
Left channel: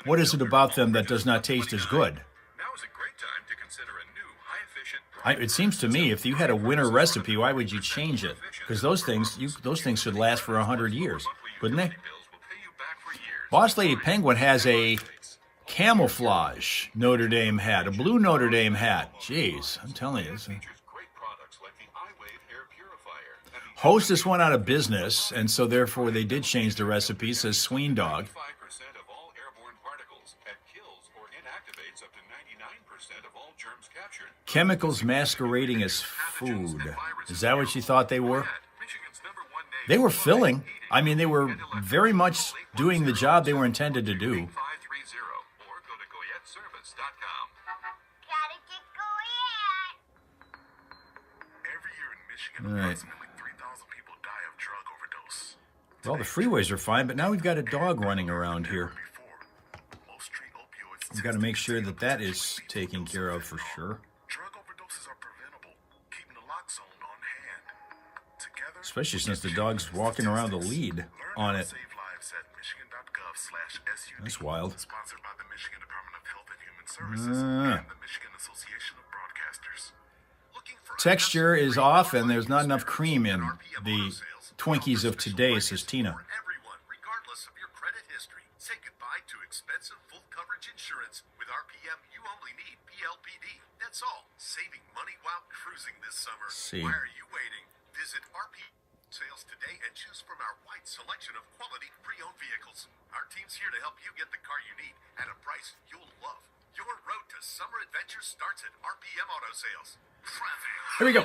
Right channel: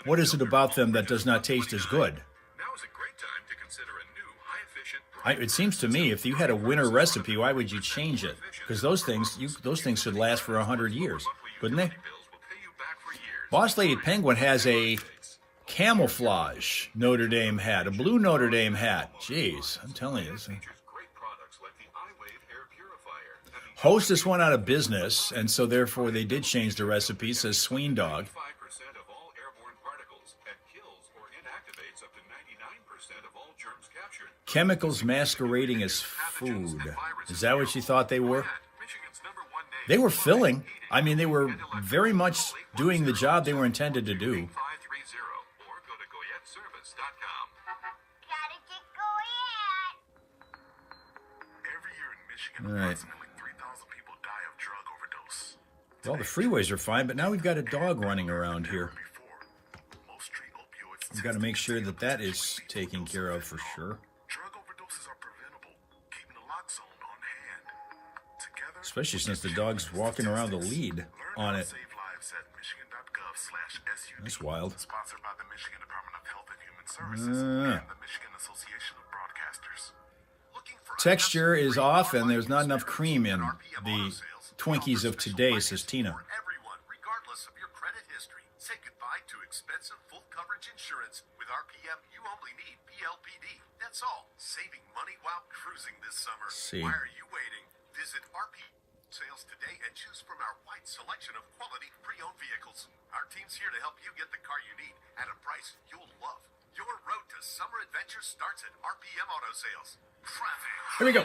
what is it about them that does not taste as good? Now is a great time to consider a new high-efficient It seems to me if you had a winner recipe, why would you change it? Because those things should last for 100 years, wouldn't they? bills will pay you back for years. Boss Lady Penguin has a camouflage Notre Dame hat, a blue Notre Dame hat. Jeez, I'm telling you. Features great products like the iWave air purifier and the Hostess went out of business, and so therefore they did change the recipe, says Sween Dog. 5% of all airborne particles and kills or inactivates up to 99% of all germs captured. Chemicals masquerading as food. Is that what you thought they were? Michigan's #1 name. They were filling. I mean, they were very much doing the job they were intended to do. 530 or go to goyetteservice.com. Gotta get going. Every year in Michigan, All right. approximately 3,000 people die of drug overdose. Well, the freeways are fine, but now we've got a dog running around here. Before, most treat opioids. We've got to make sure that that is taken care of for sure. Drug overdoses are preventable. Keeping the lock zone on hand. Together, Especially since the dog's walking around the lead learn on how it. to save lives at michigan.gov/SUD. That's wild. Sponsored by the Michigan Department of Health and Human Services and the Michigan Association of Broadcasters. Looking for Texture is unnecessary off, and there's not online enough cream in RPM the auto sales. Twinkies of Special today, prices says Tina. For everyone, regardless of your credit history. Say goodbye to expensive full coverage insurance. With RPM, you only need PLPD. That's all. Saving money while cruising this summer. See. Why are you waiting? Visit RPM sales today and choose from our wide selection of quality pre-owned vehicles. Our team's here to help you get the car you need at a price you'll love. Your road to summer adventure starts at RPM Auto Sales. Traffic. Here we go.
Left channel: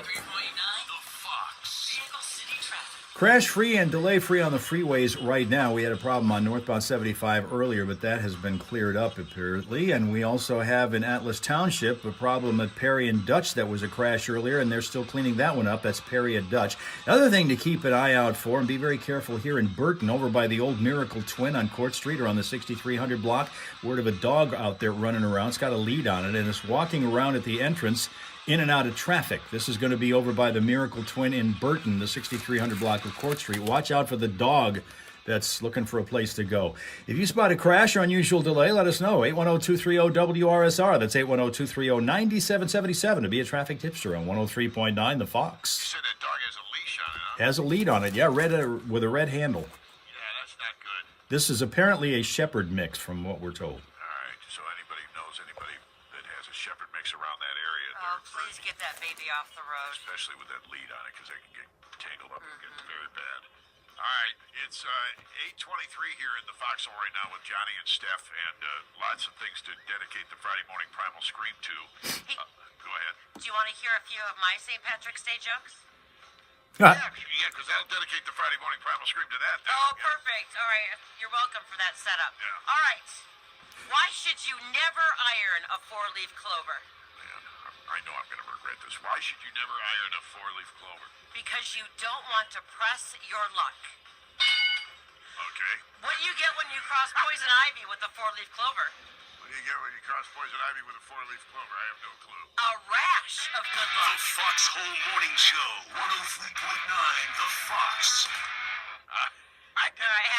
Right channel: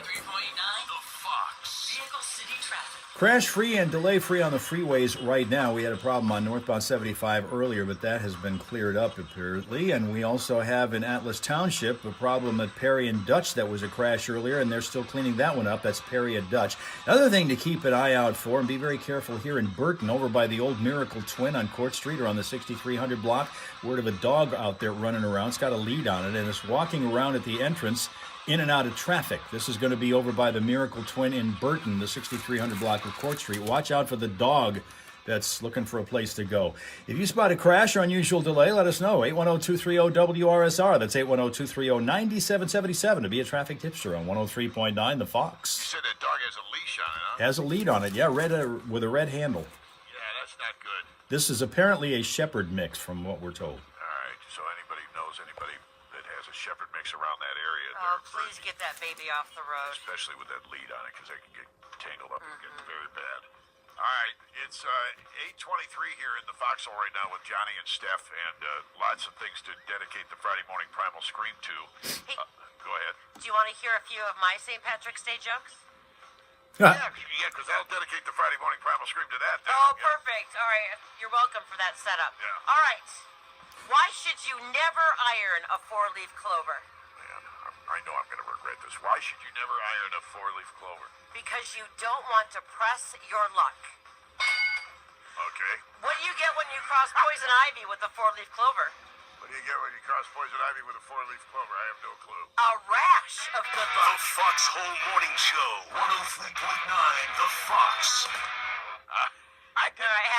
Crash-free and delay-free on the freeways right now. We had a problem on northbound 75 earlier, but that has been cleared up apparently. And we also have in Atlas Township a problem at Perry and Dutch that was a crash earlier, and they're still cleaning that one up. That's Perry and Dutch. Another thing to keep an eye out for, and be very careful here in Burton, over by the old Miracle Twin on Court Street or on the 6300 block. Word of a dog out there running around. It's got a lead on it, and it's walking around at the entrance in and out of traffic. This is going to be over by the Miracle Twin in Burton, the 6300 block of Court Street. Watch out for the dog that's looking for a place to go. If you spot a crash or unusual delay, let us know. 810-230-WRSR. That's 810-230-9777 to be a traffic tipster on 103.9 The Fox. You said that dog has a leash on it, huh? Has a lead on it, yeah, red with a red handle. Yeah, that's not good. This is apparently a shepherd mix from what we're told. All right, so anybody who knows anybody that has a shepherd mix around that area, Oh, please get that baby off the road. especially with that lead on it, because they can get tangled up and get very bad. All right, it's 8:23 here in the foxhole right now with Johnny and Steph, and lots of things to dedicate the Friday morning primal scream to. Go ahead. Do you want to hear a few of my St. Patrick's Day jokes? Yeah, because that'll dedicate the Friday morning primal scream to that. Then. Oh, perfect. All right. You're welcome for that setup. Yeah. All right. Why should you never iron a four-leaf clover? Man, I know I'm going to regret this. Why should you never iron a four-leaf clover? Because you don't want to press your luck. Okay. What do you get when you cross poison ivy with a four-leaf clover? What do you get when you cross poison ivy with a four-leaf clover? I have no clue. A rash of good The luck. Foxhole Morning Show, 103.9 The Fox. I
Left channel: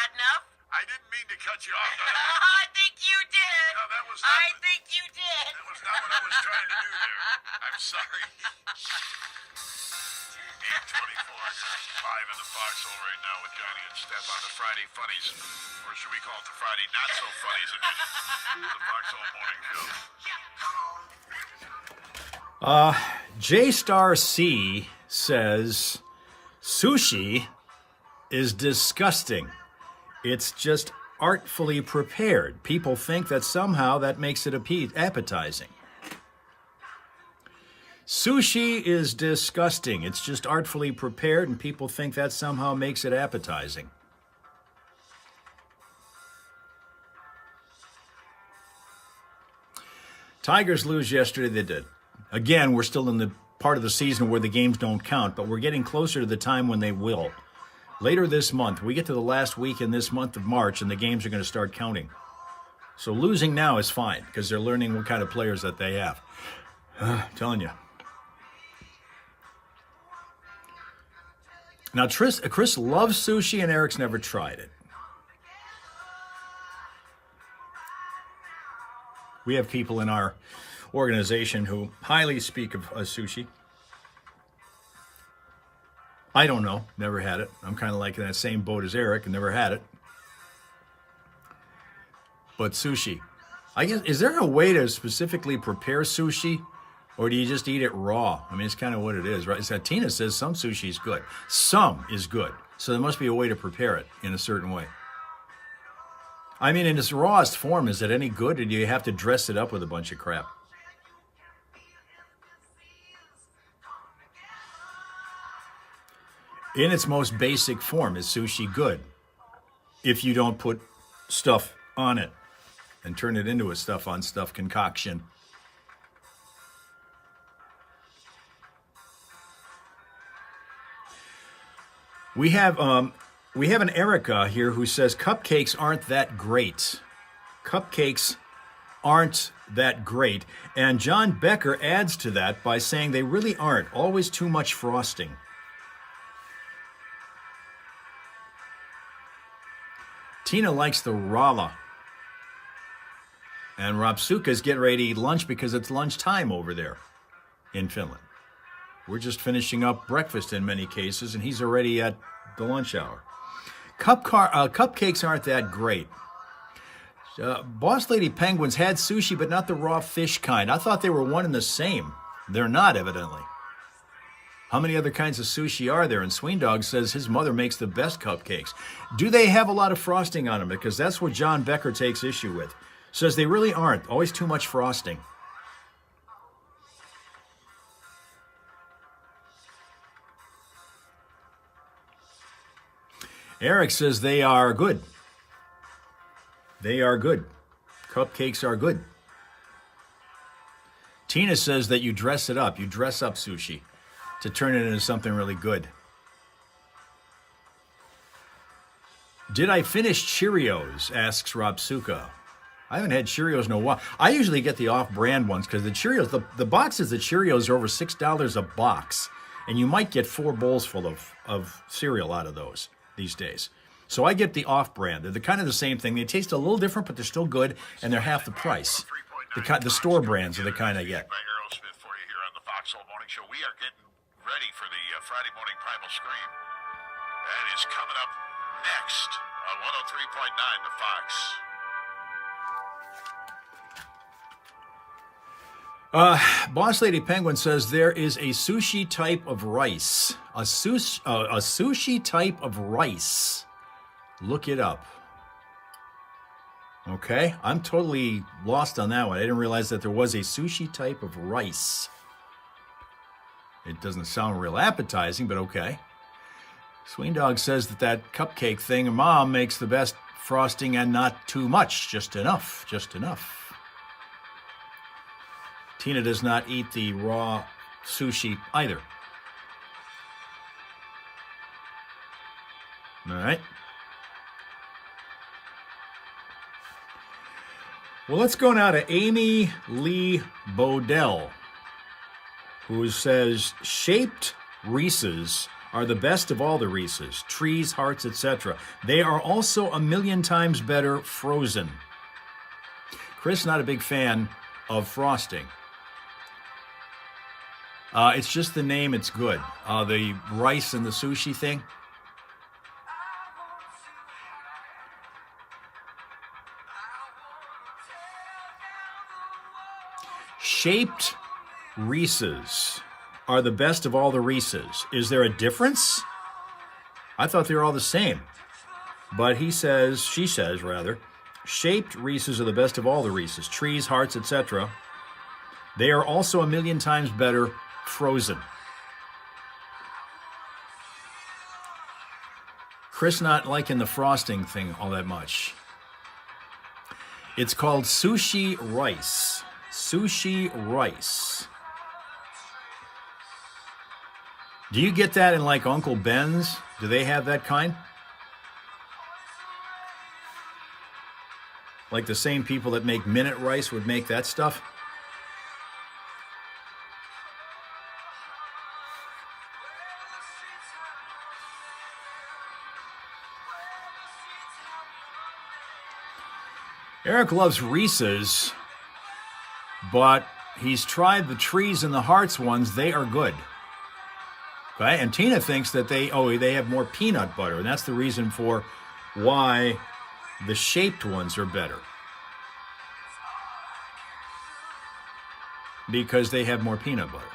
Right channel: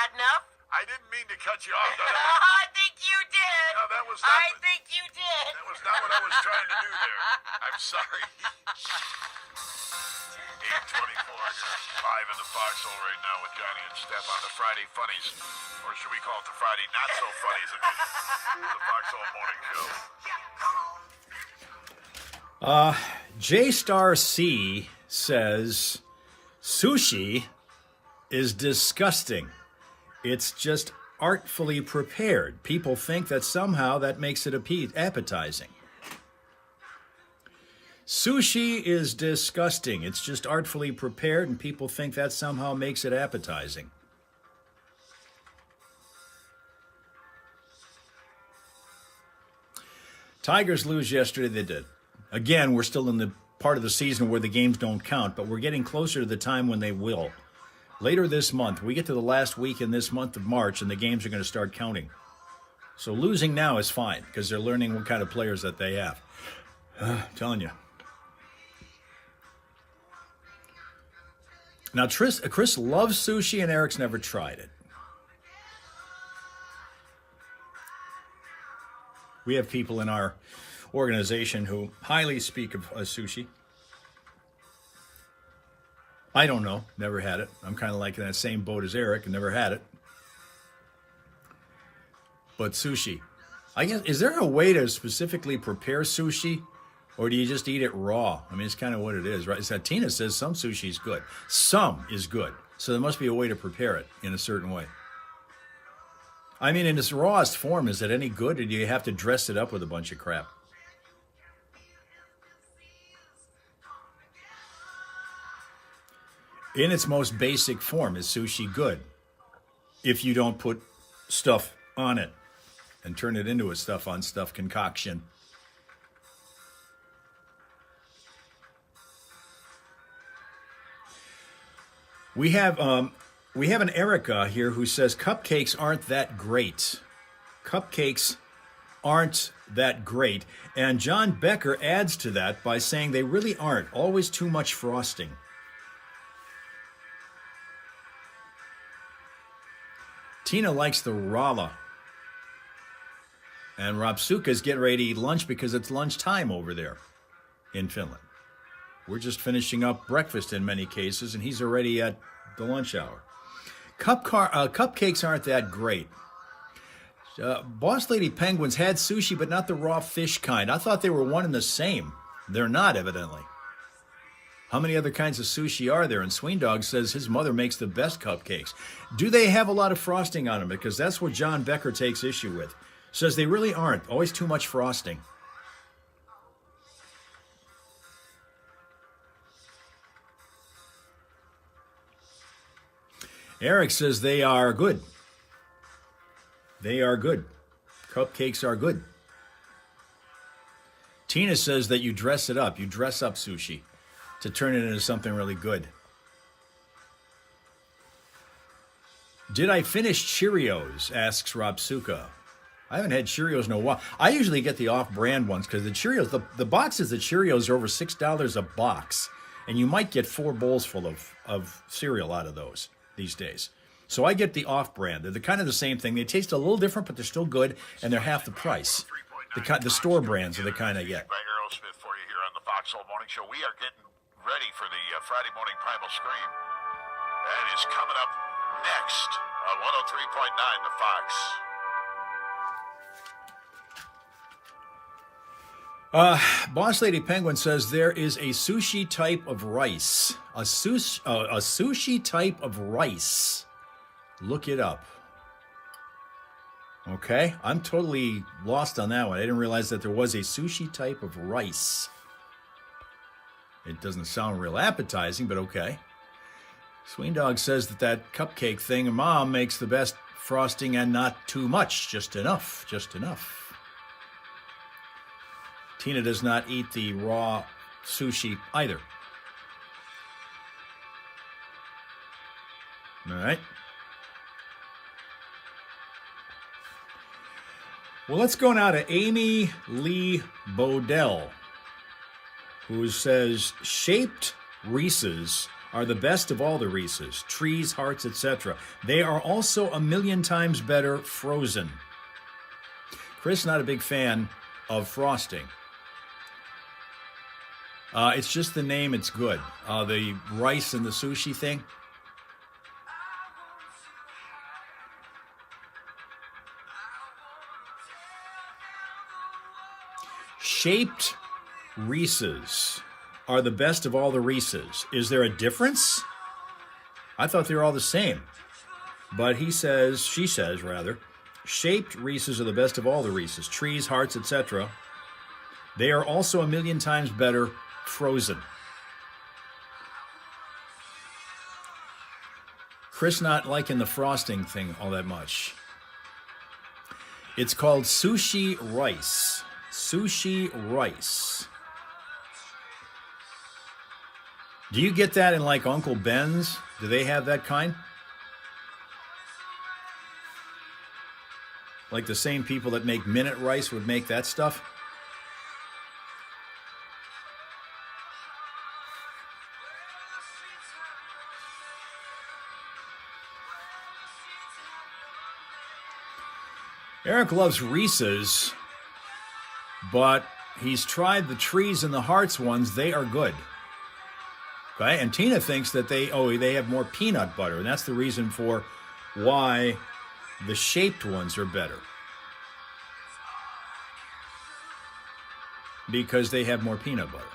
had enough? I didn't mean to cut you off. I think you did. No, that was not I what- think you did. That was not what I was trying to do there. I'm sorry. 8:24. Live in the foxhole right now with Johnny and Steph on the Friday Funnies. Or should we call it the Friday Not So Funnies edition of the Foxhole Morning Show. J C says sushi is disgusting. It's just artfully prepared. People think that somehow that makes it appetizing. Sushi is disgusting. It's just artfully prepared, and people think that somehow makes it appetizing. Tigers lose yesterday. They did. Again, we're still in the part of the season where the games don't count, but we're getting closer to the time when they will. Later this month, we get to the last week in this month of March, and the games are going to start counting. So losing now is fine, because they're learning what kind of players that they have. I'm telling you. Now, Chris loves sushi, and Eric's never tried it. We have people in our organization who highly speak of sushi. I don't know. Never had it. I'm kind of like in that same boat as Eric and never had it. But sushi. I guess, is there a way to specifically prepare sushi? Or do you just eat it raw? I mean, it's kind of what it is, right? So Tina says some sushi is good. Some is good. So there must be a way to prepare it in a certain way. I mean, in its rawest form, is it any good? Or do you have to dress it up with a bunch of crap? In its most basic form, is sushi good? If you don't put stuff on it and turn it into a stuff-on-stuff concoction. We have an Erica here who says cupcakes aren't that great. Cupcakes aren't that great. And John Becker adds to that by saying they really aren't. Always too much frosting. Tina likes the rala. And Rapsuka's getting ready to eat lunch because it's lunchtime over there in Finland. We're just finishing up breakfast in many cases, and he's already at the lunch hour. Cupcakes aren't that great. Boss Lady Penguins had sushi, but not the raw fish kind. I thought they were one and the same. They're not, evidently. How many other kinds of sushi are there? And Sweendog says his mother makes the best cupcakes. Do they have a lot of frosting on them? Because that's what John Becker takes issue with. Says they really aren't. Always too much frosting. Eric says they are good. They are good. Cupcakes are good. Tina says that you dress it up. You dress up sushi to turn it into something really good. Did I finish Cheerios? Asks Robsuka. I haven't had Cheerios in a while. I usually get the off-brand ones because the Cheerios, the boxes of Cheerios are over $6 a box. And you might get 4 bowls full of cereal out of those these days. So I get the off-brand. They're kind of the same thing. They taste a little different, but they're still good, and they're half the price. The store brands are the kind I get. By Aerosmith for you here on the Foxhole Morning Show. We are getting ready for the Friday morning primal scream. That is coming up next. on 103.9 The Fox. Boss Lady Penguin says there is a sushi type of rice. A sushi type of rice. Look it up. Okay, I'm totally lost on that one. I didn't realize that there was a sushi type of rice. It doesn't sound real appetizing, but okay. Sween Dog says that cupcake thing Mom makes the best frosting and not too much. Just enough. Just enough. Tina does not eat the raw sushi either. All right. Well, let's go now to Amy Lee Bodell, who says shaped Reese's are the best of all the Reese's, trees, hearts, etc. They are also a million times better frozen. Chris, not a big fan of frosting. It's just the name, it's good. The rice and the sushi thing. Shaped Reese's are the best of all the Reese's. Is there a difference? I thought they were all the same. But she says, shaped Reese's are the best of all the Reese's. Trees, hearts, etc. They are also a million times better frozen. Chris not liking the frosting thing all that much. It's called sushi rice. Sushi rice. Do you get that in like Uncle Ben's? Do they have that kind? Like the same people that make minute rice would make that stuff? Eric loves Reese's, but he's tried the trees and the hearts ones. They are good. Okay, and Tina thinks that they have more peanut butter, and that's the reason for why the shaped ones are better. Because they have more peanut butter.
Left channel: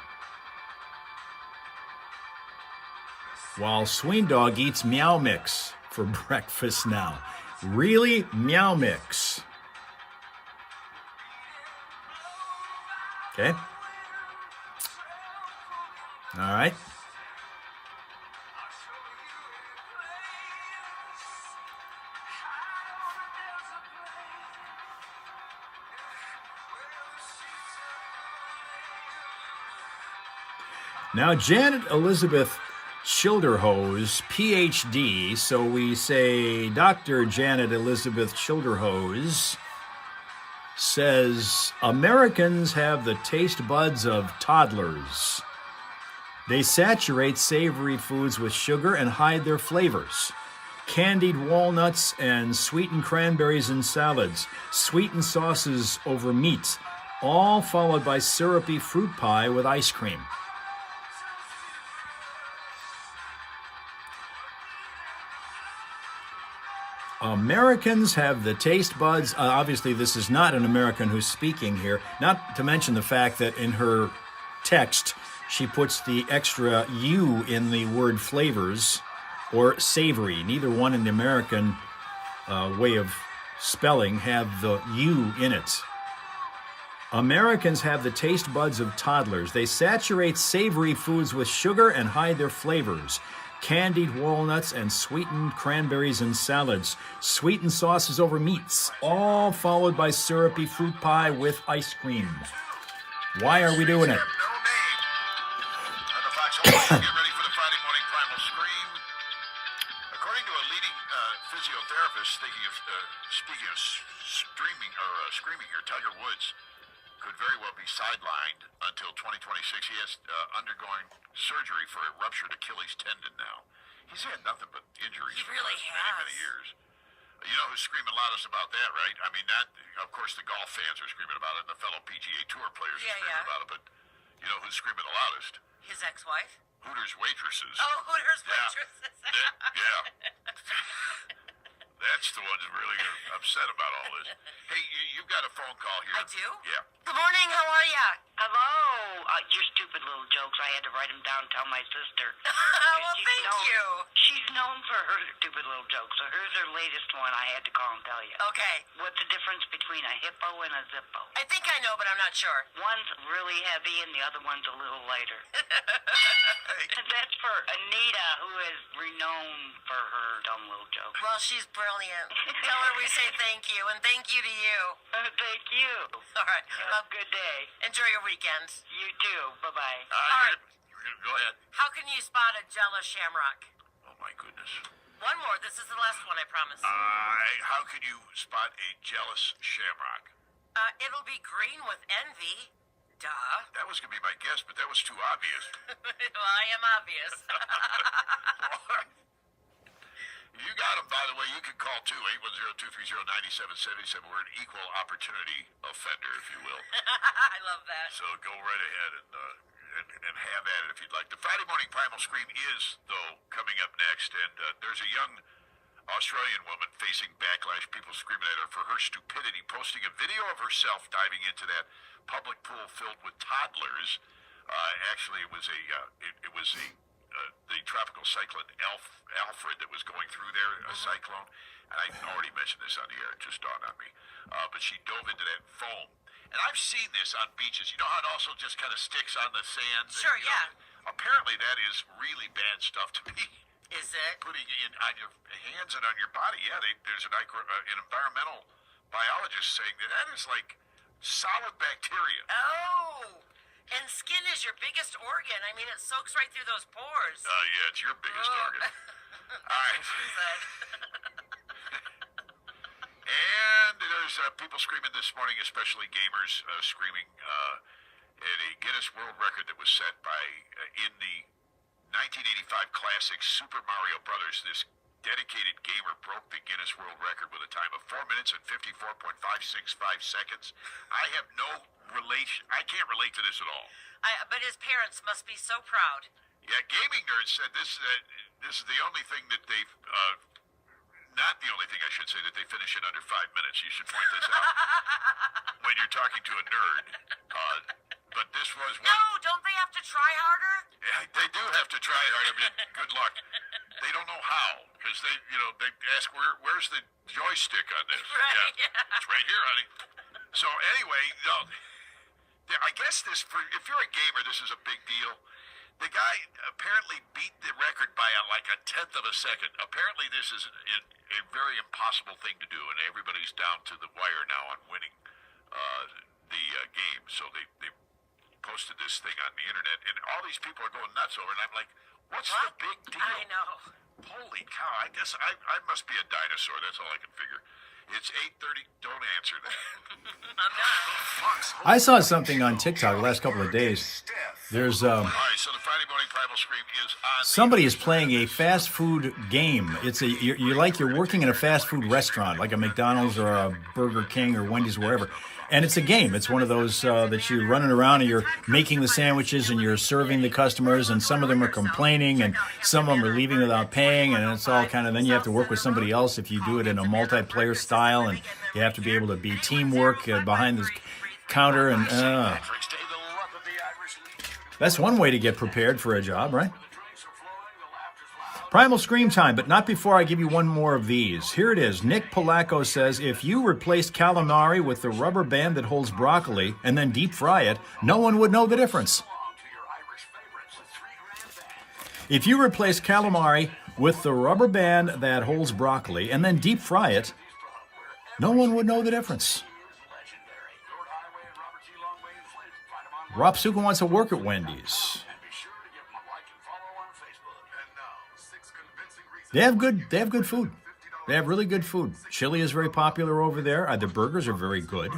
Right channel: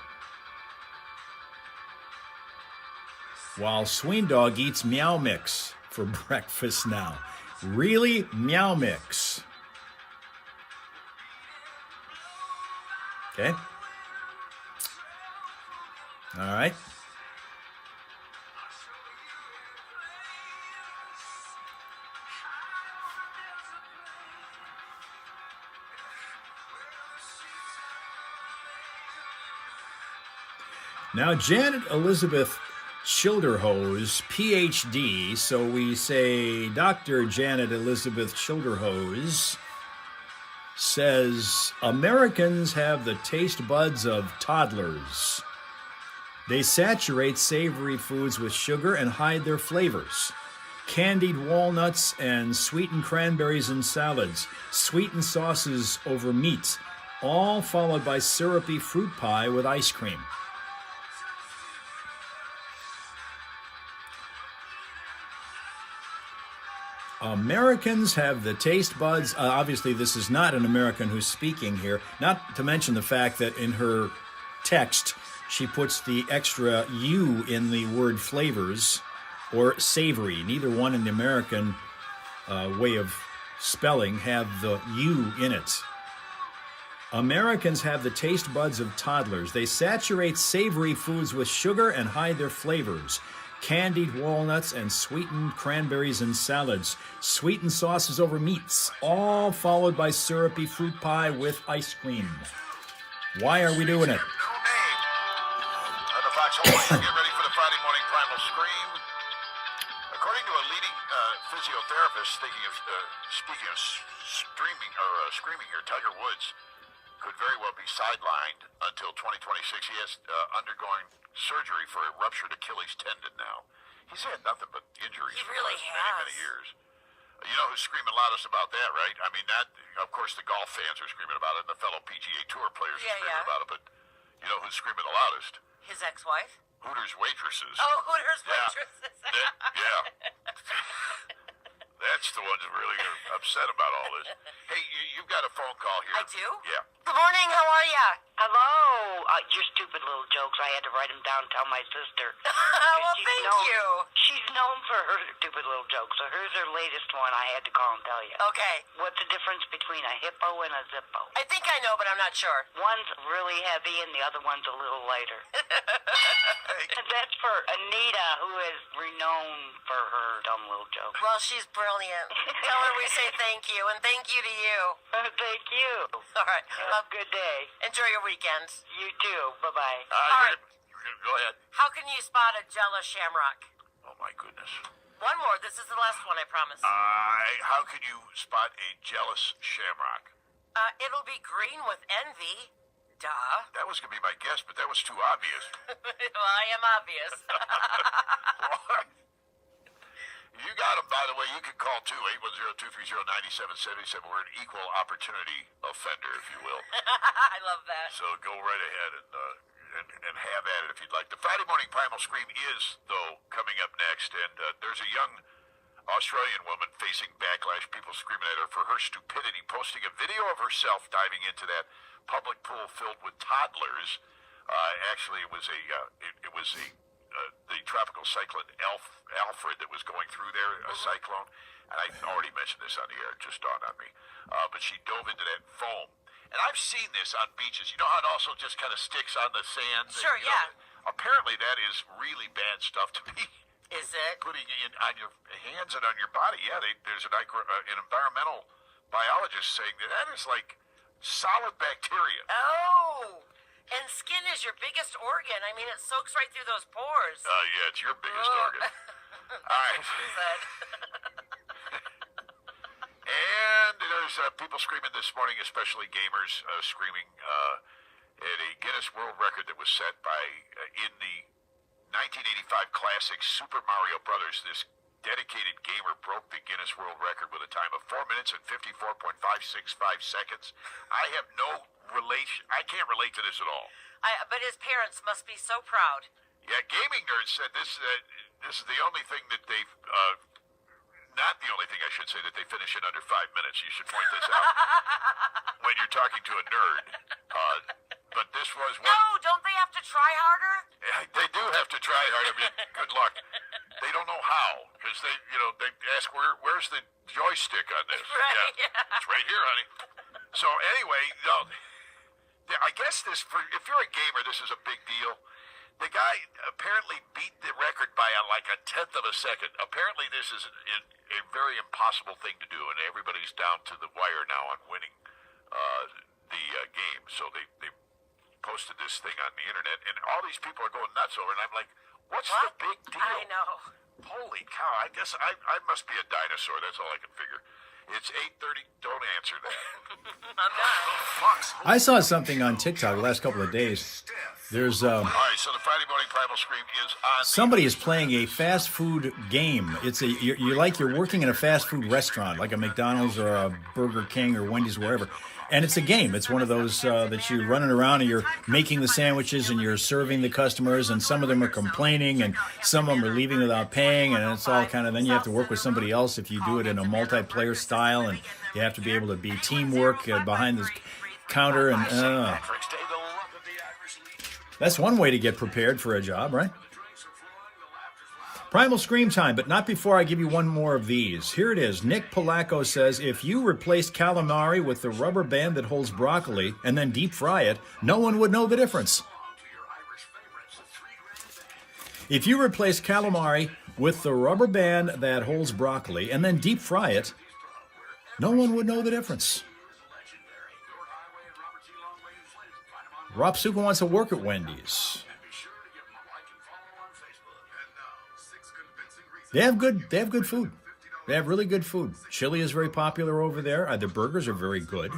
While Sween Dog eats Meow Mix for breakfast now. Really? Meow Mix. Okay. All right. Now, Janet Elizabeth Schilderhose, PhD, so we say Dr. Janet Elizabeth Schilderhose, says Americans have the taste buds of toddlers. They saturate savory foods with sugar and hide their flavors. Candied walnuts and sweetened cranberries in salads, sweetened sauces over meat, all followed by syrupy fruit pie with ice cream. Americans have the taste buds. Obviously, this is not an American who's speaking here, not to mention the fact that in her text, she puts the extra U in the word flavors or savory. Neither one in the American way of spelling have the U in it. Americans have the taste buds of toddlers. They saturate savory foods with sugar and hide their flavors. Candied walnuts and sweetened cranberries in salads, sweetened sauces over meats, all followed by syrupy fruit pie with ice cream. Why are we doing it? No name. The Fox Hall, get ready for the Friday morning primal scream. According to a leading physiotherapist, speaking of screaming here, Tiger Woods could very well be sidelined until 2026. He is undergoing surgery for a ruptured Achilles tendon now. He's had nothing but injuries He for really the last many has. years. You know who's screaming loudest about that, right? I mean, that, of course, the golf fans are screaming about it, and the fellow PGA Tour players are screaming about it, but you know who's screaming the loudest? His ex-wife? Hooters waitresses. Oh, Hooters Yeah. waitresses. Yeah. That's the ones that really are upset about all this. Hey, you've got a phone call here. I do? Yeah. Good morning, how are ya? Hello. Your stupid little jokes. I had to write them down and tell my sister. Well, She's thank known- you. She's known for her stupid little jokes. So here's her latest one. I had to call and tell you. Okay. What's the difference between a hippo and a zippo? I think I know, but I'm not sure. One's really heavy and the other one's a little lighter. That's for Anita, who is renowned for her dumb little jokes. Well, she's brilliant. Tell her we say thank you, and thank you to you. Thank you. All right. Have a good day. Enjoy your weekend. You too. Bye-bye. All right. Go ahead. How can you spot a jealous shamrock? Oh, my goodness. One more. This is the last one, I promise. How can you spot a jealous shamrock? It'll be green with envy. Duh. That was going to be my guess, but that was too obvious. Well, I am obvious. You got them, by the way. You can call, too, 810-230-9777. We're an equal opportunity offender, if you will. I love that. So go right ahead and have at it if you'd like. The Friday Morning Primal Scream is, though, coming up next. And there's a young Australian woman facing backlash, people screaming at her for her stupidity, posting a video of herself diving into that public pool filled with toddlers. Actually, it was the tropical cyclone Alfred that was going through there, a cyclone. And I already mentioned this on the air; it just dawned on me. But she dove into that foam, and I've seen this on beaches. You know how it also just kind of sticks on the sand. Sure, and, apparently, that is really bad stuff to be Is it? putting on your hands and on your body. Yeah, there's an environmental biologist saying that is like solid bacteria. Oh. And skin is your biggest organ. I mean, it soaks right through those pores. Yeah, it's your biggest organ. All right. And there's people screaming this morning, especially gamers, screaming at a Guinness World Record that was set by, in the 1985 classic Super Mario Brothers. This dedicated gamer broke the Guinness World Record with a time of 4 minutes and 54.565 seconds. I have no relation. I can't relate to this at all. But his parents must be so proud. Yeah, Gaming Nerds said this is the only thing that they've, not the only thing I should say, that they finish in under 5 minutes. You should point this out when you're talking to a nerd. But this was one. No, don't they have to try harder? Yeah, they do have to try hard. I mean, good luck. They don't know how, because they ask where's the joystick on this? Right. Yeah, it's right here, honey. So anyway, I guess if you're a gamer, this is a big deal. The guy apparently beat the record by like a tenth of a second. Apparently, this is a very impossible thing to do, and everybody's down to the wire now on winning the game. So they posted this thing on the internet, and all these people are going nuts over it. And I'm like, what's the big deal? I know. Holy cow! I guess I must be a dinosaur. That's all I can figure. It's 8:30. Don't answer that. I saw something on TikTok the last couple of days. There's All right, so the Friday Morning Primal Scream is on. somebody is playing a fast food game. It's you're like you're working in a fast food restaurant, like a McDonald's or a Burger King or Wendy's, wherever. And it's a game. It's one of those that you're running around and you're making the sandwiches and you're serving the customers, and some of them are complaining and some of them are leaving without paying, and it's all kind of, then you have to work with somebody else if you do it in a multiplayer style, and you have to be able to be teamwork behind the counter, and that's one way to get prepared for a job, right? Primal Scream time, but not before I give you one more of these. Here it is. Nick Polacco says, if you replaced calamari with the rubber band that holds broccoli and then deep fry it, no one would know the difference. If you replace calamari with the rubber band that holds broccoli and then deep fry it, no one would know the difference. Rob Suka wants to work at Wendy's. They have good food. They have really good food. Chili is very popular over there. The burgers are very good.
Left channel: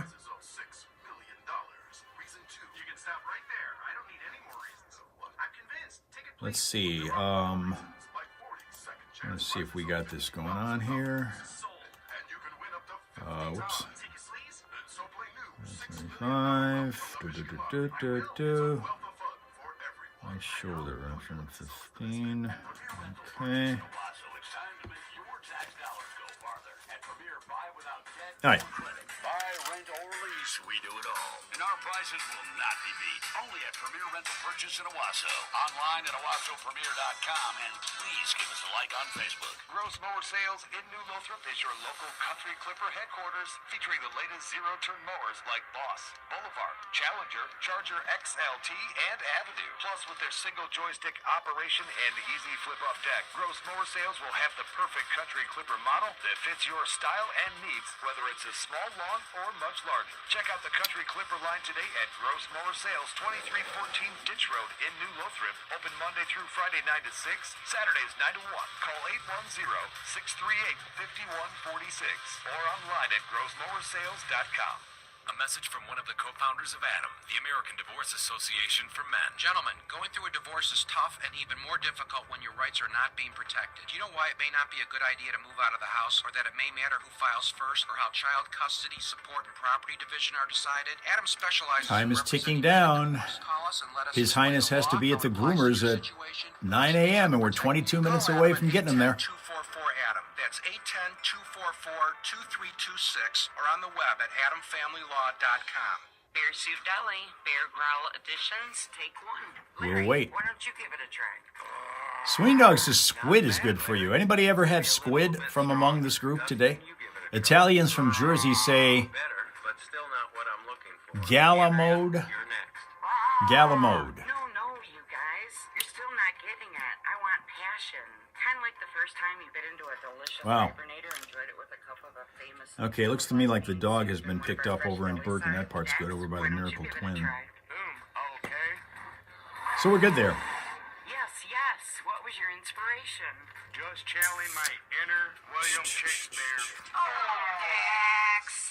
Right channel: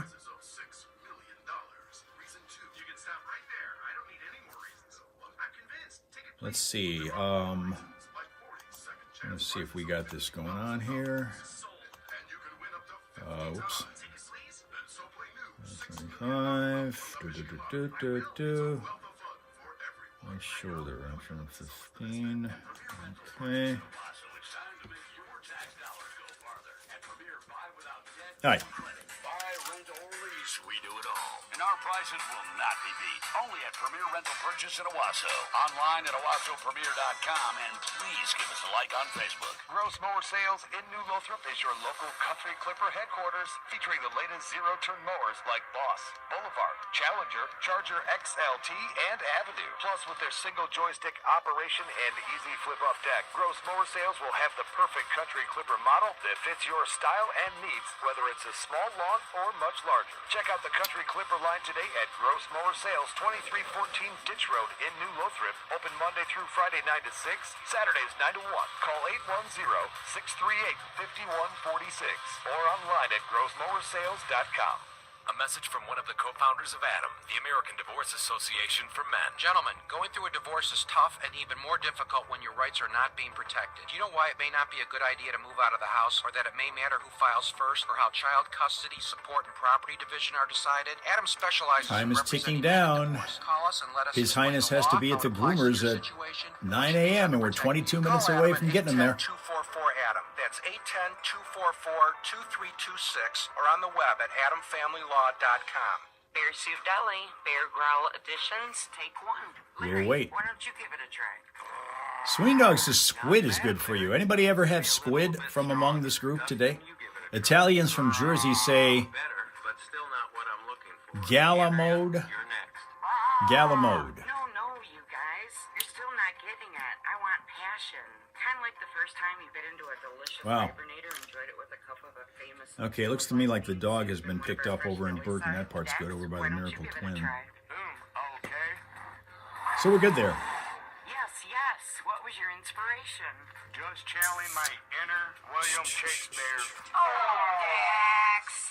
Let's see. Let's see if we got this going on here. Whoops. 25. My shoulder. 15. Okay. All right. Buy, rent, or lease, we do it all. And our prices will not be beat. Only at Premier Rental Purchase in Owasso. Online at OwassoPremier.com. And please give us a like on Facebook. Gross Mower Sales in New Lothrop is your local Country Clipper headquarters, featuring the latest zero-turn mowers like Boss, Boulevard, Challenger, Charger XLT, and Avenue. Plus, with their single joystick operation and easy flip-up deck, Gross Mower Sales will have the perfect Country Clipper model that fits your style and needs, whether it's a small lawn or much larger. Check out the Country Clipper line today at Gross Mower Sales, 2314 Ditch Road in New Lothrop. Open Monday through Friday 9 to 6, Saturdays 9 to 1. Call 810-638-5146 or online at grossmowersales.com. A message from one of the co-founders of ADAM, the American Divorce Association for Men. Gentlemen, going through a divorce is tough and even more difficult when your rights are not being protected. Do you know why it may not be a good idea to move out of the house, or that it may matter who files first, or how child custody, support, and property division are decided? ADAM specializes. Time is ticking down. His Highness has to be at the groomers at 9 a.m. and we're 22 minutes away from getting him there. 244-ADAM. That's 810-244-2326, or on the web at adamfamilylaw.com. Bear Soup Deli, Bear Growl Editions, take one. We'll wait. Why don't you give it a try? Swing Dog says squid is good for you. Anybody ever have squid from among this group today? Italians from Jersey say Better, but still not what I'm looking for. Galamode. You're next. Galamode. No, you guys. You're still not getting it. I want passion. Kind of like the first time you bit into a delicious hibernator and enjoyed it with a cup of a famous... Okay, it looks to me like the dog has been picked up over in Burton. That part's good, over by the Miracle Twin. Okay. So we're good there. Yes. What was your inspiration? Just channeling my inner William Shakespeare.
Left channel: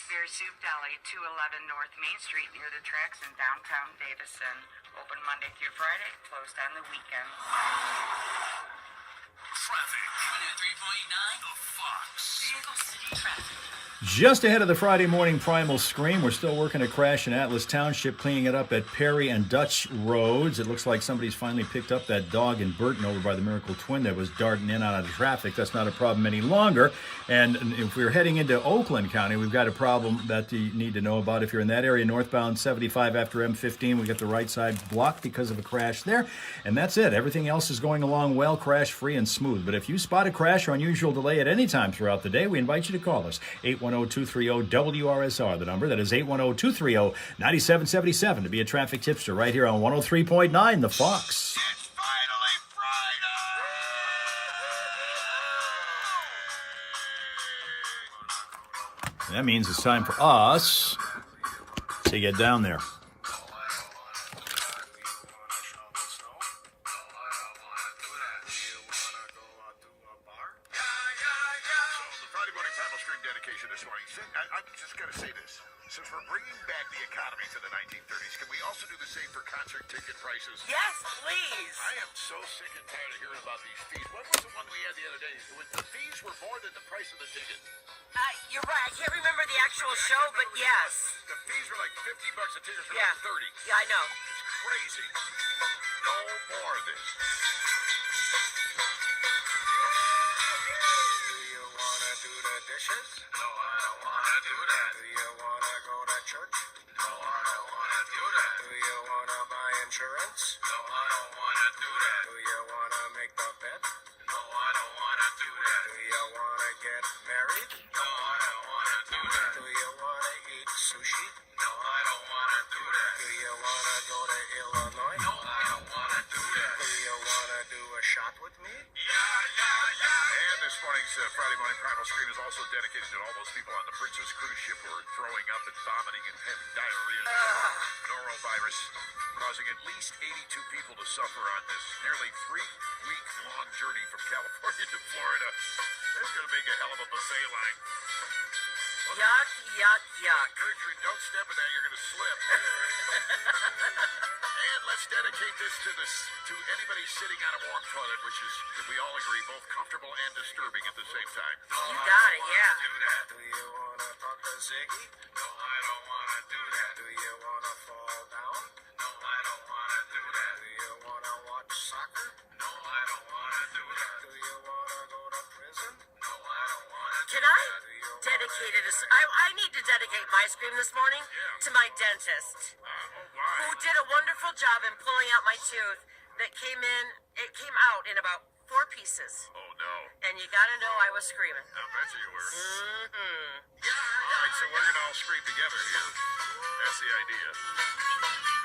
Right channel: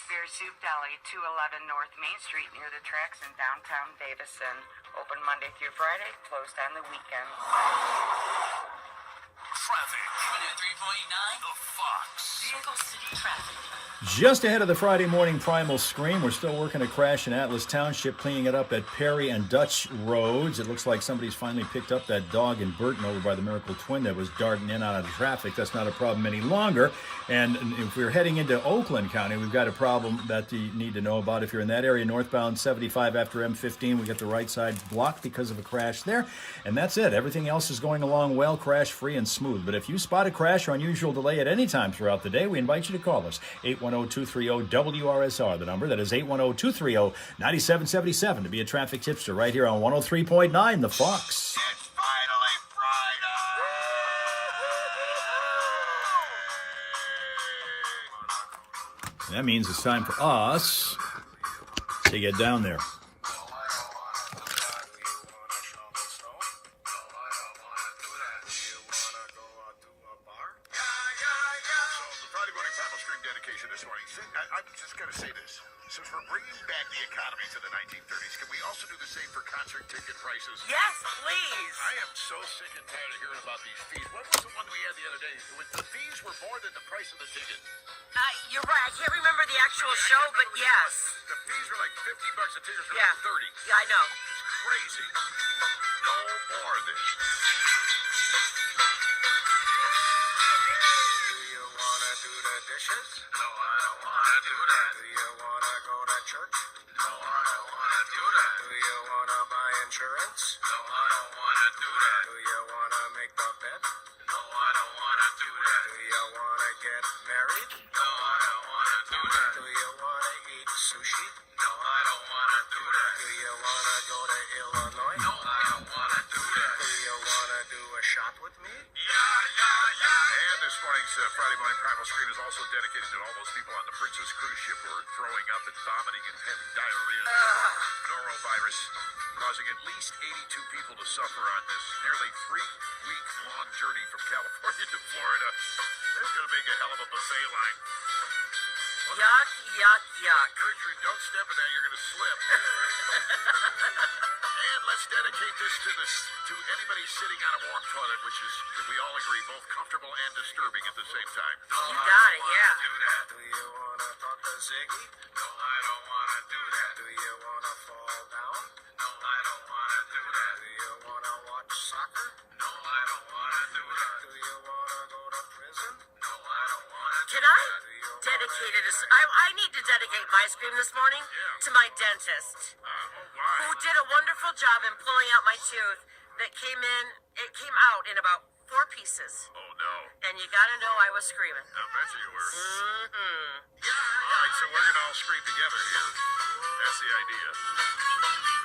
Bear Soup Deli, 211 North Main Street near the tracks in downtown Davison. Open Monday through Friday, closed on the weekends. Traffic. 103.9, The Fox. Circle City Traffic. Just ahead of the Friday morning primal scream, we're still working a crash in Atlas Township, cleaning it up at Perry and Dutch Roads. It looks like somebody's finally picked up that dog in Burton over by the Miracle Twin that was darting in and out of traffic. That's not a problem any longer. And if we're heading into Oakland County, we've got a problem that you need to know about. If you're in that area, northbound 75 after M15, we got the right side blocked because of a crash there. And that's it. Everything else is going along well, crash-free and smooth. But if you spot a crash or unusual delay at any time throughout the day, we invite you to call us. 810-230-WRSR, the number. That is 810-230-9777 to be a traffic tipster right here on 103.9 The Fox. That means it's time for us to get down there. I'm just going to say this. Since we're bringing back the economy to the 1930s, can we also do the same for concert ticket prices? Yes, please. I am so sick and tired of hearing about these fees. What was the one we had the other day? The fees were more than the price of the ticket. You're right. I can't remember the actual show, but yes. The fees were like $50 a ticket for Yeah. like 30. Yeah, I know. It's crazy. No more of this. Do you wanna do the dishes? No, I don't wanna do that. Do you wanna go to church? No, I don't wanna do that. Do you wanna buy insurance? No, I don't wanna do that. Do you wanna make the bed? No, I don't wanna do that. Do you wanna get married? No, I don't wanna do that. Do you wanna eat sushi? No, I don't wanna do that. Do you wanna go to Illinois? No, I don't wanna do that. Do you wanna do a shot with me? And this morning's Friday Morning Primal Scream is also dedicated to all those people on the Princess cruise ship who are throwing up and vomiting and having diarrhea. Norovirus causing at least 82 people to suffer on this nearly 3-week-long journey from California to Florida. It's going to make a hell of a buffet line. Yuck, yuck, yuck. Gertrude, don't step in that. You're going to slip. And let's dedicate this to anybody sitting on a warm toilet, which is, we all agree, both comfortable and disturbing at the same time. You got it, yeah. Do that. Do you wanna talk to Ziggy? No, I don't wanna do that. Do you wanna fall down? No, I don't wanna do that. Do you wanna watch soccer? No, I don't wanna do that. Do you wanna go to prison? No, I don't wanna do Can I that. Do you dedicate it I need to dedicate my scream this morning to my dentist, who did a wonderful job in pulling out my tooth that came out in about 4 pieces. Oh, no. And you gotta know I was screaming. I bet you were. Mm-hmm. All right, so we're going to all scream together here. That's the idea.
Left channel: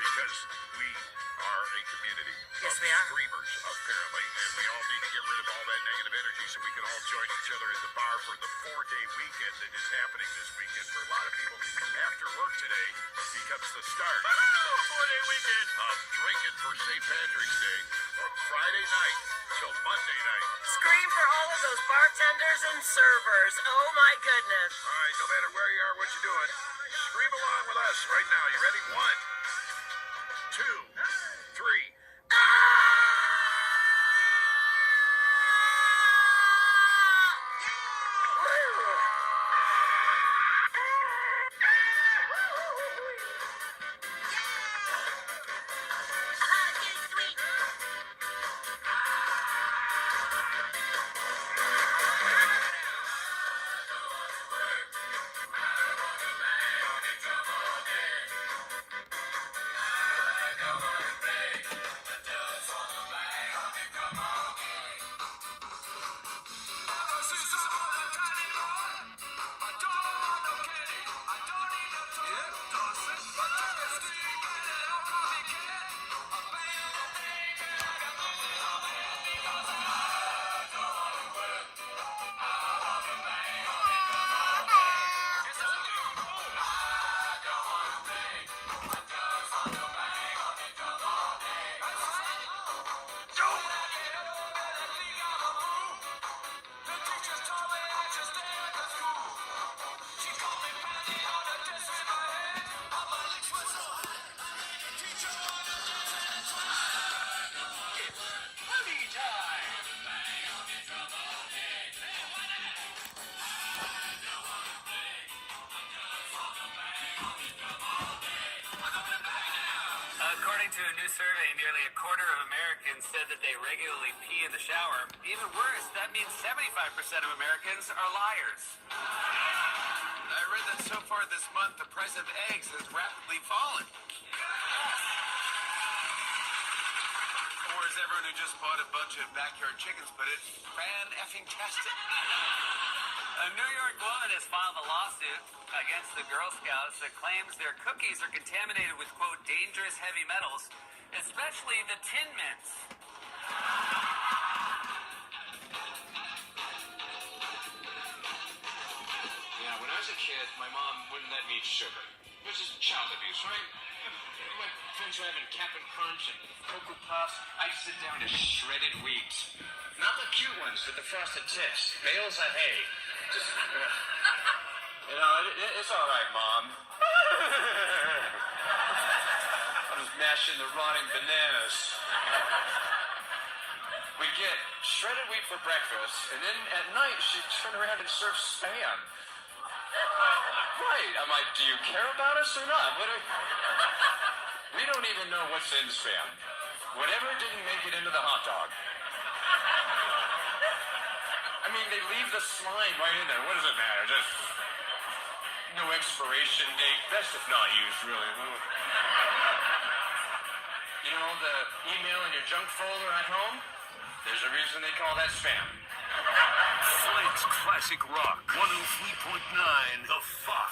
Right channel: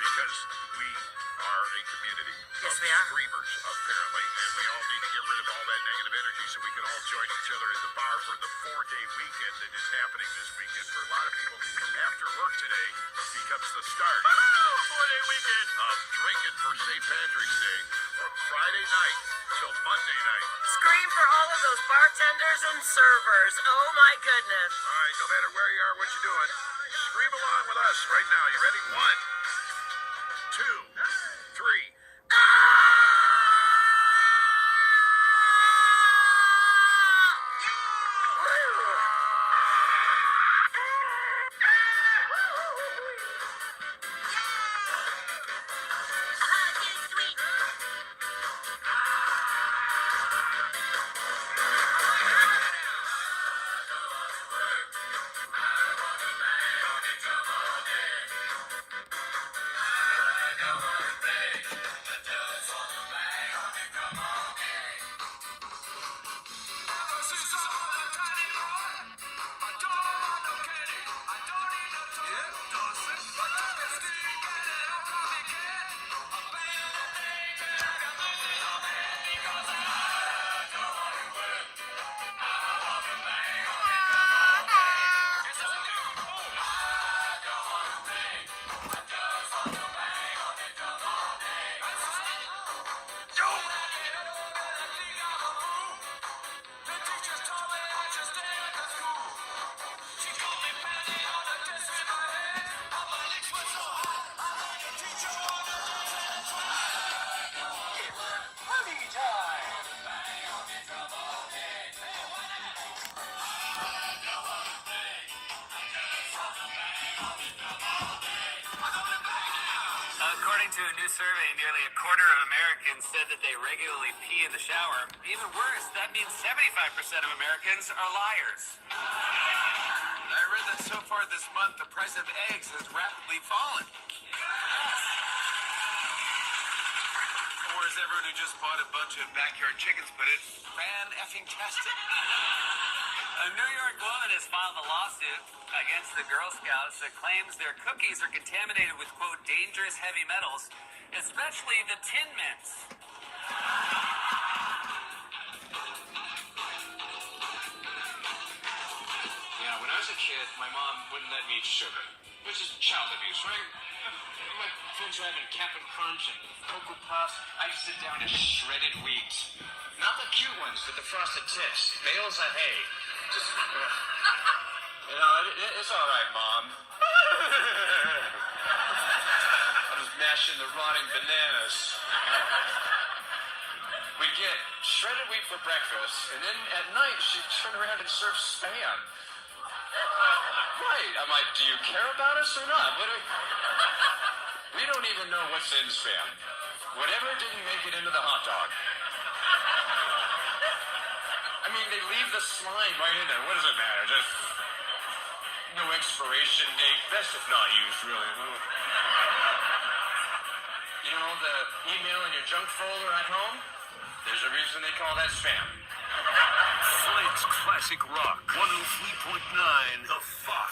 Because we are a community Yes, of we are. screamers, apparently. And we all need to get rid of all that negative energy so we can all join each other at the bar for the 4-day weekend that is happening this weekend. For a lot of people, after work today becomes the start. 4-day weekend of drinking for St. Patrick's Day from Friday night till Monday night. Scream for all of those bartenders and servers. Oh my goodness. All right, no matter where you are, what you're doing, scream along with us right now. You ready? 1, 2, 3. According to a new survey, nearly a quarter of Americans said that they regularly pee in the shower. Even worse, that means 75% of Americans are liars. I read that so far this month, the price of eggs has rapidly fallen. Or as everyone who just bought a bunch of backyard chickens put it, fan-effing-tastic. A New York woman has filed a lawsuit against the Girl Scouts that claims their cookies are contaminated with, quote, dangerous heavy metals, especially the Tin Mints. Yeah, when I was a kid, my mom wouldn't let me eat sugar, which is child abuse, right? My friends were having Cap'n Crunch and Cocoa Puffs. I just sit down to shredded wheat. Not the cute ones with the frosted tips. Bales of hay. Just, You know, it's all right, Mom. I was mashing the rotting bananas. We get shredded wheat for breakfast, and then at night she'd turn around and serve Spam. Right. I'm like, do you care about us or not? We don't even know what's in Spam. Whatever didn't make it into the hot dog. I mean, they leave the slime right in there. What does it matter? Just no expiration date. Best if not used, really. You know, the email in your junk folder at home? There's a reason they call that spam. Flint's Classic Rock 103.9 The Fox.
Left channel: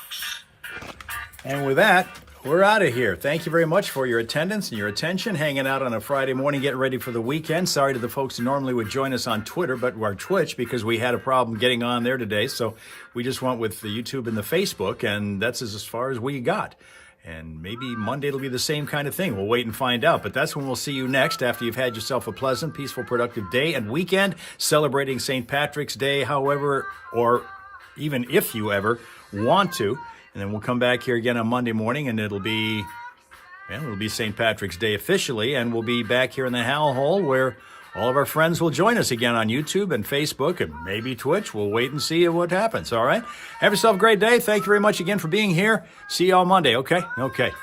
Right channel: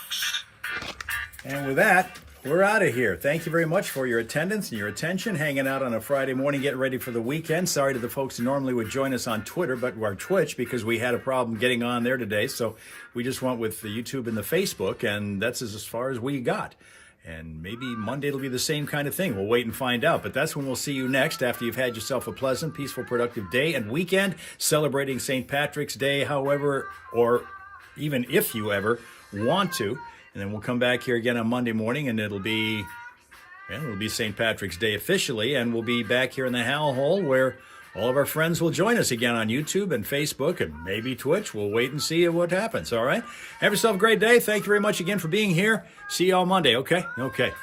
And with that, we're out of here. Thank you very much for your attendance and your attention, hanging out on a Friday morning, getting ready for the weekend. Sorry to the folks who normally would join us on Twitter, but our Twitch, because we had a problem getting on there today. So we just went with the YouTube and the Facebook, and that's as far as we got. And maybe Monday it'll be the same kind of thing. We'll wait and find out. But that's when we'll see you next, after you've had yourself a pleasant, peaceful, productive day and weekend, celebrating St. Patrick's Day, however, or even if you ever want to. And then we'll come back here again on Monday morning, and it'll be St. Patrick's Day officially, and we'll be back here in the Hal Hole, where all of our friends will join us again on YouTube and Facebook and maybe Twitch. We'll wait and see what happens, all right? Have yourself a great day. Thank you very much again for being here. See you all Monday, okay? Okay.